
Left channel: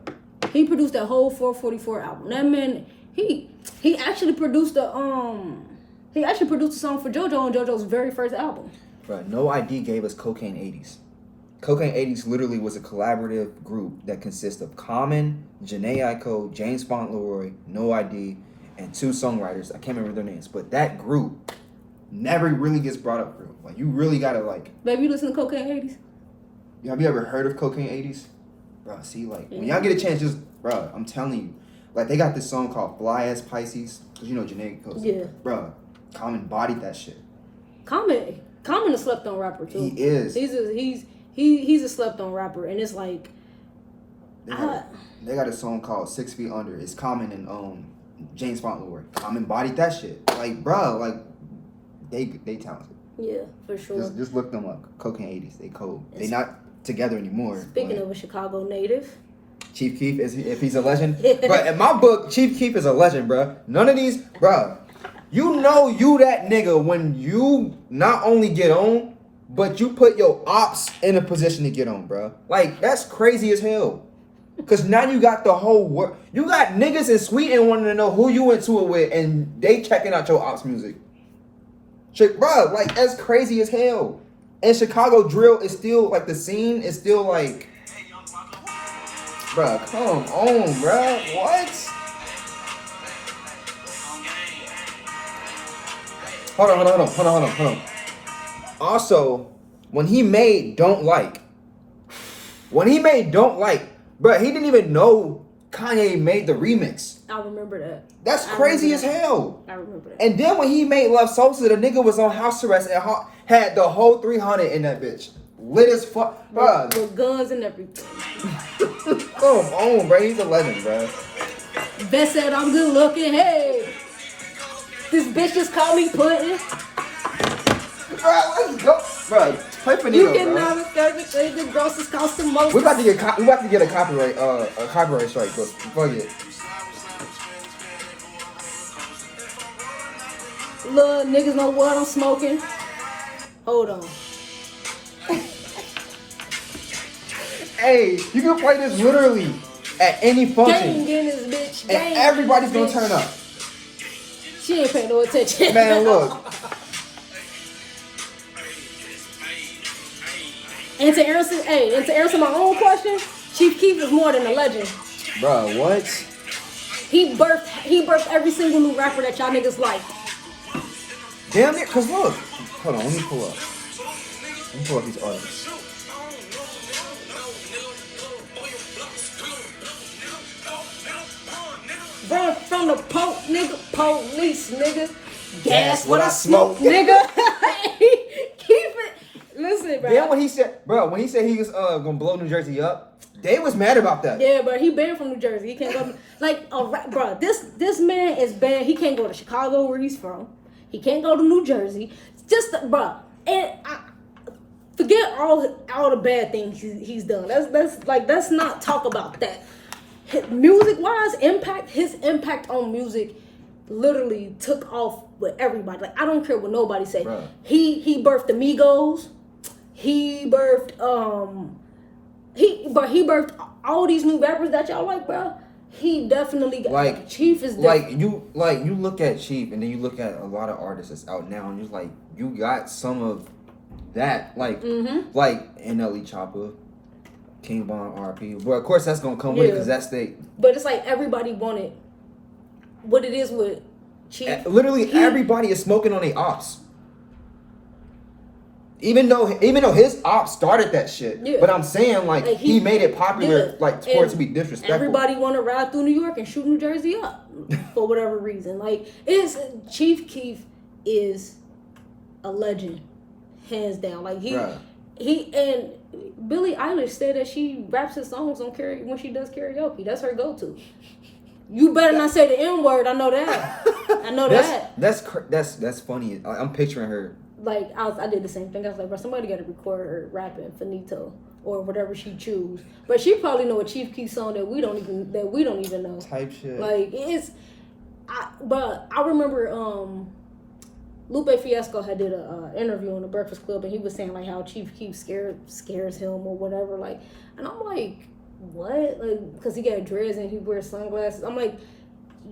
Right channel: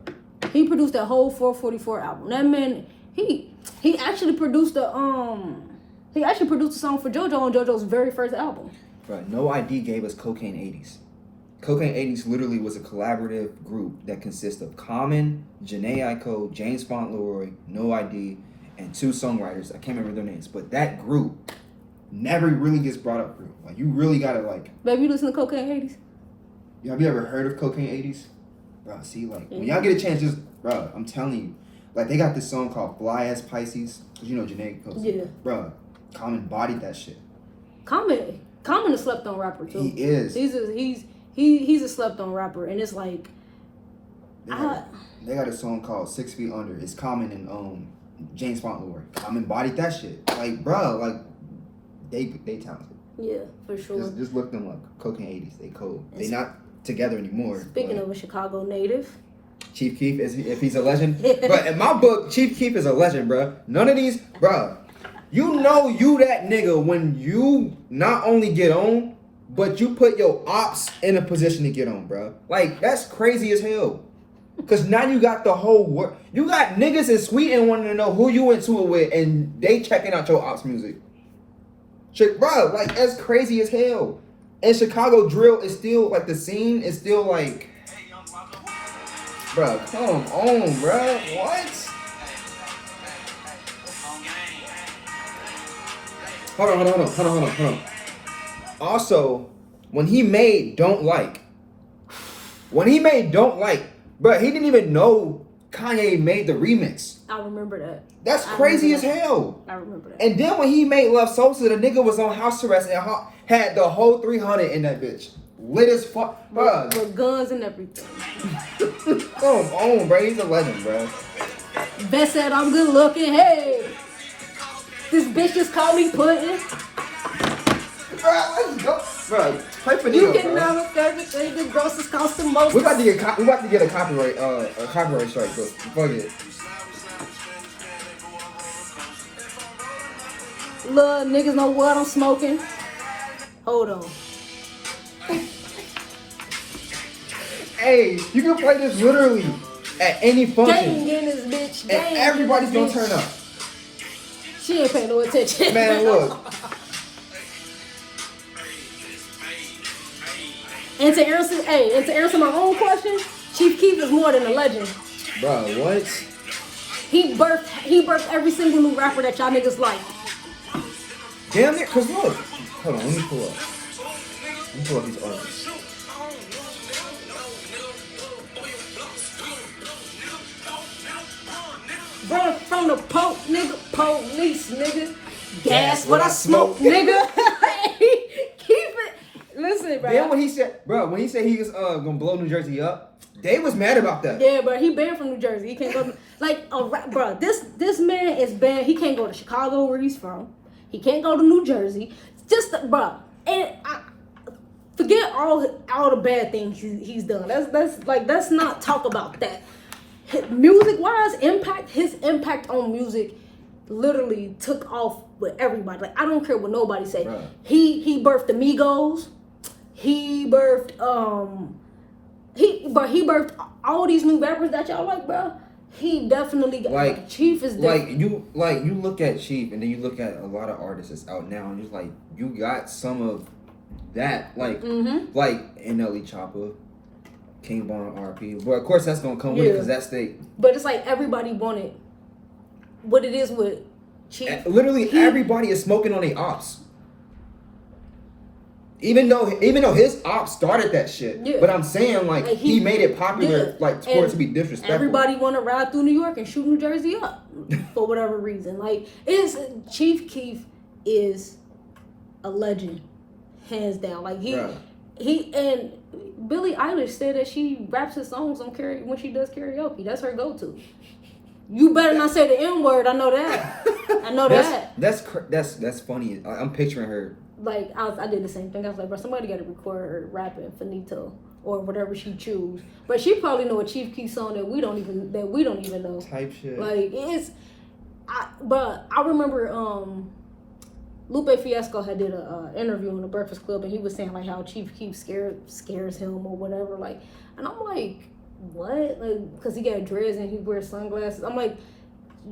He produced that whole 444 album. That man, he actually produced the song for JoJo on JoJo's very first album. Bruh, No ID gave us Cocaine 80s. Cocaine 80s literally was a collaborative group that consists of Common, Janae Aiko, James Fauntleroy, No ID, and 2 songwriters. I can't remember their names, but that group never really gets brought up through. Like, you really gotta like. Baby, you listen to Cocaine 80s? Have you ever heard of Cocaine 80s? Bro, see, like, when y'all get a chance, just, bro, I'm telling you, like, they got this song called Fly As Pisces, because you know Janae Aiko. Yeah. Bro, Common bodied that shit. Common a slept on rapper too. He is. He's a slept on rapper, and it's like. They got a song called 6 Feet Under. It's Common and James Fauntleroy. Common bodied that shit. Like, bro, like they talented. Yeah, for sure. Just look them up. Cocaine 80s. They cold. They not together anymore. Speaking of a Chicago native. Chief Keef, if he's a legend. But in my book, Chief Keef is a legend, bro. None of these, bro. You know you that nigga when you not only get on, but you put your ops in a position to get on, bro. Like, that's crazy as hell. Because now you got the whole world. You got niggas in Sweden wanting to know who you into it with, and they checking out your ops music. Bro, like, that's crazy as hell. And Chicago drill is still, like, the scene is still, like... Bro, come on, bro. What? Hold on. Also, when he made Don't Like, bro, he didn't even know Kanye made the remix. I remember that. That's crazy as hell. I remember that. And then when he made Love Sosa, the nigga was on house arrest and had the whole 300 in that bitch. Lit as fuck, bro. With guns and everything. Come on, bro. He's a legend, bro. Best said I'm good looking. Hey. This bitch just called me Pudding. Bro, play for You Nino, can bro. never say the grossest cost the most. We about to get a copyright strike, but fuck it. Look, niggas know what I'm smoking. Hold on. Hey, you can play this literally at any Gang function, in this bitch. Gang and in everybody's this gonna bitch. turn up. She ain't paying no attention. Man, look. And to answer my own question, Chief Keef is more than a legend. Bro, what? He birthed every single new rapper that y'all niggas like. Damn it, cause look. Hold on, let me pull up these artists. Bro, from the police, nigga. Gas what I smoke, nigga. Keep it. Listen, bro. Then when he said he was gonna blow New Jersey up, they was mad about that. Yeah, but he banned from New Jersey. He can't go. Like, bro, this man is banned. He can't go to Chicago, where he's from. He can't go to New Jersey. Just, bro, and forget all the bad things he's done. Let's not talk about that. Music wise, his impact on music literally took off with everybody. Like, I don't care what nobody say. Bruh. He birthed the Migos. He birthed he birthed all these new rappers that y'all like, bro. He definitely got, like, Chief is like you look at Chief and then you look at a lot of artists that's out now and you're like, you got some of that, like NLE Chopper, King Von, RP. But of course that's gonna come with it because that's But it's like everybody wanted what it is with Chief. Literally everybody is smoking on their ops. Even though his ops started that shit. Yeah. But I'm saying like he made it popular like for it to be disrespectful. Everybody wanna ride through New York and shoot New Jersey up for whatever reason. Like Chief Keef is a legend, hands down. Like he and Billie Eilish said that she raps his songs on when she does karaoke. That's her go-to. You better not say the N-word. I know that. That's funny. I'm picturing her. Like I did the same thing. I was like, bro, somebody got to record her rapping Finito or whatever she choose. But she probably know a Chief Keef song that we don't even know. Type shit. Like but I remember Lupe Fiasco had did a interview on the Breakfast Club and he was saying like how Chief Keef scares him or whatever. Like, and I'm like, what? Like, because he got dreads and he wears sunglasses. I'm like,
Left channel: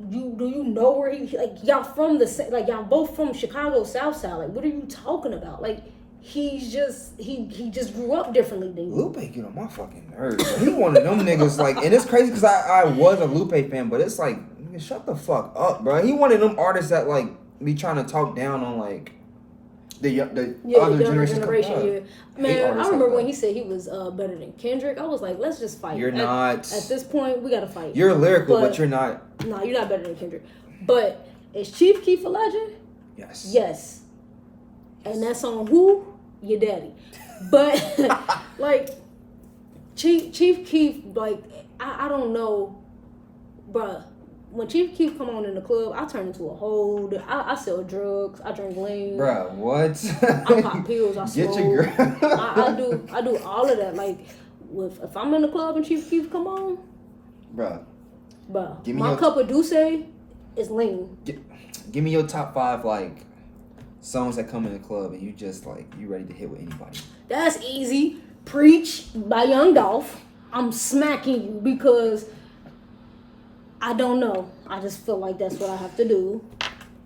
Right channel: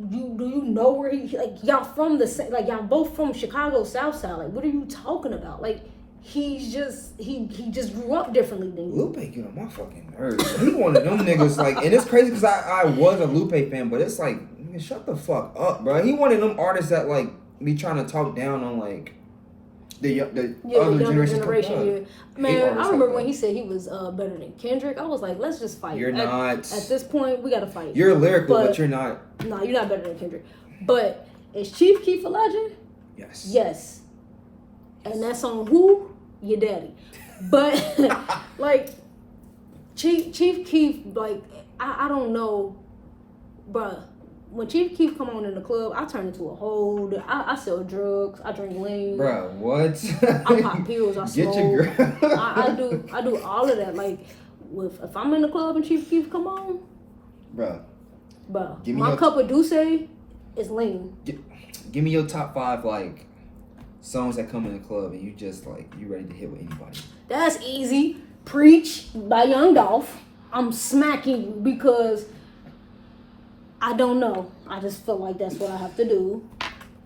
do you know where he, like, y'all from y'all both from Chicago South Side. Like, what are you talking about? Like, he just grew up differently than you. Lupe get on my fucking nerves. He one of them niggas, like, and it's crazy because I was a Lupe fan, but it's like, nigga, shut the fuck up, bro. He one of them artists that like be trying to talk down on like the other generation. Yeah. Man, I remember when he said he was better than Kendrick. I was like, let's just fight. You're not. At this point, we gotta fight. You're lyrical, but you're not. No, you're not better than Kendrick. But is Chief Keef a legend? Yes. Yes. And that's on who? Your daddy. But like Chief Keef, like I don't know, bruh. When Chief Keef come on in the club, I turn into a whole. I sell drugs. I drink lean. Bruh, what? I pop pills. I smoke. Get your girl. I do all of that. Like, if I'm in the club and Chief Keef come on, bruh, my cup of Douce is lean. Give me your top 5 like songs that come in the club and you just like you ready to hit with anybody. That's easy. Preach by Young Dolph. I'm smacking you because I don't know. I just feel like that's what I have to do.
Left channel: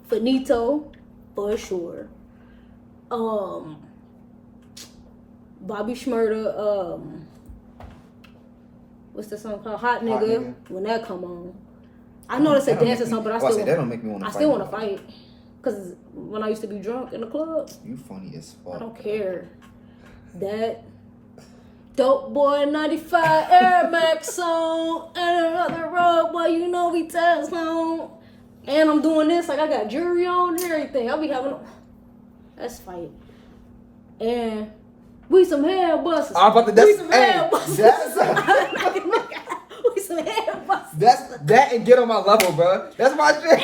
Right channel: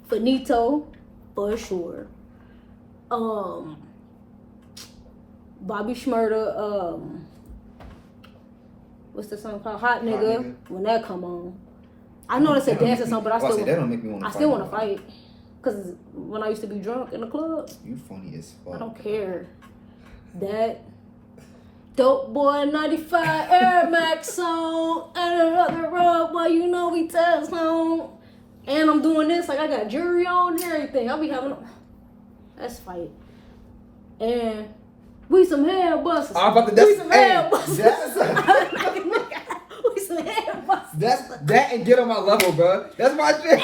Finito, for sure. Bobby Shmurda, what's the song called? Hot Nigga. When that come on. I know that's a dancing song, but I still want to fight. Because when I used to be drunk in the club. You funny as fuck. I don't care. That Dope Boy 95 Air Max song and another road, boy, you know we test on. And I'm doing this like I got jewelry on and everything. I'll be having let's fight. And we some hair busters. We some hair busters. We some hair busters. That and get on my level, bro. That's my shit.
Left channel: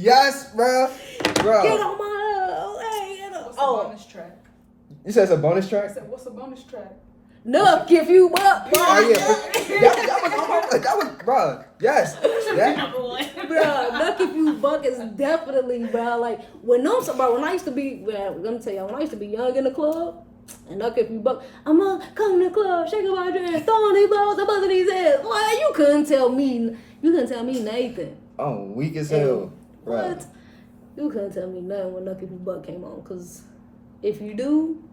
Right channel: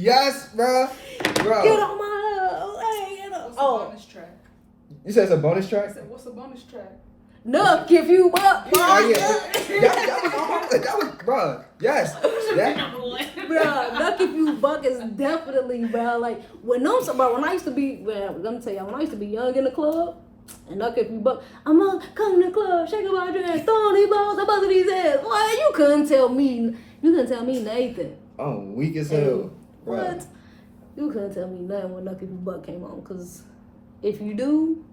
Yes, bro. Get on my hey, get on. What's the bonus track? You said it's a bonus track? I said, what's the bonus track? Nuck if you up. Oh yeah, that was bro. Yes, yeah. Bruh, Nuck if you buck is definitely, bro. Like when I used to be, I'm gonna tell y'all, when I used to be young in the club, and Nuck if you buck, I'm gonna come to the club, shaking my dress, throwing these balls, I'm buzzing these heads. Why you couldn't tell me Nathan. Oh, weak as hell. What? You couldn't tell me nothing when Nuck if you buck came on, cause if you do,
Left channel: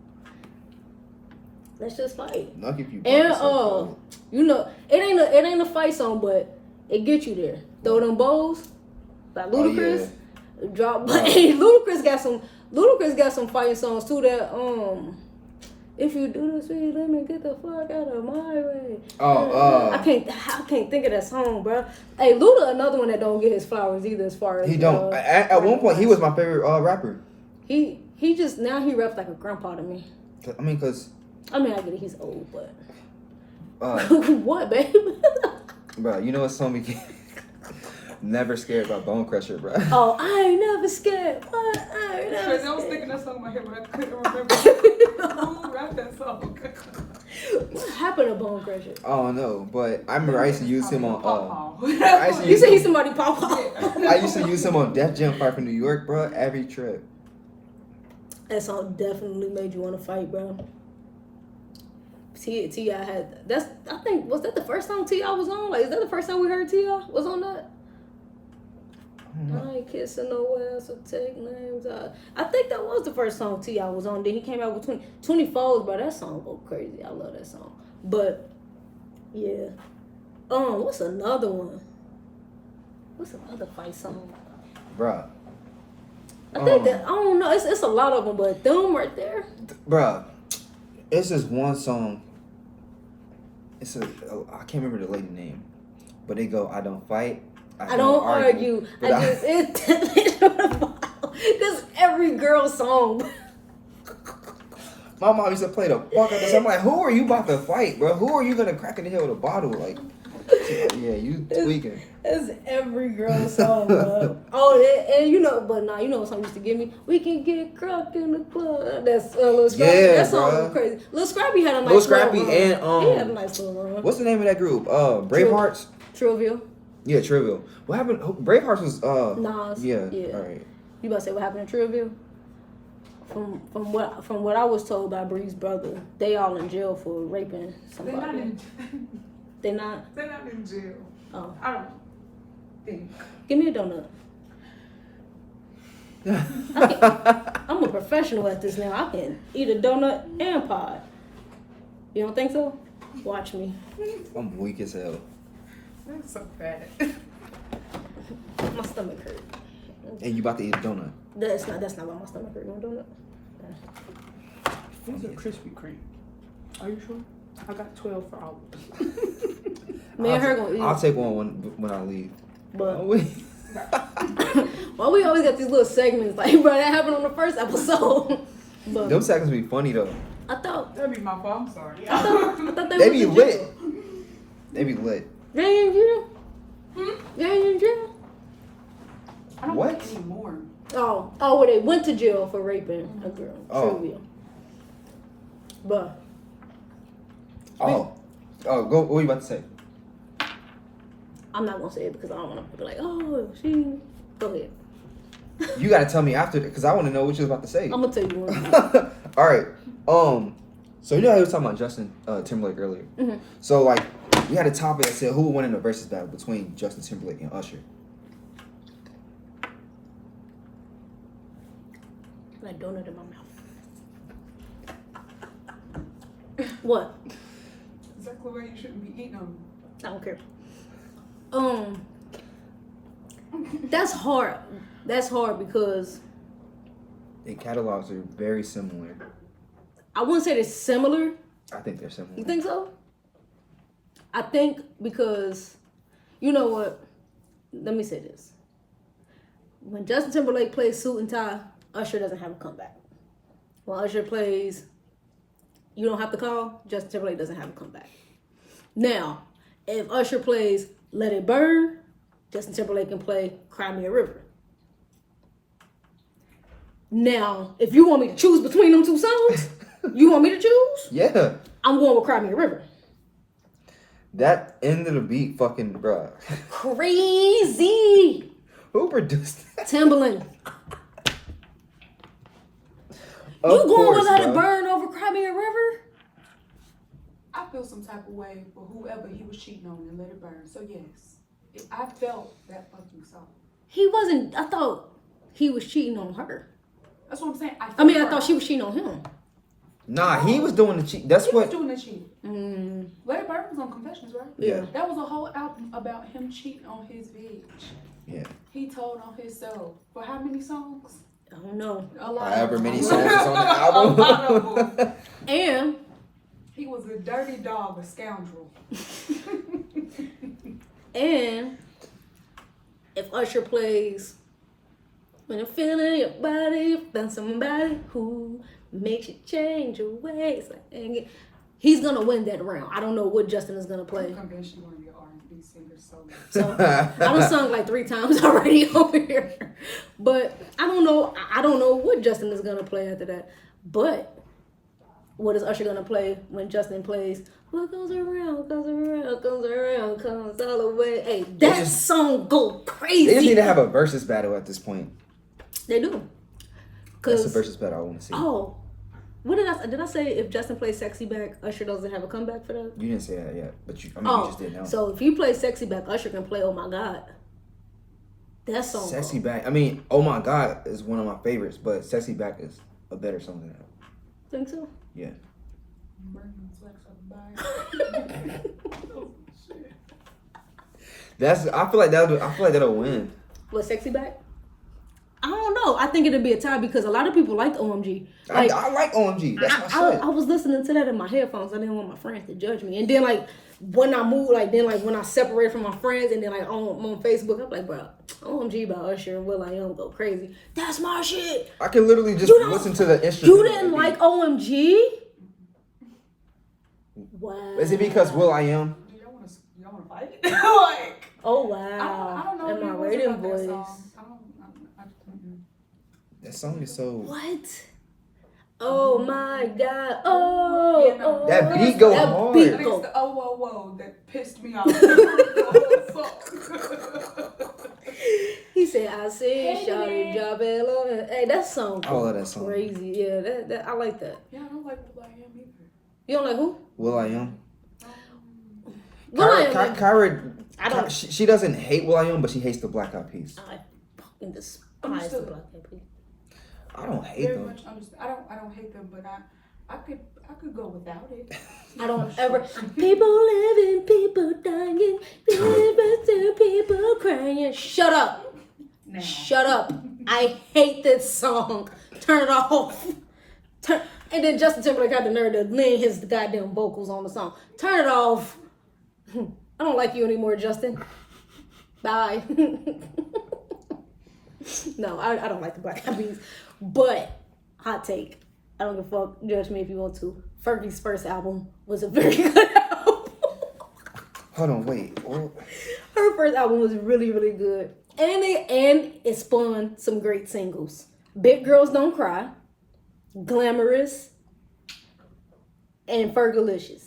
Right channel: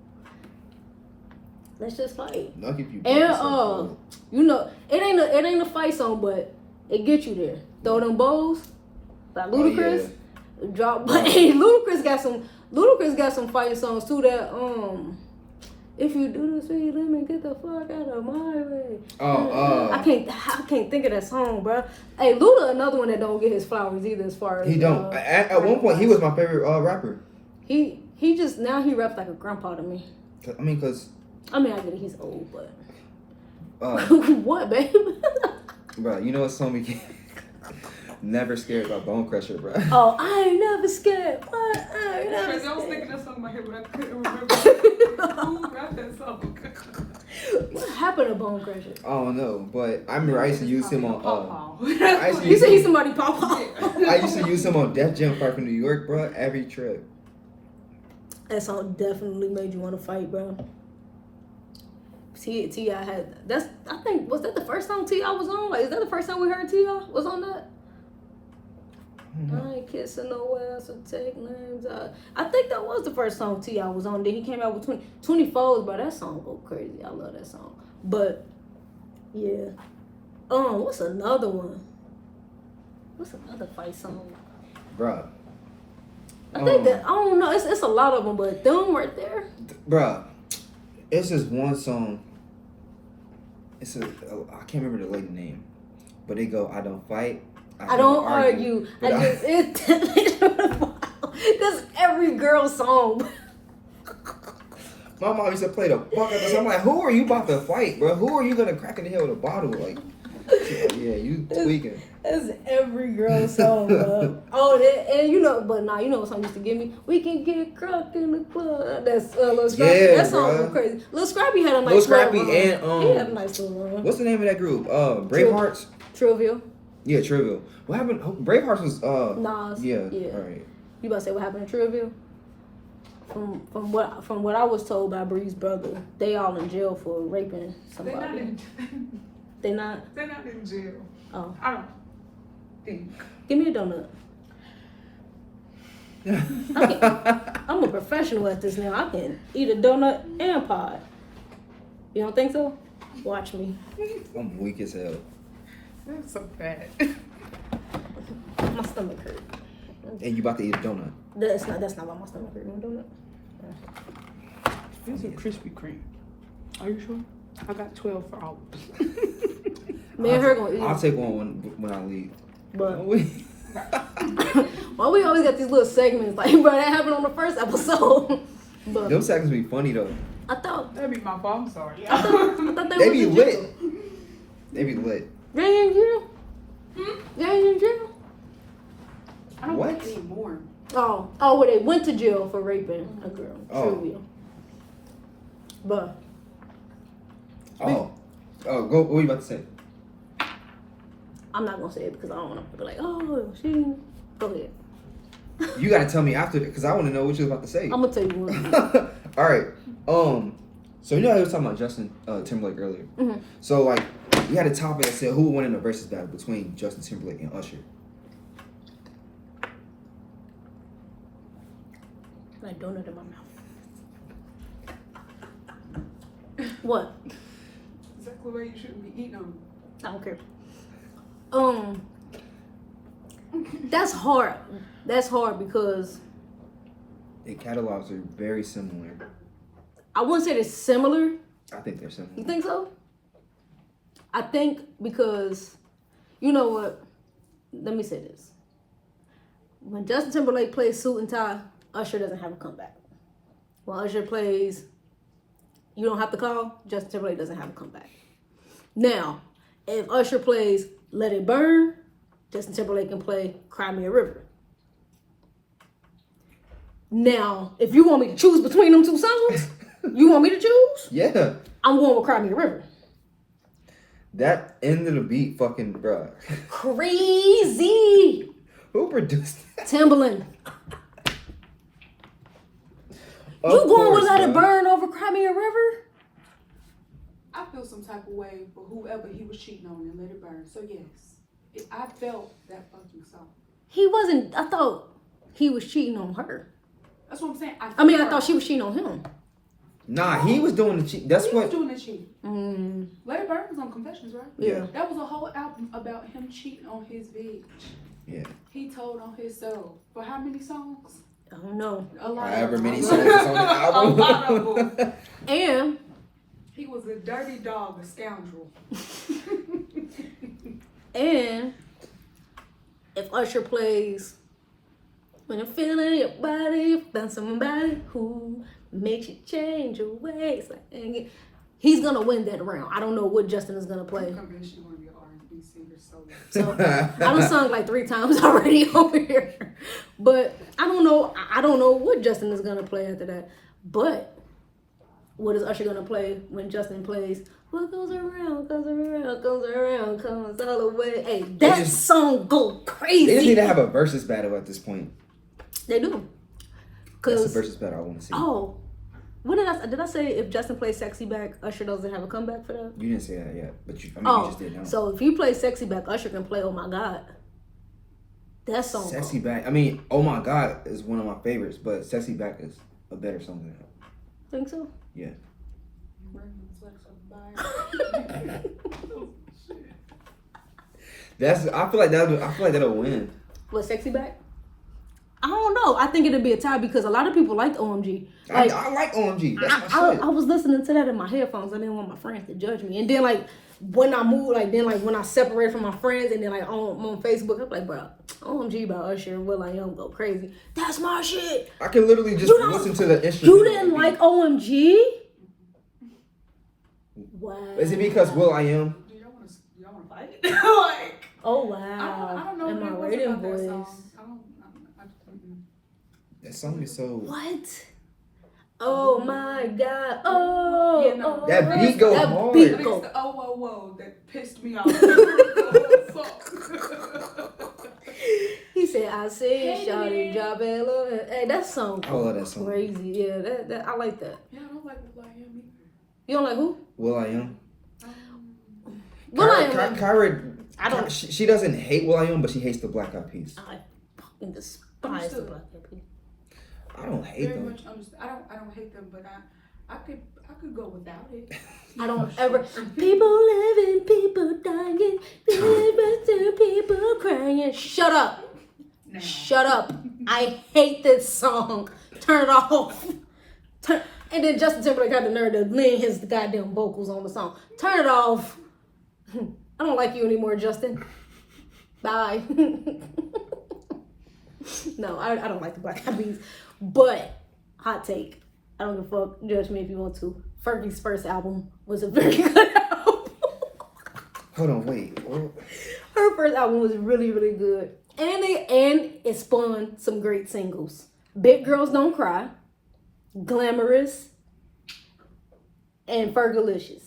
let's just fight. Nuck if you buck. And you know, it ain't a fight song, but it get you there. Throw them bows, like Ludacris. Drop, but hey, Ludacris got some fighting songs too. That if you do this, let me get the fuck out of my way. I can't think of that song, bro. Hey, Luda, another one that don't get his flowers either. As far as he don't. At one point, he was my favorite rapper. He just now he raps like a grandpa to me. I mean, I get it, he's old, but what, babe? Bro, you know what song we can Never Scared by Bone Crusher, bro. Oh, I ain't never scared. What? I ain't never scared. I was thinking that song in my head, but I couldn't remember who rapped that song. What happened to Bone Crusher? I don't know, but I remember I used to use him on. You said he's somebody pop up. I used to use him on Def Jam Fight from New York, bro. Every trip. That song definitely made you want to fight, bro. T.I. had I think was that the first song T.I. was on? Like, is that the first time we heard T.I. was on that? I ain't kissing no ass, so take names out. I think that was the first song T.I. was on. Then he came out with 24s, bro. That song go crazy. I love that song. But yeah. What's another one? What's another fight song? Bruh. I think that I don't know. It's a lot of them, but them right there. Bruh. It's just one song. I can't remember the lady name, but they go, I don't fight. I don't argue. That's every girl's song. My mom used to play the fuck out of this. I'm like, who are you about to fight, bro? Who are you gonna crack in the head with a bottle? Like, yeah, you tweaking. That's every girl's song, bro. And you know, but nah, you know what song used to give me? We can get cracked in the club. That's Lil Scrappy. Yeah, that song was crazy. Lil Scrappy had a nice little run. He had a nice little run. What's the name of that group? Bravehearts? Trivial. Yeah, Trivial. What happened? Bravehearts was Nas. Yeah. All right. You about to say what happened to Trivial? From what I was told by Bree's brother, they all in jail for raping somebody. They're not in jail. Oh. I don't think. Give me a donut. I'm a professional at this now. I can eat a donut and pod. You don't think so? Watch me. I'm weak as hell. That's so bad. My stomach hurt. And you about to eat a donut? That's not why my stomach hurt. No donut. These are Krispy Kreme. Are you sure? I got 12 for all. Man, her gonna eat. I'll take one when I leave. But why we always got these little segments like, bro, that happened on the first episode. But those segments be funny though. I thought that'd be my fault. I'm sorry. I thought they be lit. They be lit. They in jail? They in jail? I don't What? think anymore. Oh, where they went to jail for raping a girl. Trivial. But go. What were you about to say? I'm not gonna say it because I don't want to be like, oh, she. Go ahead. You gotta tell me after, because I want to know what you was about to say. I'm gonna tell you one. All right. So you know how you was talking about Justin Timberlake earlier. Mm-hmm. So like, you had a topic that said who would win in a versus battle between Justin Timberlake and Usher. I donut in my mouth. What? Exactly where you shouldn't be eating them. I don't care. That's hard. That's hard because Their catalogs are very similar. I wouldn't say they're similar. I think they're similar. You think so? I think because, you know what? Let me say this. When Justin Timberlake plays Suit and Tie, Usher doesn't have a comeback. When Usher plays You Don't Have to Call, Justin Timberlake doesn't have a comeback. Now, if Usher plays Let It Burn, Justin Timberlake can play Cry Me a River. Now, if you want me to choose between them two songs, you want me to choose? Yeah. I'm going with Cry Me a River. That end of the beat, fucking, bruh. Crazy. Who produced that? Timberlake. You going with Let It Burn over Cry Me a River? I feel some type of way for whoever he was cheating on and Let It Burn. So yes, I felt that fucking song. He wasn't. I thought he was cheating on her. That's what I'm saying. I thought she was cheating on him. Nah, he was doing the cheat. That's He what. was doing the cheating. Let It Burn was on Confessions, right? Yeah. That was a whole album about him cheating on his bitch. Yeah. He told on himself for how many songs? I don't know. A lot. However many songs is on the album. A lot of them. And He was a dirty dog, a scoundrel. and if Usher plays When I'm Feeling Your Body, you found somebody who makes you change your ways. Like, he's gonna win that round. I don't know what Justin is gonna play. I'm convinced you one of your R&B singers solo. So I done sung like 3 times already over here. But I don't know. I don't know what Justin is gonna play after that. But what is Usher gonna play when Justin plays What Goes Around, Goes Around, Goes Around, Comes All the Way? Hey, that song go crazy. They just need to have a versus battle at this point. They do. That's the versus battle I want to see. Oh, what did I say? If Justin plays Sexy Back, Usher doesn't have a comeback for that? You didn't say that yet, but you just did know. So if you play Sexy Back, Usher can play Oh My God. That song. Sexy Back. I mean, Oh My God is one of my favorites, but Sexy Back is a better song than that. Think so? Yeah. I feel like that'll win. What, Sexy Back? I don't know. I think it'll be a tie because a lot of people like OMG. Like, I like OMG. That's my shit. I was listening to that in my headphones. I didn't want my friends to judge me. And then like when I moved, when I separated from my friends and then like on Facebook, I'm like, bro, OMG by Usher and will.i.am go crazy. That's my shit. I can literally just listen to the instrument. You didn't like OMG? Wow. Is it because will.i.am? You don't want to fight? Like, oh wow. I don't know and my what radio about that voice. song. That song is so. What? Oh my God. Oh, Yeah, no. oh. That beat go that hard. beat It's go. the oh whoa whoa that pissed me off. He said, I said, shawty, drop it low. Hey, that song I love that song. crazy. Yeah, that I like that. Yeah, I don't like will.i.am either. You don't like who? will.i.am. will.i.am. Kyra, she doesn't hate will.i.am, but she hates the Black Eyed Peas. I fucking despise the Black Eyed Peas. I don't hate Very them. much understand. I don't hate them, but I could go without it. I don't ever. People living, people dying, people crying. Shut up. Nah. Shut up. I hate this song. Turn it off. And then Justin Timberlake had the nerve to lean his goddamn vocals on the song. Turn it off. I don't like you anymore, Justin. Bye. No, I don't like the Black Eyed Peas. But, hot take. I don't give a fuck. Judge me if you want to. Fergie's first album was a very good album. Hold on, wait. What? Her first album was really, really good. And it spawned some great singles. Big Girls Don't Cry, Glamorous, and Fergalicious.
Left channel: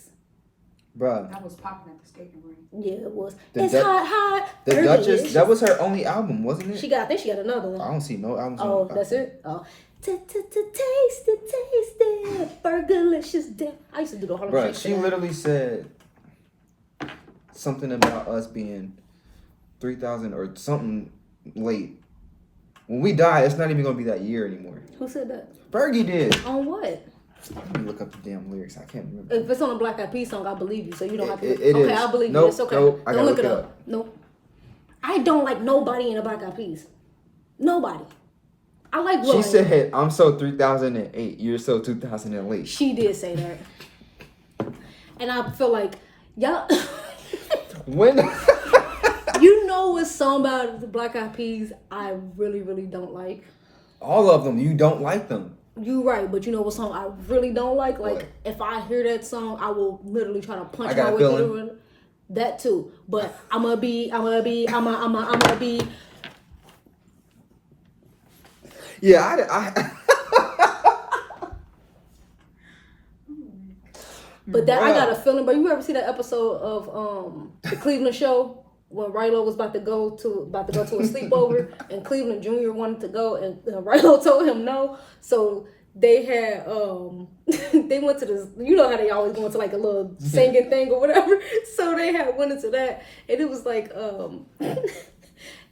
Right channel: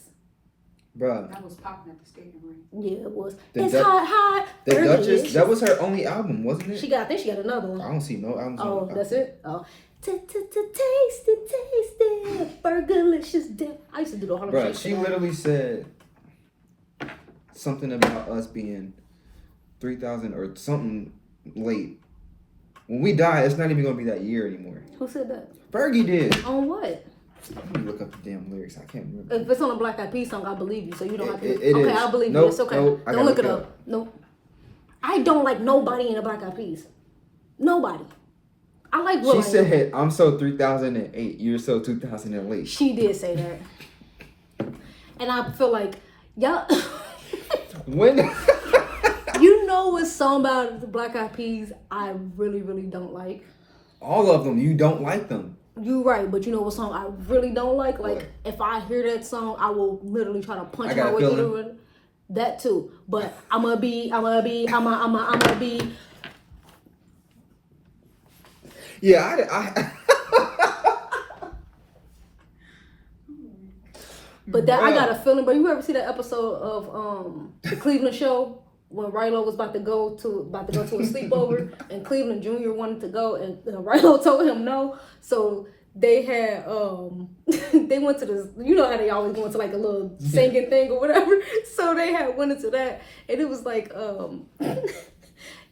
Bruh. That was popping at the skating rink. Yeah, it was. The hot. The Duchess, Fergalicious. that was her only album, wasn't it? I think she got another one. I don't see no albums. Oh, that's it? Oh. Taste it, Fergalicious. I used to do the Harlem Bruh, Shake. she literally said something about us being 3,000 or something late. When we die, it's not even gonna be that year anymore. Who said that? Fergie did. On what? Let me look up the damn lyrics. I can't remember. If it's on a Black Eyed Peas song, I believe you, so you don't have to. It Okay, is. I believe Nope, you. It's okay. nope, I Don't gotta look it look up. Nope. I don't like nobody in the Black Eyed Peas. Nobody. I like will.i.am. She said, "I'm so 3008. You're so 2008." She did say that, and I feel like y'all. When? You know what song about the Black Eyed Peas I really, really don't like? All of them. You don't like them. You right, but you know what song I really don't like? Like, What? if I hear that song, I will literally try to punch I Got my a way Feeling. through it. That too. But I'm gonna be. Yeah, But that I got a feeling. But you ever see that episode of the Cleveland show when Rilo was about to go to a sleepover and Cleveland Jr. wanted to go and Rilo told him no. So they had they went to this. You know how they always go into like a little singing thing or whatever. So they went into that, and it was like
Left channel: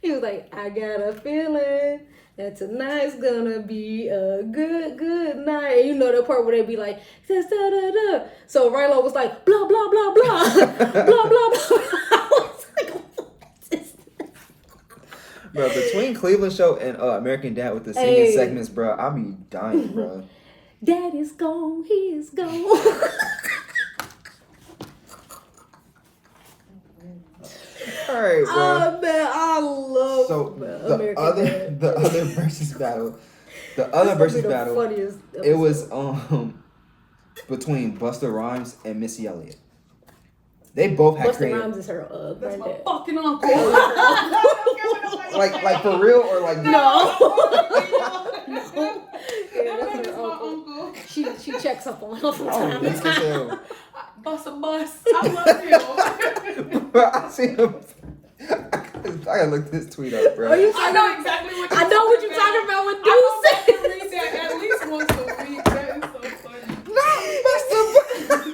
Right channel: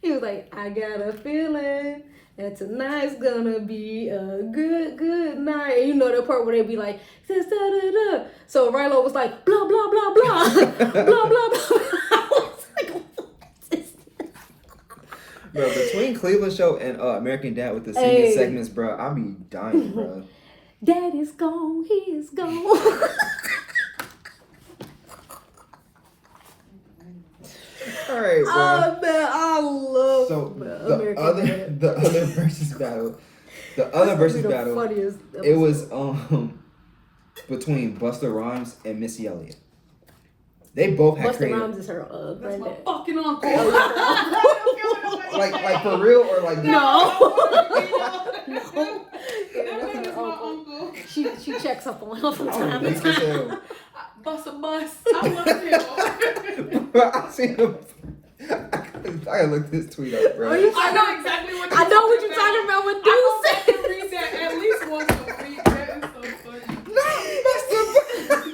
he was like, I got a feeling that tonight's gonna be a good night. And you know that part where they be like, da, da, da, da. So Rilo was like, blah, blah, blah, blah, blah, blah, blah. I was like, what is this? Bro, between Cleveland Show and American Dad with the singing segments, bro, I be dying, bro. Daddy's gone, he is gone. All right, bro. Oh man, I love the other versus battle. The other versus battle. It was between Busta Rhymes and Missy Elliott. They both had Busta Rhymes is her That's my granddad. fucking uncle. like for real or like No. No. Yeah, that's her uncle. She checks up on him from time to Oh, time. Bust a bus. I love you. bro, I seen him. I gotta look this tweet up, bro. Are you I know exactly what you're I know what you're talking about with I go Deuce. back to read that at least once a week. That is so funny.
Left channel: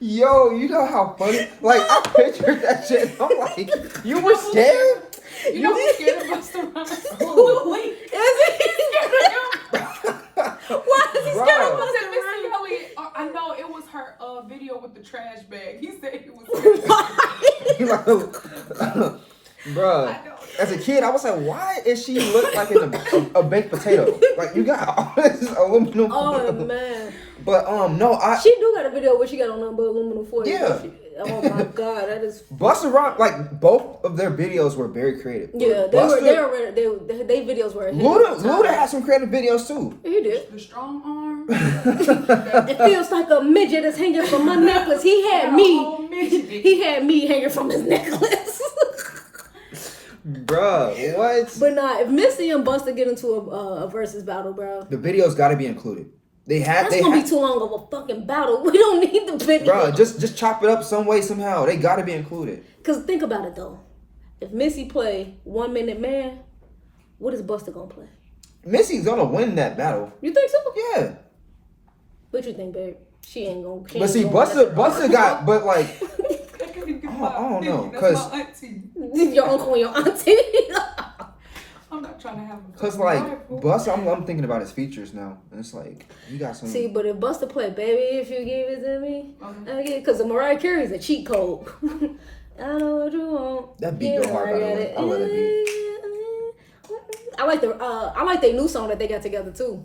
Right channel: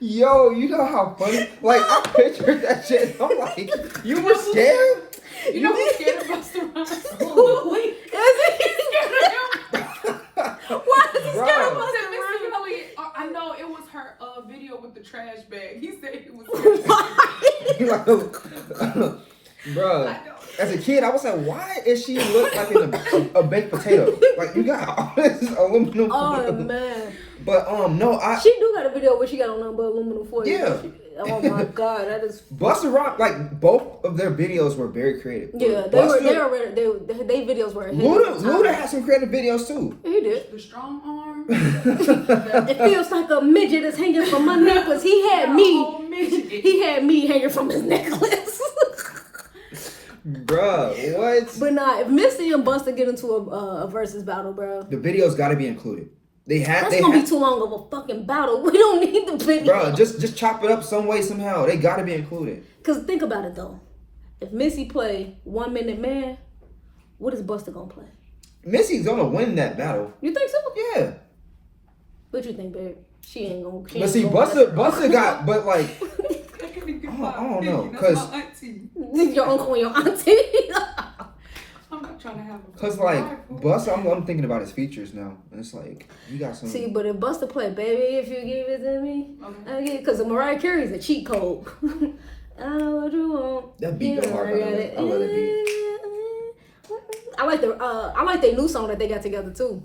Yo, you know how funny? Like, I pictured that shit. I'm like, you were scared? You know who's scared of Busta Rhymes? Is he? Why is he scared of Bro. Busta Missy Rhymes? Elliott, I know it was her video with the trash bag. He said he was scared. Bro, as a kid, I was like, why is she look like a baked potato? Like, you got all this aluminum Oh foil. man. But, no, She do got a video where she got on nothing but aluminum foil. Yeah. Oh my god, that is. Busta Rhymes, like, both of their videos were very creative. Yeah, they videos were. Luda had some creative videos, too. He did. The strong arm. It feels like a midget is hanging from my necklace. He had me hanging from his necklace. Bruh, what? But nah, if Missy and Busta get into a versus battle, bro, The videos gotta be included. that's gonna be too long of a fucking battle. We don't need the video. Bruh, just chop it up some way, somehow. They gotta be included. Cause think about it though. If Missy play 1 Minute Man, what is Busta gonna play? Missy's gonna win that battle. You think so? Yeah. What you think, babe? She ain't gonna. But see, Busta got, but like, I don't know, that's 'cause- my auntie. Your uncle and your auntie. I'm not trying to have a cause like Busta, I'm thinking about his features now, and it's like you got some. See, but if Busta play, baby, if you give it to me, I get it. Cause Mariah Carey's a cheat code. I know what you want. That beat go hard, by the way. I love that beat. I like their new song that they got together too.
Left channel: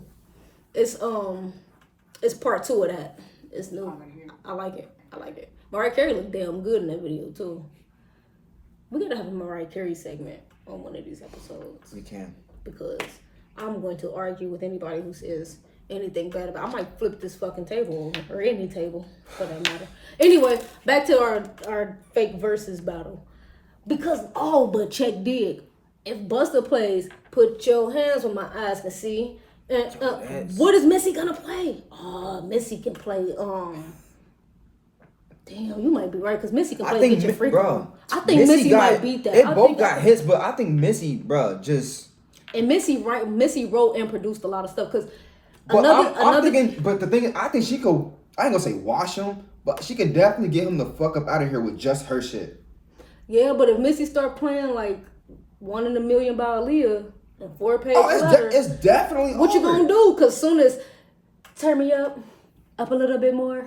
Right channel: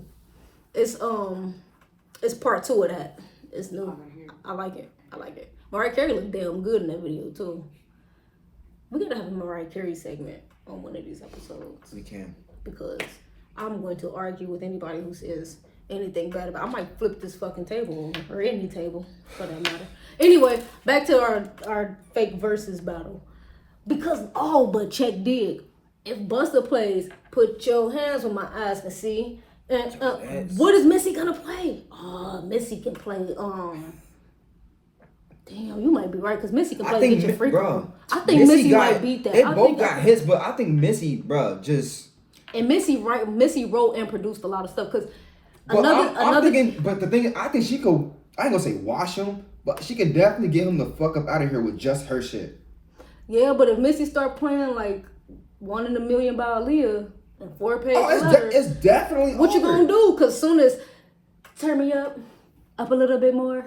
It's part 2 of that. It's new. I like it. Mariah Carey looked damn good in that video too. We gotta have a Mariah Carey segment on one of these episodes. We can. Because I'm going to argue with anybody who says anything bad about. I might flip this fucking table over, or any table for that matter. Anyway, back to our fake versus battle. Because but check dig. If Busta plays, put your hands where my eyes can see. And what is Missy gonna play? Missy can play. Damn, you might be right because Missy can play Get Your Freak On. I think Missy might beat that. They both got hits, but I think Missy, bro, just. And Missy wrote and produced a lot of stuff because I'm thinking, but the thing, I think she could. I ain't gonna say wash him, but she could definitely get him the fuck up out of here with just her shit. Yeah, but if Missy start playing like 1 in a Million by Aaliyah and 4-page letter, it's definitely what over. you gonna do? Cause soon as turn me up a little bit more,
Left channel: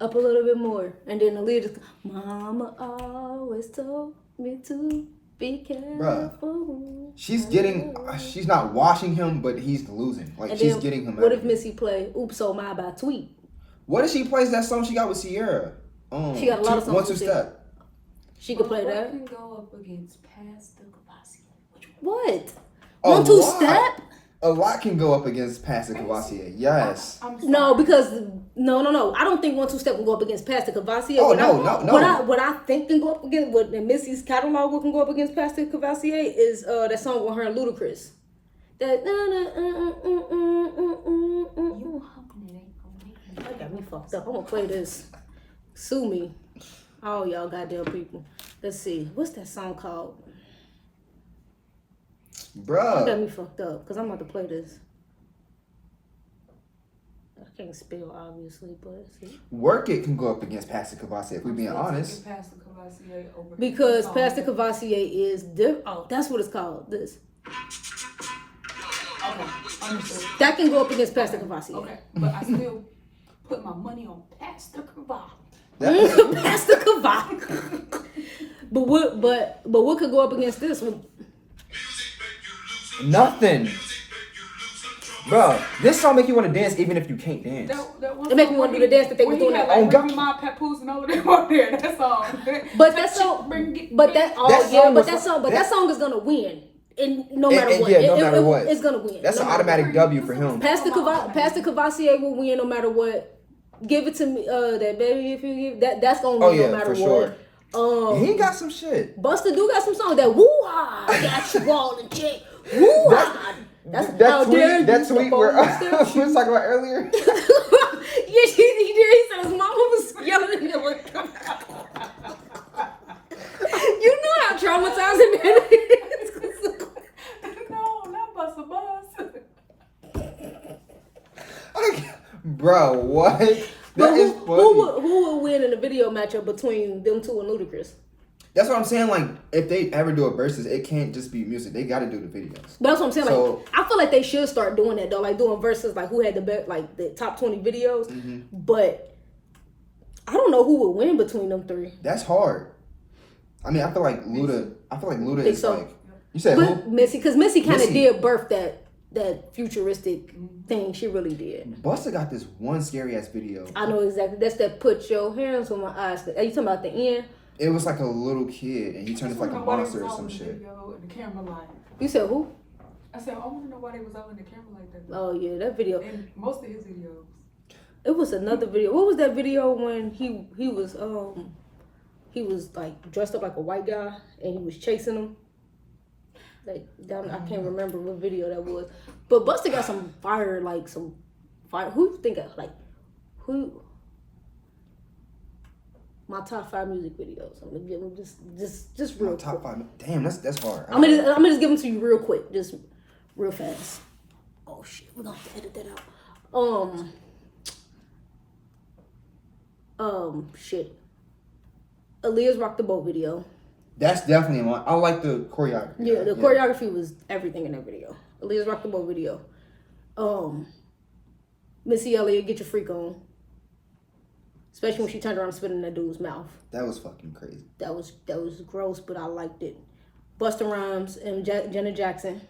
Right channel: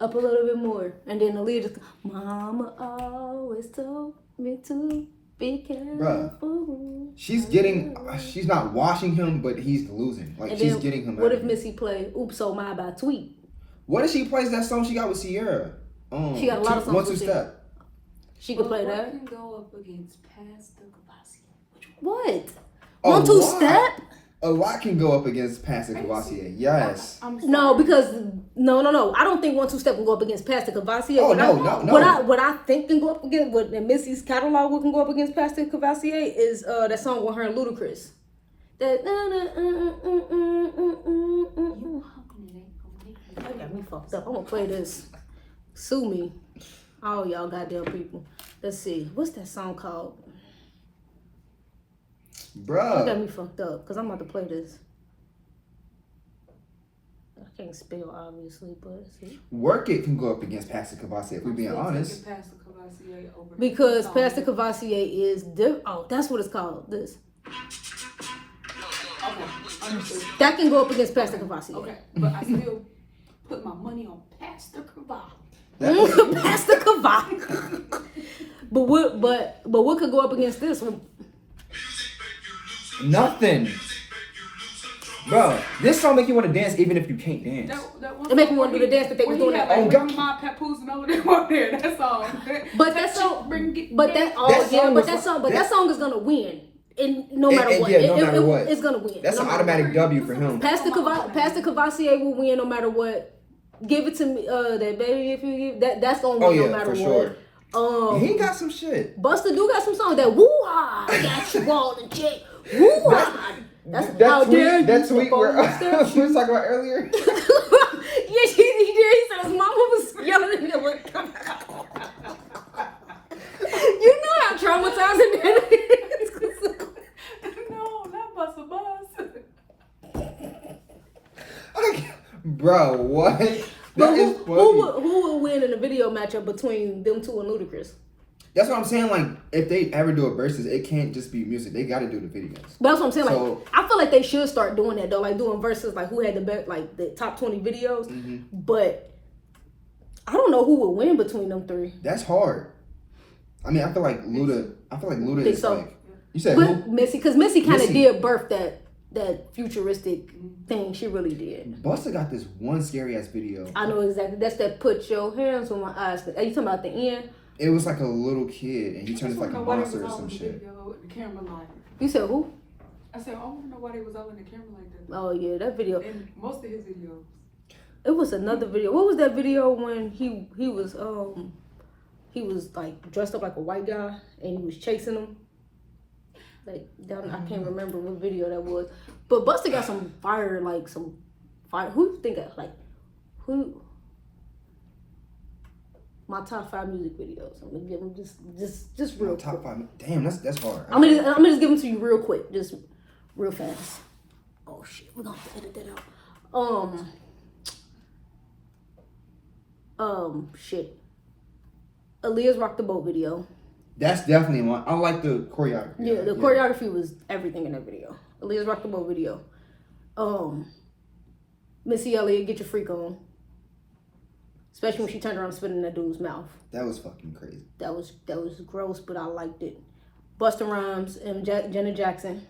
and then Aaliyah just, Mama always told me to be careful. Bruh, she's not washing him, but he's losing. Like, and she's then, getting him. What if Missy play Oops Oh My by Tweet? What if she plays that song she got with Sierra? She got a lot of songs 1 2 with Sierra. Step. She could play that. Can go up against Pastor Kabasi. What? Oh, 1 2 what? Step? A lot can go up against Pastor Cavassier. Yes. No, because no. I don't think 1-2 Step can go up against Pastor Cavassier. Oh, no. What I think can go up against, what Missy's catalog can go up against Pastor Cavassier is that song with her and Ludacris. That that got me fucked up. I'm gonna play this. Sue me, all y'all goddamn people. Let's see, what's that song called? Bruh. That got me fucked up because I'm about to play this. I can't spell obviously, but see. Work It can go up against Pastor Cavassier if we're being honest. Because Pastor Cavassier is that's what it's called. This. That can go up against Pastor Cavassier. Okay, but I still put my money on Pastor Cavassier. Pastor Cavassier. But what could go up against this one? Nothing. Bro, this song make you want to dance even if you can't dance. It make me want to do the dance that they were doing that. Oh God. My papoose and all of them on there. That song. That song is gonna win. No matter what. It's gonna win. That's an automatic W for him. Pastor Cavassier will win no matter what. Give it to me, that baby. If you give that's gonna win no matter what. Sure. He got some shit. Busta do got some songs that woo-ha, got you all in check. Woo-ha. That's how dare you. That tweet where we were talking about earlier. Yeah, he did. He said his mama was yelling at him like, you know how traumatizing that is. No, not Busta Bus. Bro, what? But who would win in a video matchup between them two and Ludacris? That's what I'm saying. Like, if they ever do a versus, it can't just be music. They got to do the videos. But that's what I'm saying. Like, I feel like they should start doing that though. Like doing versus, like who had the best, like the top 20 videos. Mm-hmm. But I don't know who would win between them three. That's hard. I mean, I feel like Luda is so. Like, you said but who? Missy, because Missy kind of did birth that futuristic thing. She really did. Busta got this one scary ass video. I know exactly. That's that put your hands on my eyes. Are you talking about the end? It was like a little kid and he turned into like a monster or some shit. The camera line. You said who? I said, I want to know why they was all in the camera like that. Oh yeah, that video. And most of his videos. It was another video. What was that video when he was like dressed up like a white guy and he was chasing him? Like I can't remember what video that was. But Busta got some fire. Who you think of, like who? My top 5 music videos. I'm gonna give them just real quick. Top 5. Damn, that's hard. I'm gonna just give them to you real quick, just real fast. Oh shit, we're gonna have to edit that out. Shit. Aaliyah's Rock the Boat video. That's definitely one. I like the choreography. Yeah, the choreography was everything in that video. Aaliyah's Rock the Boat video. Missy Elliott, Get Your Freak On. Especially when she turned around and spit in that dude's mouth. That was fucking crazy. That was gross, but I liked it. Busta Rhymes and Janet Jackson.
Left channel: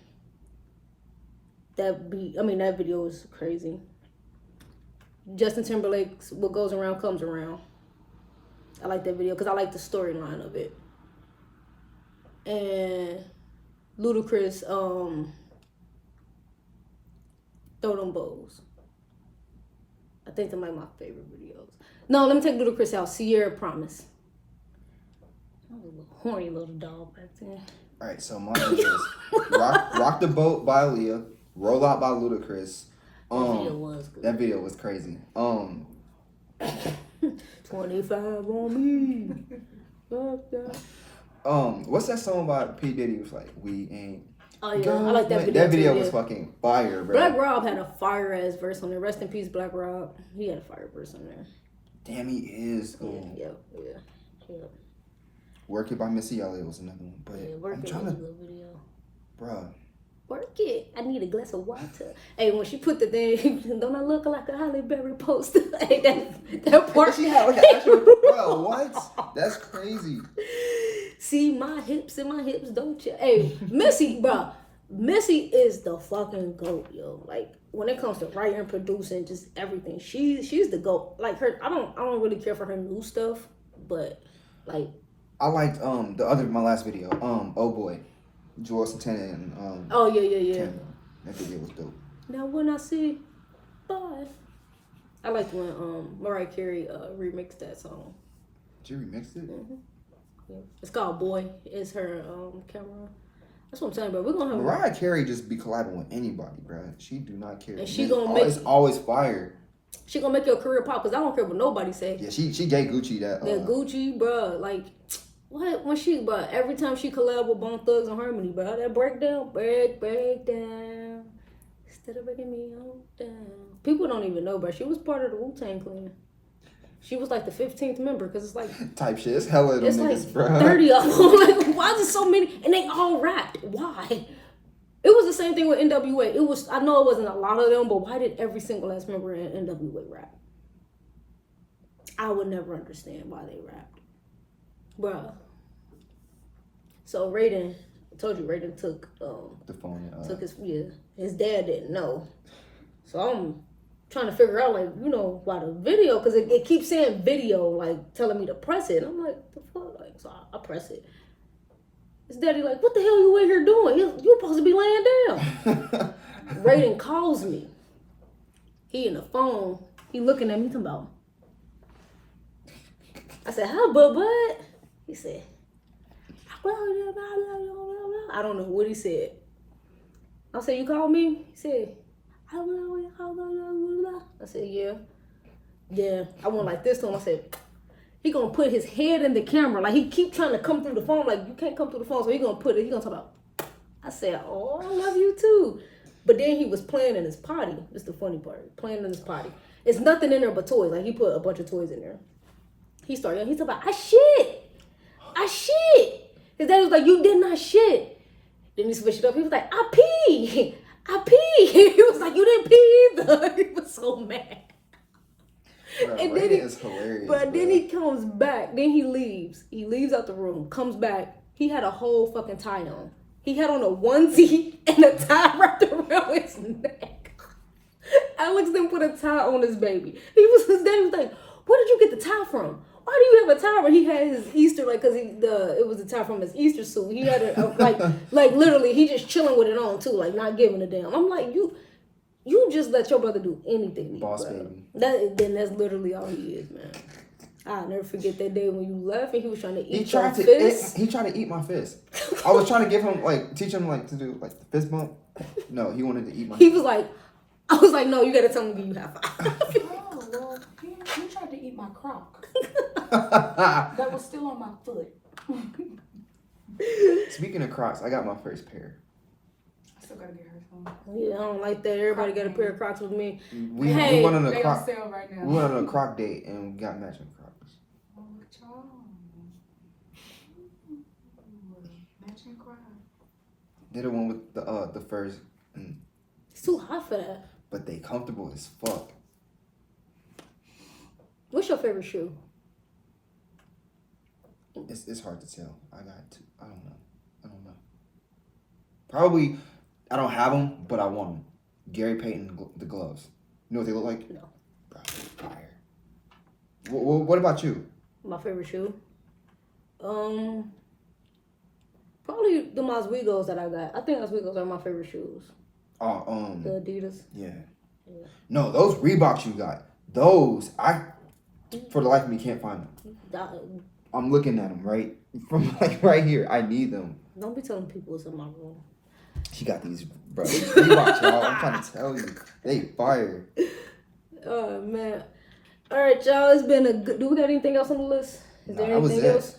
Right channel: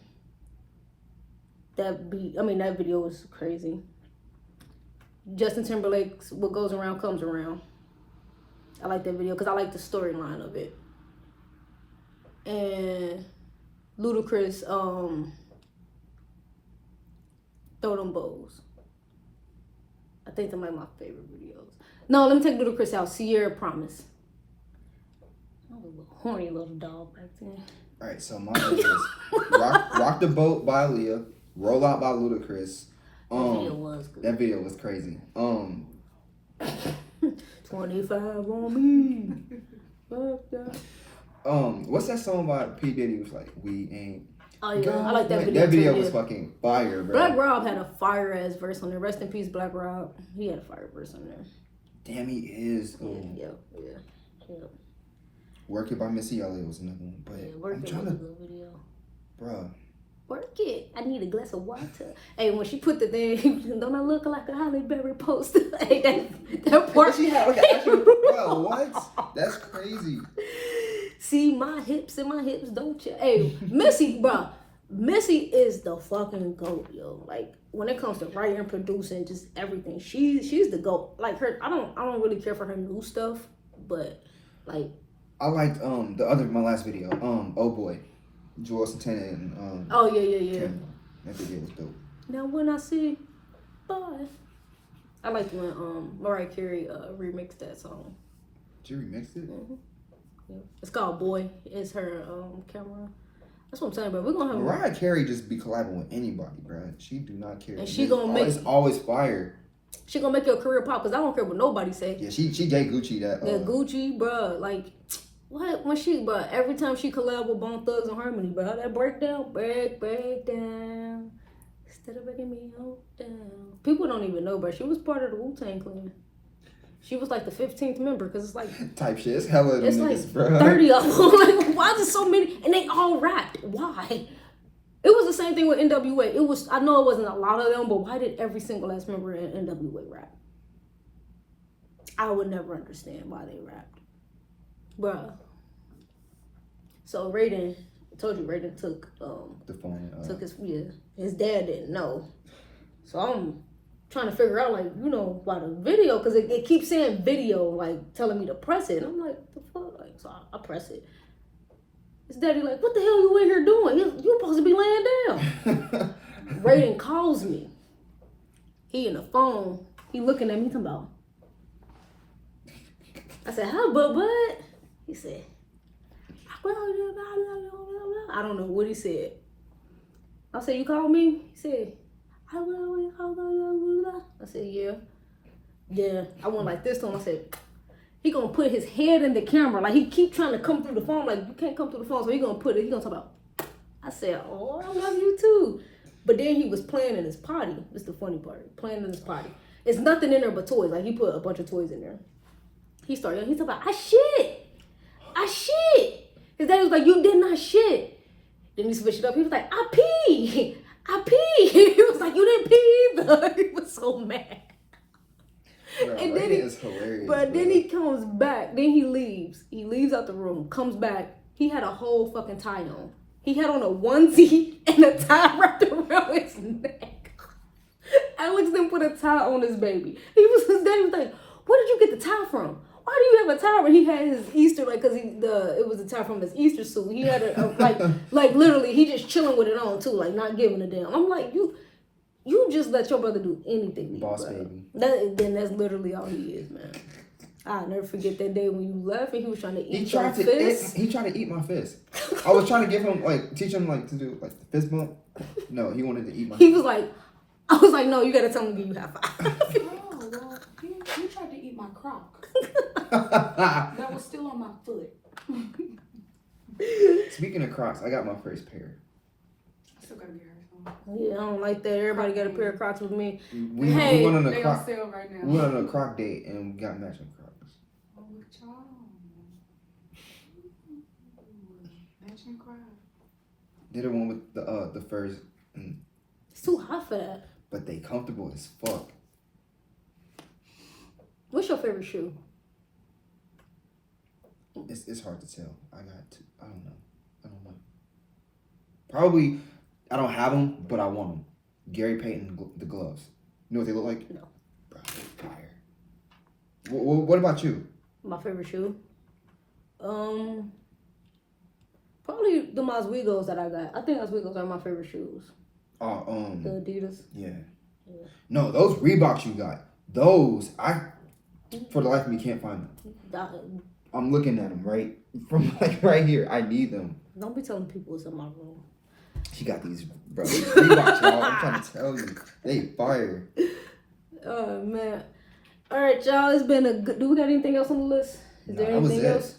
That video was crazy. Justin Timberlake's What Goes Around Comes Around. I like that video because I like the storyline of it. And Ludacris, Throw Them Bows. I think they're like my favorite videos. No, let me take Ludacris out. Sierra Promise. I was a little horny little dog back then. Alright, so mine is Rock the Boat by Leah, Roll Out by Ludacris. That video was good. That video was crazy. 25 on me. Fuck that. What's that song by P. Diddy? It was like, we ain't. Oh yeah, I like that video. That video too, was fucking fire, bro. Black Rob had a fire ass verse on there. Rest in peace, Black Rob. He had a fire verse on there. Damn, he is. Yeah. Work It by Missy Elliott was another one, but Work It was a good video. Bruh. Work it. I need a glass of water. Hey, when she put the thing, don't I look like a Halle Berry poster? Hey, that part. She had like an actual. Bro, what? That's crazy. See my hips and my hips, don't you? Hey, Missy, bro. Missy is the fucking GOAT, yo. Like when it comes to writing and producing, just everything, she's the GOAT. Like her, I don't really care for her new stuff, but like I liked my last video, Oh Boy, Joel Santana and oh yeah. That video was dope. Now when I see, bye. I like when Mariah Carey remixed that song. She remixed it? Mm-hmm. Yeah. It's called Boy. It's her camera. That's what I'm saying, bro. We're gonna have Mariah Carey just be collabing with anybody, bro. She do not care. And she gonna make it's always fire. She gonna make your career pop because I don't care what nobody say. Yeah, she gave Gucci that. Gucci, bro. Like what? When she, but every time she collab with Bone Thugs and Harmony, bro, that breakdown, break down. Instead of breaking me all down. People don't even know, bro. She was part of the Wu-Tang Clan. She was like the 15th member because it's like type shit. It's hella them niggas, like bro. 30 of them. Like, why is there so many? And they all rapped. Why? It was the same thing with NWA. It was. I know it wasn't a lot of them, but why did every single last member in NWA rap? I would never understand why they rapped, bruh. So Raiden, I told you Raiden took the phone. Took his his dad didn't know. So I'm trying to figure out, like, you know, why the video, because it keeps saying video, like, telling me to press it. And I'm like, the fuck? Like, so I press it. His daddy like, what the hell you in here doing? You're supposed to be laying down. Raiden calls me. He in the phone. He looking at me, talking about. I said, huh, bud? He said, I don't know what he said. I said, you called me? He said, I said, yeah. Yeah. I went like this to him. I said, he gonna put his head in the camera. Like, he keep trying to come through the phone. Like, you can't come through the phone. So he gonna put it. He gonna talk about. I said, oh, I love you too. But then he was playing in his potty. That's the funny part. Playing in his potty. It's nothing in there but toys. Like, he put a bunch of toys in there. He started. He talking about, I shit. His dad was like, you did not shit. Then he switched it up. He was like, I pee. He was like, you didn't pee either. He was so mad. Bro, And then it's hilarious. But then he comes back. Then he leaves. He leaves out the room. Comes back. He had a whole fucking tie on. He had on a onesie and a tie wrapped around his neck. Alex then put a tie on his baby. His daddy was like, where did you get the tie from? Why do you have a tie? When he had his Easter, like, cause it was a tie from his Easter suit. He had a like literally, he just chilling with it on too, like not giving a damn. I'm like, you just let your brother do anything to you, Boss brother. baby. Then that's literally all he is, man. I'll never forget that day when you left and he was trying to eat He tried to eat my fist. I was trying to give him teach him to do the fist bump. No, he wanted to eat my. He was like, I was like, no, you gotta tell me to give you high five. Oh, well, you tried to eat my crock. That was still on my foot. Speaking of Crocs, I got my first pair. I still gotta get her some. Yeah, I don't like that. Everybody got a pair of Crocs with me. We went on a They Croc. on sale right now. We went on a Croc date and got matching Crocs. Oh, look at y'all. Matching Crocs. Did the one with the furs, It's too hot for that. but they comfortable as fuck. What's your favorite shoe? It's hard to tell. I don't know. Probably, I don't have them, but I want them. Gary Payton, the gloves. You know what they look like? No. Bro, fire. What about you? My favorite shoe? Probably the Oswegos that I got. I think Oswegos are my favorite shoes. The Adidas. Yeah. No, those Reeboks you got. Those, for the life of me, can't find them. I'm looking at them right here. I need them. Don't be telling people it's in my room. She got these, bro. These Reeboks, y'all. I'm trying to tell you. They fire. Oh, man. All right, y'all. It's been a good... Do we got anything else on the list? Is there anything else?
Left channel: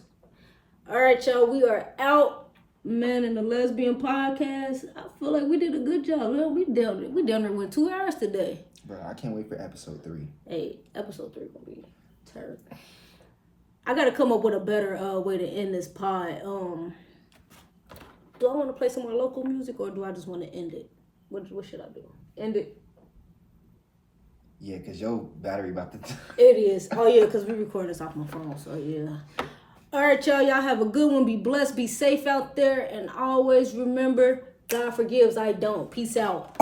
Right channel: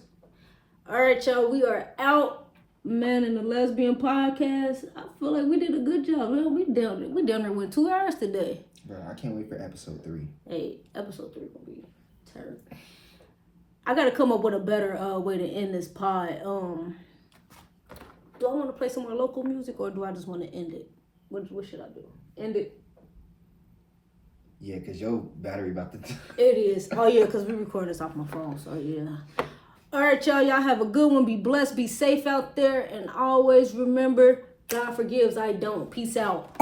All right, y'all. We are out. Man and the Lesbian Podcast. I feel like we did a good job. We down there with 2 hours today. Bro, I can't wait for episode 3. Hey, episode 3 gonna be terrible. I gotta come up with a better way to end this pod. Do I want to play some more local music or do I just want to end it? What should I do? End it? Yeah, because your battery about to... It is. Oh, yeah, because we record this off my phone, so yeah. All right, y'all. Y'all have a good one. Be blessed. Be safe out there. And always remember, God forgives, I don't. Peace out.